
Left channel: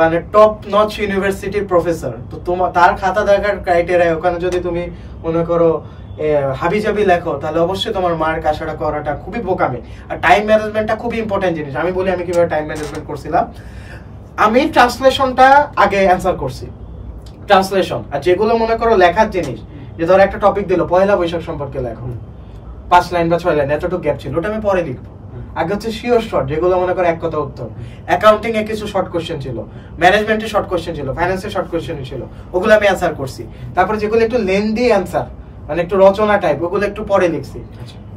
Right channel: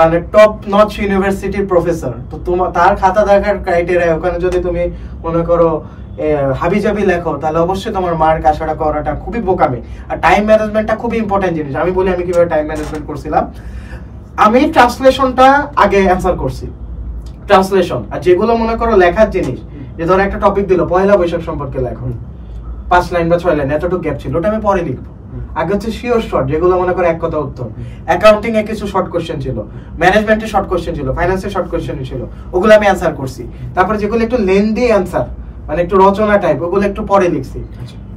মানে টপ নচ ইউনিভার্সিটির প্রফেসর। তো তোমার তার খাতা দেখার ক্রাইটেরিয়া, ওখানে যদি তুমি মনে করো হাবিজাবি লেখো তাহলে অবশ্যই তোমার মার্ক আশাটা করাটা খুবই বোকামি। আর টাইম ম্যানেজমেন্টটা খুবই ইম্পর্টেন্ট জিনিস। আমি বলি আমি কিভাবে টাইম ম্যানেজমেন্ট করছিলাম। আমি ট্রান্সলেশনটা আগে অ্যান্সার করছি, ট্রান্সলেশন। আর যেগুলো মনে করো লেখার জিনিস, যে ধর একটা টপিক দিল পয়লা বৈশাখ সম্পর্কে লেখো, 5 লাইন বা 6 লাইন, এতটুকু গ্যাপ ছিল, ওটা আমি পরে লিখবো। আগে হচ্ছে শিওর শর্ট, যেগুলো মনে করো এক কথা উত্তর। অ্যাকাউন্টিং এ কিছু শর্ট কোশ্চেন ছিল, ম্যানেজমেন্টে শর্ট কোশ্চেন ছিল, ফাইন্যান্সে শর্ট কোশ্চেন ছিল, ওগুলো আমি অ্যান্সার করছি। তারপরে যেগুলো একটু লেন্দি অ্যান্সার, মানে একটু রচনা টাইপ, ওগুলো একটু পরে লিখছি।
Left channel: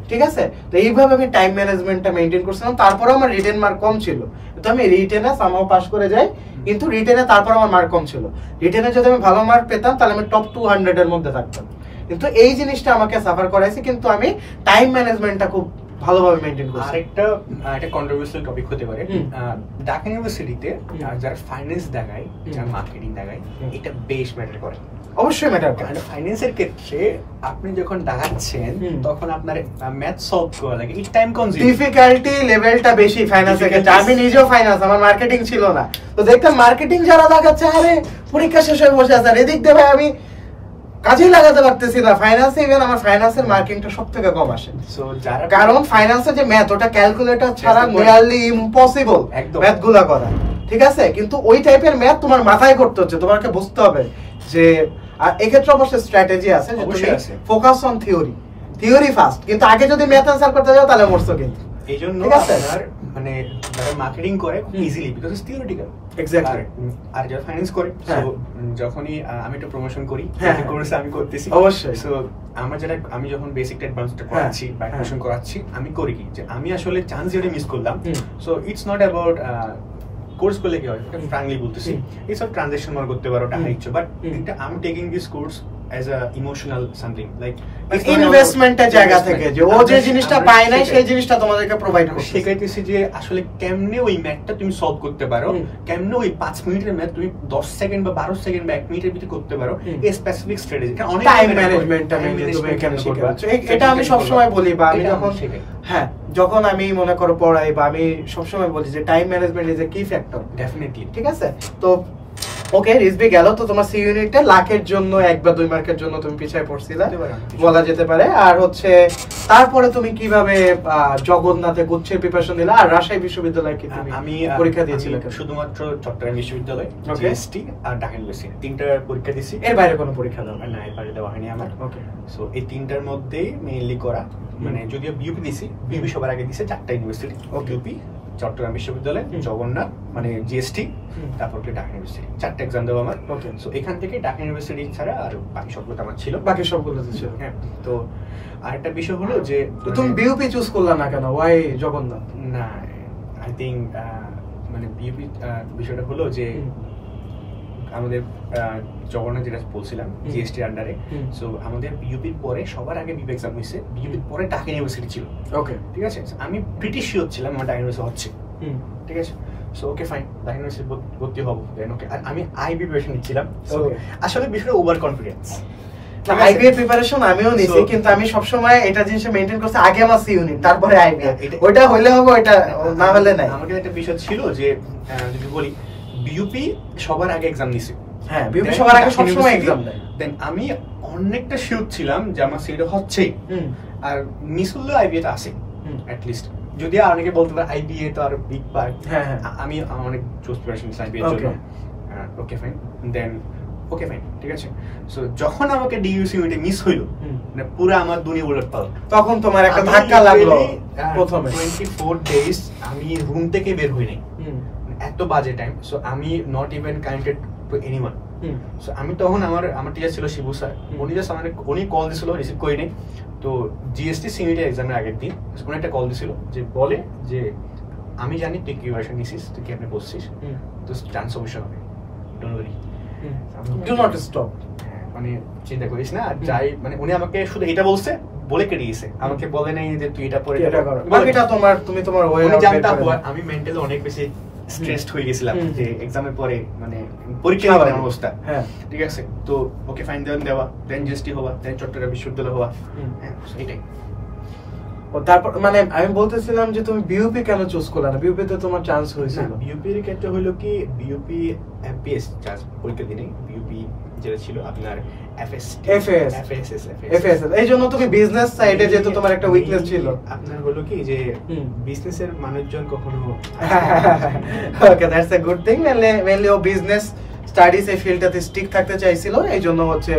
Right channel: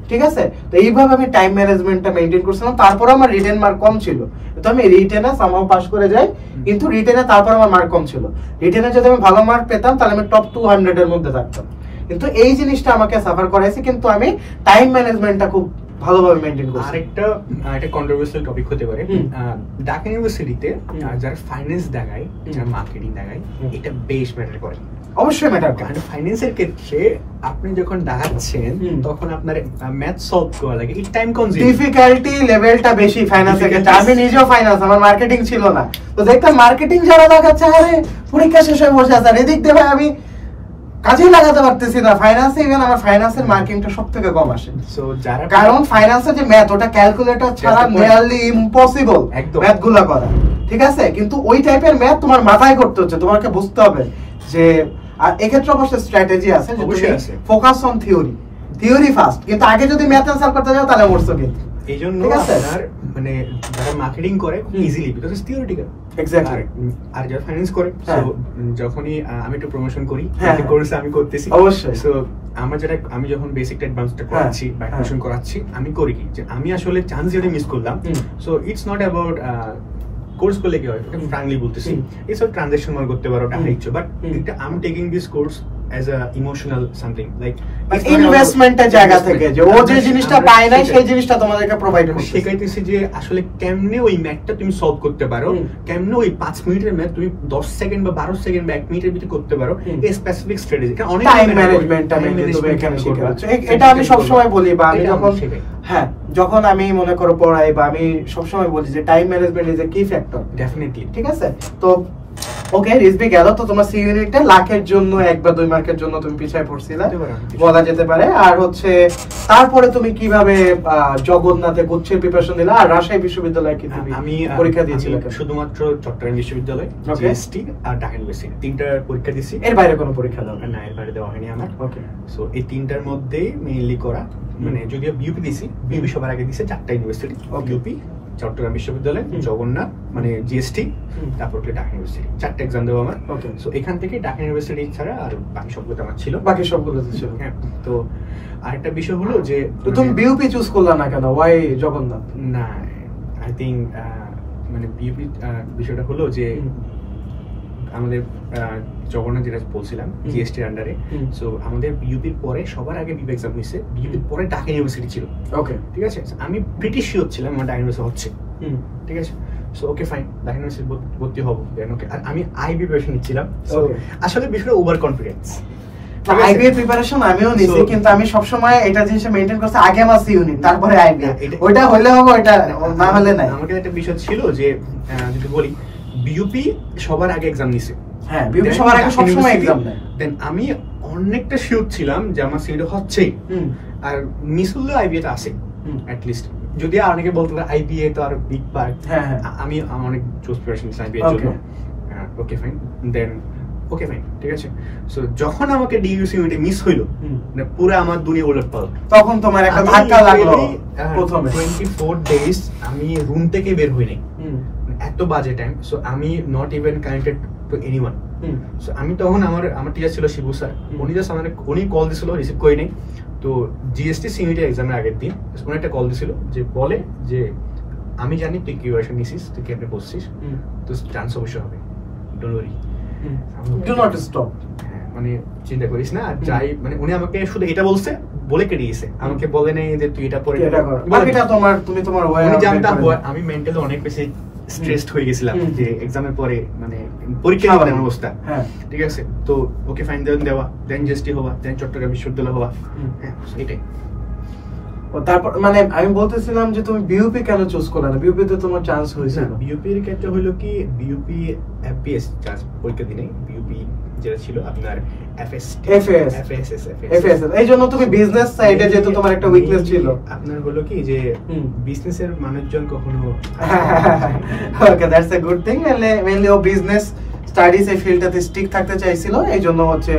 ঠিক আছে? তো এইভাবে আমি টাইম ম্যানেজমেন্টটা মেইনটেইন করছিলাম। তারপরে আমার রিটেন মার্ক কম ছিল, তো আমি রিটেনে সামহাও পাস করে যাই, কিন্তু রিটেনে তারপর আমার মার্ক কম ছিল। রিটেনে যদি আমি ভালো মার্ক পেতাম তাহলে আমি টপ 200 এর মধ্যে থাকতাম। কিন্তু এই জিনিসটা আমাকে সাফার করাইছে, কিন্তু আমি টাইম ম্যানেজমেন্টটা খুব ভালোভাবে মেইনটেইন করছি। আরেকটা কন্ট্রোভার্সিয়াল টপিক হতে পারে, ঢাকা ইউনিভার্সিটিতে যারা ফাইন্যান্স দেখায়, যারা মার্কেটিং দেখায়, এটা বেশ ম্যাটার করে। অবশ্যই ম্যাটার করে। ফাইন্যান্সের ক্ষেত্রে আপনি যখন দেখাচ্ছেন তখন আপনার ম্যাথ সলভ করা লাগে, এই টাইম কনজিউম, ডিফিকাল্টি লেভেলটা বেশি ফাইন্যান্সের ক্ষেত্রে। আমি নিজেও ফাইন্যান্স, আমার মার্কেটিং ছিল না, তো দেখতাম মার্কেটিং যারা দেখাচ্ছে, আরে পরীক্ষা শেষ হয়ে বসে আছে, এদিক দিয়ে ভাই আমি কাজে লাগাতে পারতেছি না ফাইন্যান্সে। ইভেন আমার ফাইন্যান্সের মার্কিংটা সবথেকে কম আসে, কারণ ফাইন্যান্সের যে ম্যাথ, ওটা ক্যালকুলেটর ছাড়া নিয়ারলি ইম্পসিবল ম্যাথ গুলা করা। ঠিক আছে? কিন্তু ওই টাইপের ম্যাথ তোমার মাথায় করতে হচ্ছে, তোমাকে বুঝতে হবে যে। আর এক্ষেত্রে অবশ্যই স্ট্র্যাটেজি আছে, যে তুমি ফোকাস অন থিওরি ফার্স্ট, কিন্তু আগে যদি ম্যাথ অ্যানসার করতে যাও তাহলে মরছো। কিন্তু এইজন্য আপনার মানে যারা মার্কেটিং করে easily, because it's theoretical. Exactly. আর যারা ফাইন্যান্স করে, সো যখনই আমি একটু প্রমোশন করি, কোর্স আমি করতেছি অবশ্যই। সো আমি যখন বেসিক অ্যাডভান্সটা করাচ্ছি বা অ্যাডমিশন করাচ্ছি, আমি করি কি যে আমি আসলে চান্স যেটা মিস করলাম, so it's not about course করলে কি হয়, এটা ফ্র্যাঙ্কলি বলতেছি, এই সব ট্রানজাকশন মনে করতে পারো, টাকা ইচ্ছো, বাট এটা I am taking this course as a emotional something, like ইনভেস্টমেন্টের জায়গা থেকে, যে ও যে জিনিসটা পায় না সেই জিনিসটা তোমাদেরকে প্রোভাইড করছে। শেখাইতেছি যে আসলে কেমনে ওই ম্যাথটা তুমি সলভ করতে পারো, কেমনে ওই 5 মিনিটের ম্যাথ তুমি 10 সেকেন্ড বা 12 সেকেন্ড বা 1 মিনিটের ভিতরে করতে পারো, এই স্পেসিফিক স্ট্র্যাটেজি। কারণ অনেক টাইম ম্যানেজমেন্টটা তুমি এখানে শেখাচ্ছো। এটা আমি সব সময় বলি, বা আমি যখন আমি মনে করো পড়াই, বা আমি সব সময় বলি যে টাইম ম্যানেজমেন্ট ইজ এ কি ফ্যাক্টর। ডেফিনেটলি। ঠিক আছে? তো ওকে, রিজবি গেল। তো তোমার সি ইউনিটে লাখের জন্য 1 বা 2 মার্কের জন্য তুমি পিছায় পড়ছিলা বলা যেতে পারে। আর হচ্ছে তারপরে তুমি কিভাবে জগন্নাথে গুচ্ছের প্রিপারেশন দিলা, আর রাজশাহী বিশ্ববিদ্যালয়ে কি তুমি পরীক্ষা দিয়েছিলে? শুধুমাত্র চট্টগ্রাম বিশ্ববিদ্যালয়, জিএসটি আর ঢাকা ইউনিভার্সিটি, 3টা পরীক্ষা দিয়েছি। এর বাইরে কোনো পরীক্ষা দাও না? এর বাইরে দেওয়া হয়নি আমার। ওকে। সো এই 3টার মধ্যেই মেইনলি করা, মানে যদিও বিউপি দিছি, বিউপি সবার আগে দিছে 4টা ইউনিভার্সিটি, বিউপি, চট্টগ্রাম বিশ্ববিদ্যালয়, জগন্নাথ মানে জিএসটি, তারপর ঢাকা ইউনিভার্সিটি, 4টা এক্সাম দেওয়া আমার। সো এখান থেকে ঢাকা ইউনিভার্সিটি ছাড়া আর বাকি সবগুলো আমার ছিল। বাকি সবগুলো ছিল। হ্যাঁ। তো আরেকটা বিষয় হলো যে তো তুমি বিউপি চুজ করলা না কেন? ওয়াই জগন্নাথ? না, আই থিংক মানে বিউপি বিষয়টা হলো যে আমাদের জগন্নাথ যেটা বলছিলাম জিএসটি আন্ডারে, সো আমাদের বিউপির পরে সবার আগে বিউপি এক্সাম হয়েছে, বিউপির পরে ঢাকা ইউনিভার্সিটি ছিল। ওকে, ঠিক আছে। আমি প্রিটি শিওর ছিলাম আমার ঢাকা ইউনিভার্সিটি হচ্ছে, ঠিক আছে। So okay fine, Dhaka university ভর্তি হবো। দেন ওকে, আর আমি আইবি প্রিপারেশন নিচ্ছিলাম। সো আসলে বিষয়টা ওভার কনফিডেন্স। আইবি প্রিপারেশন আমিও নিছি, কিন্তু আমি সব সময় এটা জিনিস মেইনটেইন করছি, আগে আমার সি ইউনিট তারপরে আইবি, ওটা হইলে হবে, ওটা না হলে নাই। আমাকে একটা বিষয় ছিল যে যদি বলি বিউপি সবার আগে এক্সাম নিছে। হ্যাঁ, বিউপি সবার আগে সব সময় এক্সাম দেয়। দেন আমি অনেকটা শিওর ছিলাম যে আমার সিট হচ্ছেই, আর মিস হলেও আইবি তে আছে অ্যাট লিস্ট। যদি অনেকে বলতে পারে আইবিএ তো আর বিগ পার্ট, আমি অনেক জোস প্রিপারেশন নিছি আইবিএ এর জন্য। ওকে ফাইন, দেন ওকে ফাইন, ঠিক আছে। সো যখন আমাকে ডিইউসি ইউনিটে মিস হইলো, মানে পুরো আমার দুনিয়া উলটপালট। তখন তোমার একটা ধাক্কা লাগলো। প্রথমে 24 ডেজ আমি রুম থেকে বের হই নাই, এত বাজে টাইম। সো আমি not even connected to anyone. So আমি তখন আমার টিচার ছিল শিবু স্যার, উনি জাস্ট আমাকে উনি কল দিছিল, রিসিভ করি নাই। তো জিএসটি সিনিয়র এক্সামের আগের দিন উনি একটা কল দিছিল, যে বলে যে আমি জানি তুই কি ওয়াশন নিছিস, তুই কেমনে বসছিস, তো চান্স অবশ্যই হবে, don't worry, do not stop. মানে চিন্তা করিস না। আর যাই, মানে উনি আমাকে শুধু এটা বলছে, বলে কেটে দিয়েছে, আমাকে বলে নাই যে তুই এটা পরে এটা কর, বাকিটা তোমার তুমি তোমার ওয়ে। আমি জানতাম আমি মেন্টালি অনেক বেশি স্ট্রেসড হয়ে গেছিলাম যে এক্সামের পরে, মানে পরীক্ষা হওয়ার অবস্থা। হ্যাঁ, ঠিক আছে। তো ওকে ফাইন, দেন দেওয়া, দেন জিএসটি হওয়া, দেন চট্টগ্রাম বিশ্ববিদ্যালয় হওয়া, হ্যাঁ এটাই। তারপর মানে আমি বলতেছিলাম যে তুমি বিইউপি কেন চুজ করলে না? বিইউপি তে তোমার চান্স হয়েছিল। বিইউপি এর ক্ষেত্রে হলো কি, বিইউপি এফবিএস চান্স পরীক্ষা দিনে, বিইউপি যেটা ছিল আপনার এফএস এই জন্য তুমি বিজনেস সাইডে যেহেতু তোমার একটা উইকনেস ছিল, আপনার হলো কি যে বিজনেসের মানুষজন কখনো okay that's a good thing. Mainly ও বিজনেস স্টাডিজ এই ফিল্ডটাতে স্টিক থাকতে চাইছিল, এই জন্য হচ্ছে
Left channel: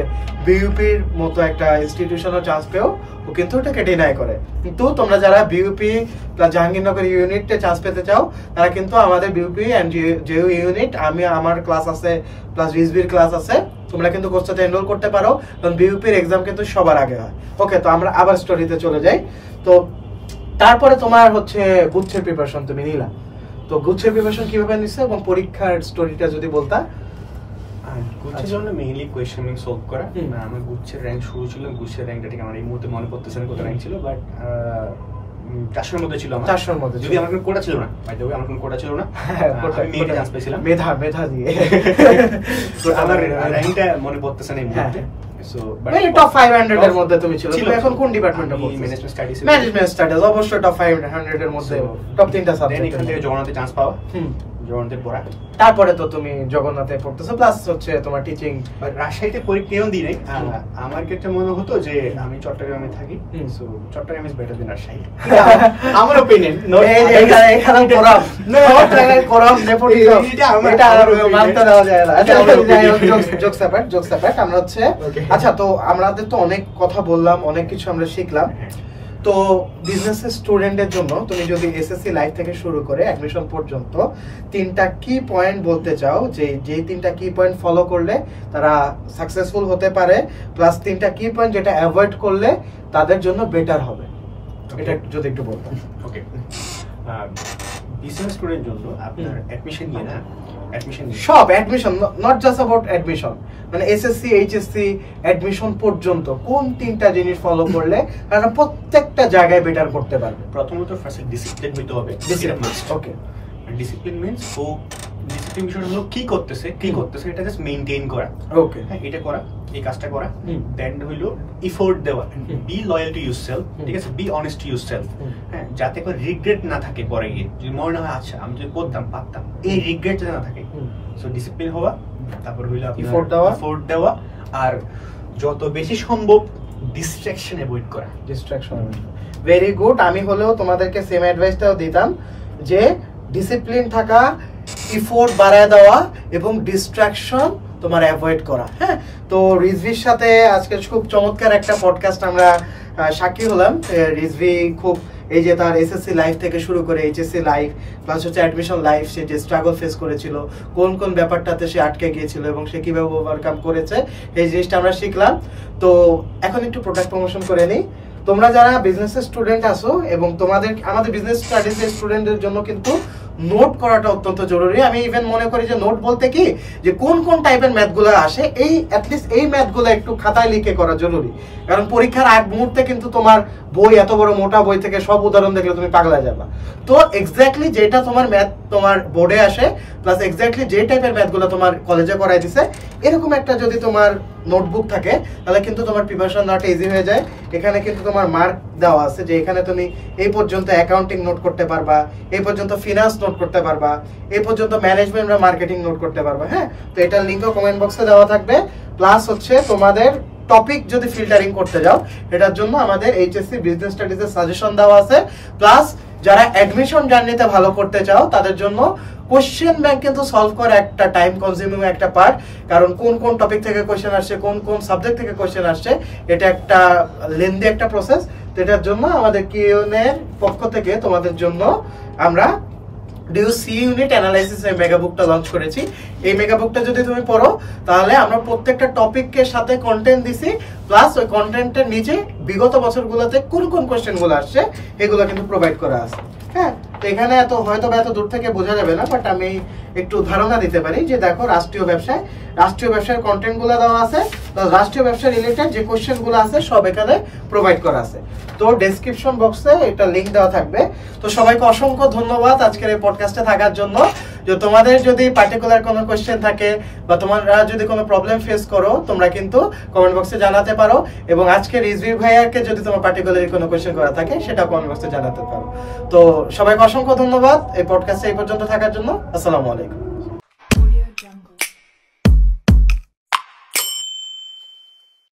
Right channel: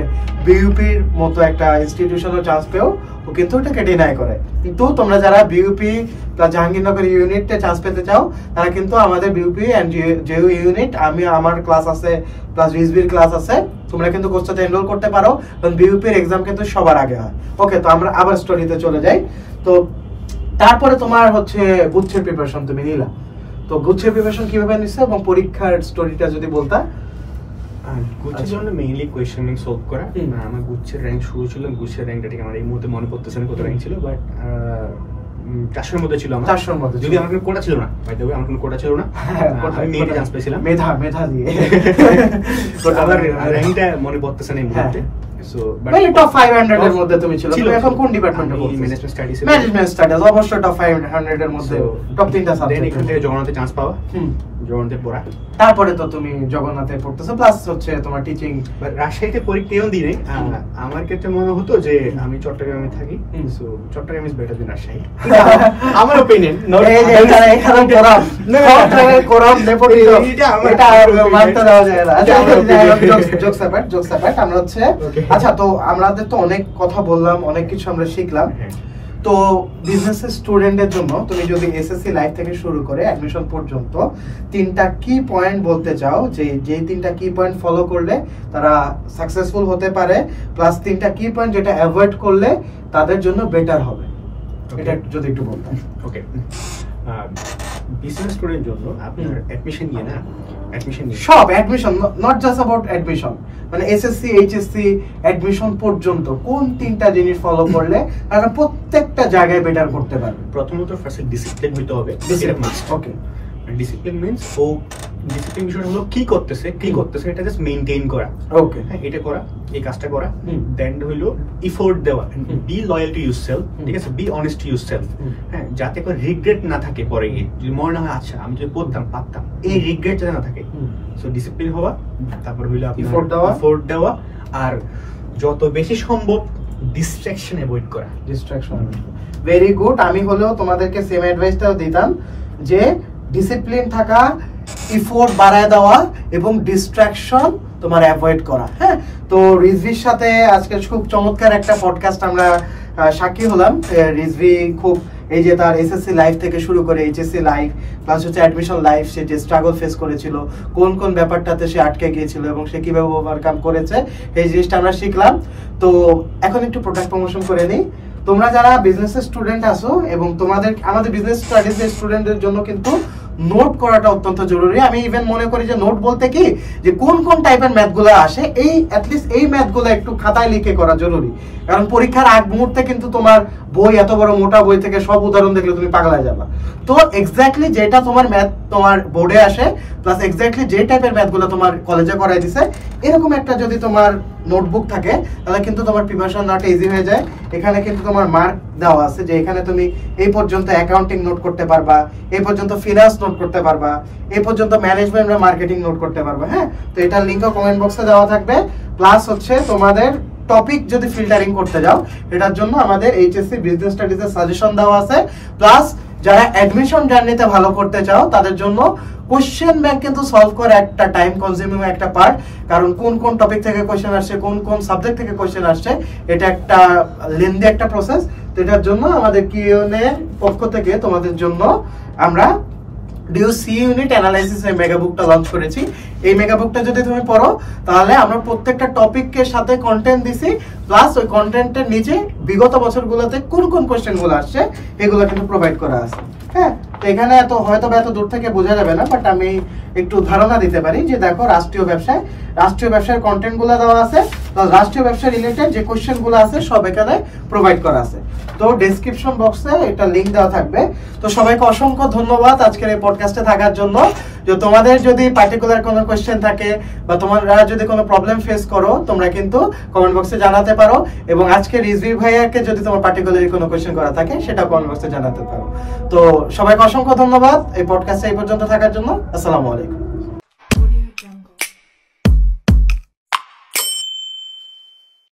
বিইউপির মতো একটা ইনস্টিটিউশনের চান্স পেও ও কিন্তু ওটাকে ডিনাই করে। কিন্তু তোমরা যারা বিইউপি বা জাহাঙ্গীরনগর ইউনিটে চান্স পেতে চাও তারা কিন্তু আমাদের বিইউপি এন্ড জেইউ ইউনিট, আমার ক্লাস আছে প্লাস রিজভির ক্লাস আছে, তোমরা কিন্তু কোর্সটাতে এনরোল করতে পারো, কারণ বিইউপির এক্সাম কিন্তু সবার আগে হয়। ওকে, তো আমরা আবার স্টোরিতে চলে যাই। তো তারপরে তোমার হচ্ছে গুচ্ছের প্রিপারেশন তুমি নিলা, তো গুচ্ছের প্রিপারেশন কিভাবে নিছো এবং পরীক্ষার স্টোরিটা যদি বলতা। গুচ্ছের জন্য মেইনলি কোয়েশ্চেন ব্যাংক সলভ করা। আমার গুচ্ছের র্যাঙ্ক শুরু ছিল, গুচ্ছের র্যাঙ্কটা ঠিক আমার এই মুহূর্তে মনে পড়তেছে না কত র্যাঙ্ক ছিল, বাট 400 এর মধ্যে ছিল আমার। 400 এর মধ্যে, যদি আমার কোনো কোটা ছিল না, বাই দ্য ওয়ে আমার কোনো কোটা ছিল না, আমি মেইনলি চান্স পেয়েছিলাম মেধা দিয়ে। তো আমার র্যাঙ্কটা মনে পড়তেছে না এই মুহূর্তে। সো মানে টপ 500 এর মধ্যে তুমি ছিল। তুমি এখন কোন ডিপার্টমেন্টে পড়ছো? ম্যানেজমেন্ট স্টাডিজ, অবশ্যই টপ 500 এর মধ্যে টপ 3টা সাবজেক্ট। এখান থেকে জগন্নাথে চান্স পাওয়া, জগন্নাথে পড়া। তারপরে তো তুমি জগন্নাথে পড়তেছো, প্লাস হচ্ছে তোমার টিচিং। রাজশাহীতে পরীক্ষাও দিই নাই। আমার ক্ষেত্রে মনে হতো যে আমি চট্টগ্রামে থাকি, so Chittagong is better than Rajshahi, আমার অপিনিয়ন। এখানে কোরাম সব জায়গায় কোরাম নেপোটিজম, এটা মানতে দেওয়া যায় না। আচ্ছা, জোকস অ্যাপার্ট, আমরা হচ্ছে আচ্ছা, তো আমাদের তো অনেক কথা বললাম, অনেক কিছু আমরা শিখলাম। তো বিজনেস স্টুডেন্টের জন্য তুমি যদি এসএসসি লাইফ থেকে শুরু করে অ্যাডমিশন পর্যন্ত 3টা কি পয়েন্ট বলতে চাও, যে 3টা কি পয়েন্ট ফলো করলে তারা সাকসেসফুল হতে পারে, প্লাস 3টা কি পয়েন্ট যেটা অ্যাভয়েড করলে তাদের জন্য বেটার হবে, এটা যদি একটু বলতেন। ওকে, বিজনেস স্টুডেন্টের জন্য আপনার অ্যাডমিশন নিয়ে না, সব admission, not just about admission, মানে এসএসসি এইচএসসি অ্যাডমিশন পর্যন্ত কোন 3টা জিনিস ফলো করলে তারা প্রত্যেকটা জায়গায় বেটার করতে পারবে? প্রথমত ফার্স্ট ডিসিপ্লিন হইতে হবে। ওকে, ডিসিপ্লিন মিন্স ও ডিসিপ্লিন বিষয়টা হলো কি করতেছে এটা জাস্ট মেইনটেইন করা। ওকে, হ্যাঁ, এটা করা, এই কাজটা করা। দেন হলো এফোর্ট দেওয়া, বি লয়াল টু ইউরসেলফ, ঠিক আছে, বি অনেস্ট টু ইউরসেলফ, হ্যাঁ, যাতে করে রিগ্রেট না থাকে পরে গিয়ে, যদি মনে হয় আচ্ছা আমি যদি পড়তাম পারতাম, এই রিগ্রেট যাতে না থাকে। সো ডিসিপ্লিন হওয়া, তারপর হইলো এফোর্ট দেওয়া, আর যত বেশি সম্ভব ডিস্ট্রাকশন অ্যাভয়েড করা। Very good. আমি হলেও তোমাদেরকে সেম অ্যাডভাইসটাও দিতাম যে ডিসিপ্লিন থাকা, এফোর্ট বাড়ায় দেওয়া এবং ডিস্ট্রাকশন তোমার অ্যাভয়েড করা। হ্যাঁ, তো রিজভির সাথে আজকে খুব চমৎকার একটা পডকাস্ট আমরা সাক্ষী হলাম। রিজভি খুব এই যে তার এসএসসি লাইফ থেকে শুরু করে এইচএসসি লাইফ প্লাস হচ্ছে অ্যাডমিশন লাইফ, সে যে স্ট্রাগল ফেস করেছিল, কোন কোন ব্যাপারটাতে সে আটকে গিয়েছিল এবং সে কিভাবে ওভারকাম করেছে, এই জিনিসটা আমরা শিখলাম। তো এখন একটু প্রোডাক্ট প্রমোশন করে নিই। তোমরা যারা বিজনেসের স্টুডেন্ট আছো এবং আমাদের বিজনেস স্টাডিজ স্টুডেন্টদের জন্য কিন্তু নোট করাটা অত্যন্ত জরুরি। আমি ইভেন মনে করি যে নোট বলতে কি, যে কোন কোন টাইপের ম্যাথগুলো আসে, এই অ্যাটলিস্ট এই ম্যাথগুলো একটু খাতায় লিখে করা জরুরি। কারণ পরীক্ষার আগ মুহূর্তে কিন্তু তোমার বই, এত বড় মোটা বই থেকে সব উদাহরণ দেখলে তুমি পাগলা যাবা। তো এক্স্যাক্টলি যেটা তোমার ম্যাথ তোমার বোর্ডে আসে, প্লাস এক্স্যাক্টলি যে টাইপের ম্যাথগুলো তোমার কলেজে করাই দিছে, এরকম একটা যদি তোমার নোটবুক থাকে তাহলে কিন্তু তোমার প্রিপারেশন নেওয়াটা ইজি হয়ে যায়। এখানে কিন্তু তোমার মার্ক দেওয়া আছে যে এখানে তুমি এই পর্যন্ত অ্যাকাউন্টিং নোট করতে পারবা, এই পর্যন্ত ফিনান্স নোট করতে পারবা, এই পর্যন্ত ম্যানেজমেন্ট বা মার্কেটিং নোট করতে পারবা। হ্যাঁ, তো এটার লিংকও কমেন্ট বক্সে দেওয়া থাকবে। প্লাস হচ্ছে তোমাদের টপিক যদি ফিল্টারিং করতে যাও, এটার জন্য আমাদের এইচএসসি বিজনেস স্টাডিজের সাজেশন দেওয়া আছে। প্লাস যারা অ্যাডমিশন জার্নিতে ভালো করতে চাও তাদের জন্য কোশ্চেন ব্যাংক কিন্তু সলভ করা একটা টাইম কনজিউমিং একটা পার্ট। কারণ কোন কোন টপিক থেকে কোশ্চেন আসছে, কোন কোন সাবজেক্ট থেকে কোশ্চেন আসছে, এটা একটা লেন্দি একটা প্রসেস। তো এটার জন্য আমাদের কিউএনএ এর পক্ষ থেকে তোমাদের জন্য আমরা ডিউসি ইউনিট অ্যানালাইসিস এর মেগা বুকটা লঞ্চ করেছি। এই মেগা বুকটা যদি তুমি পড়ো তাহলে আমরা প্রত্যেকটা টপিকের সাথে কন্টেন্ট দিছি, প্লাস ওই কন্টেন্টের নিচে বিগত বছরগুলোতে কোন কোন কোশ্চেন গুলো আসছে এগুলো কিন্তু প্রোভাইড করা আছে। হ্যাঁ, তো এখানে এত দূর থেকে বোঝা যাবে না, বাট আমি একটু ধারণা দিতে পারি যে দেখো রাষ্ট্রীয় ব্যবসার কন্টেন্ট গুলো দেওয়া আছে, রাষ্ট্রীয় ব্যবসা রিলেটেড যে কোশ্চেন গুলো আছে সব এখানে প্রোভাইড করা আছে। তো ডেসক্রিপশন বক্সে এটা লিংক দেওয়া থাকবে। তো সবাইকে অসংখ্য ধন্যবাদ আজকের এই পডকাস্টে থাকার জন্য। যে তোমাদের যদি পার্টিকুলার কোনো কোশ্চেন থাকে বা তোমরা যদি কোনো প্রবলেম ফেস করো তোমরা কিন্তু কমেন্ট বক্সে জানাতে পারো, এবং আজকে রিজভি ভাইয়াকে যদি তোমার পার্টিকুলার কোনো কোশ্চেন করা থাকে সেটা কমেন্ট বক্সে জানাতে পারো। তো সবাইকে অসংখ্য ধন্যবাদ এই পডকাস্টে এই পর্যন্ত থাকার জন্য। আসসালামু আলাইকুম।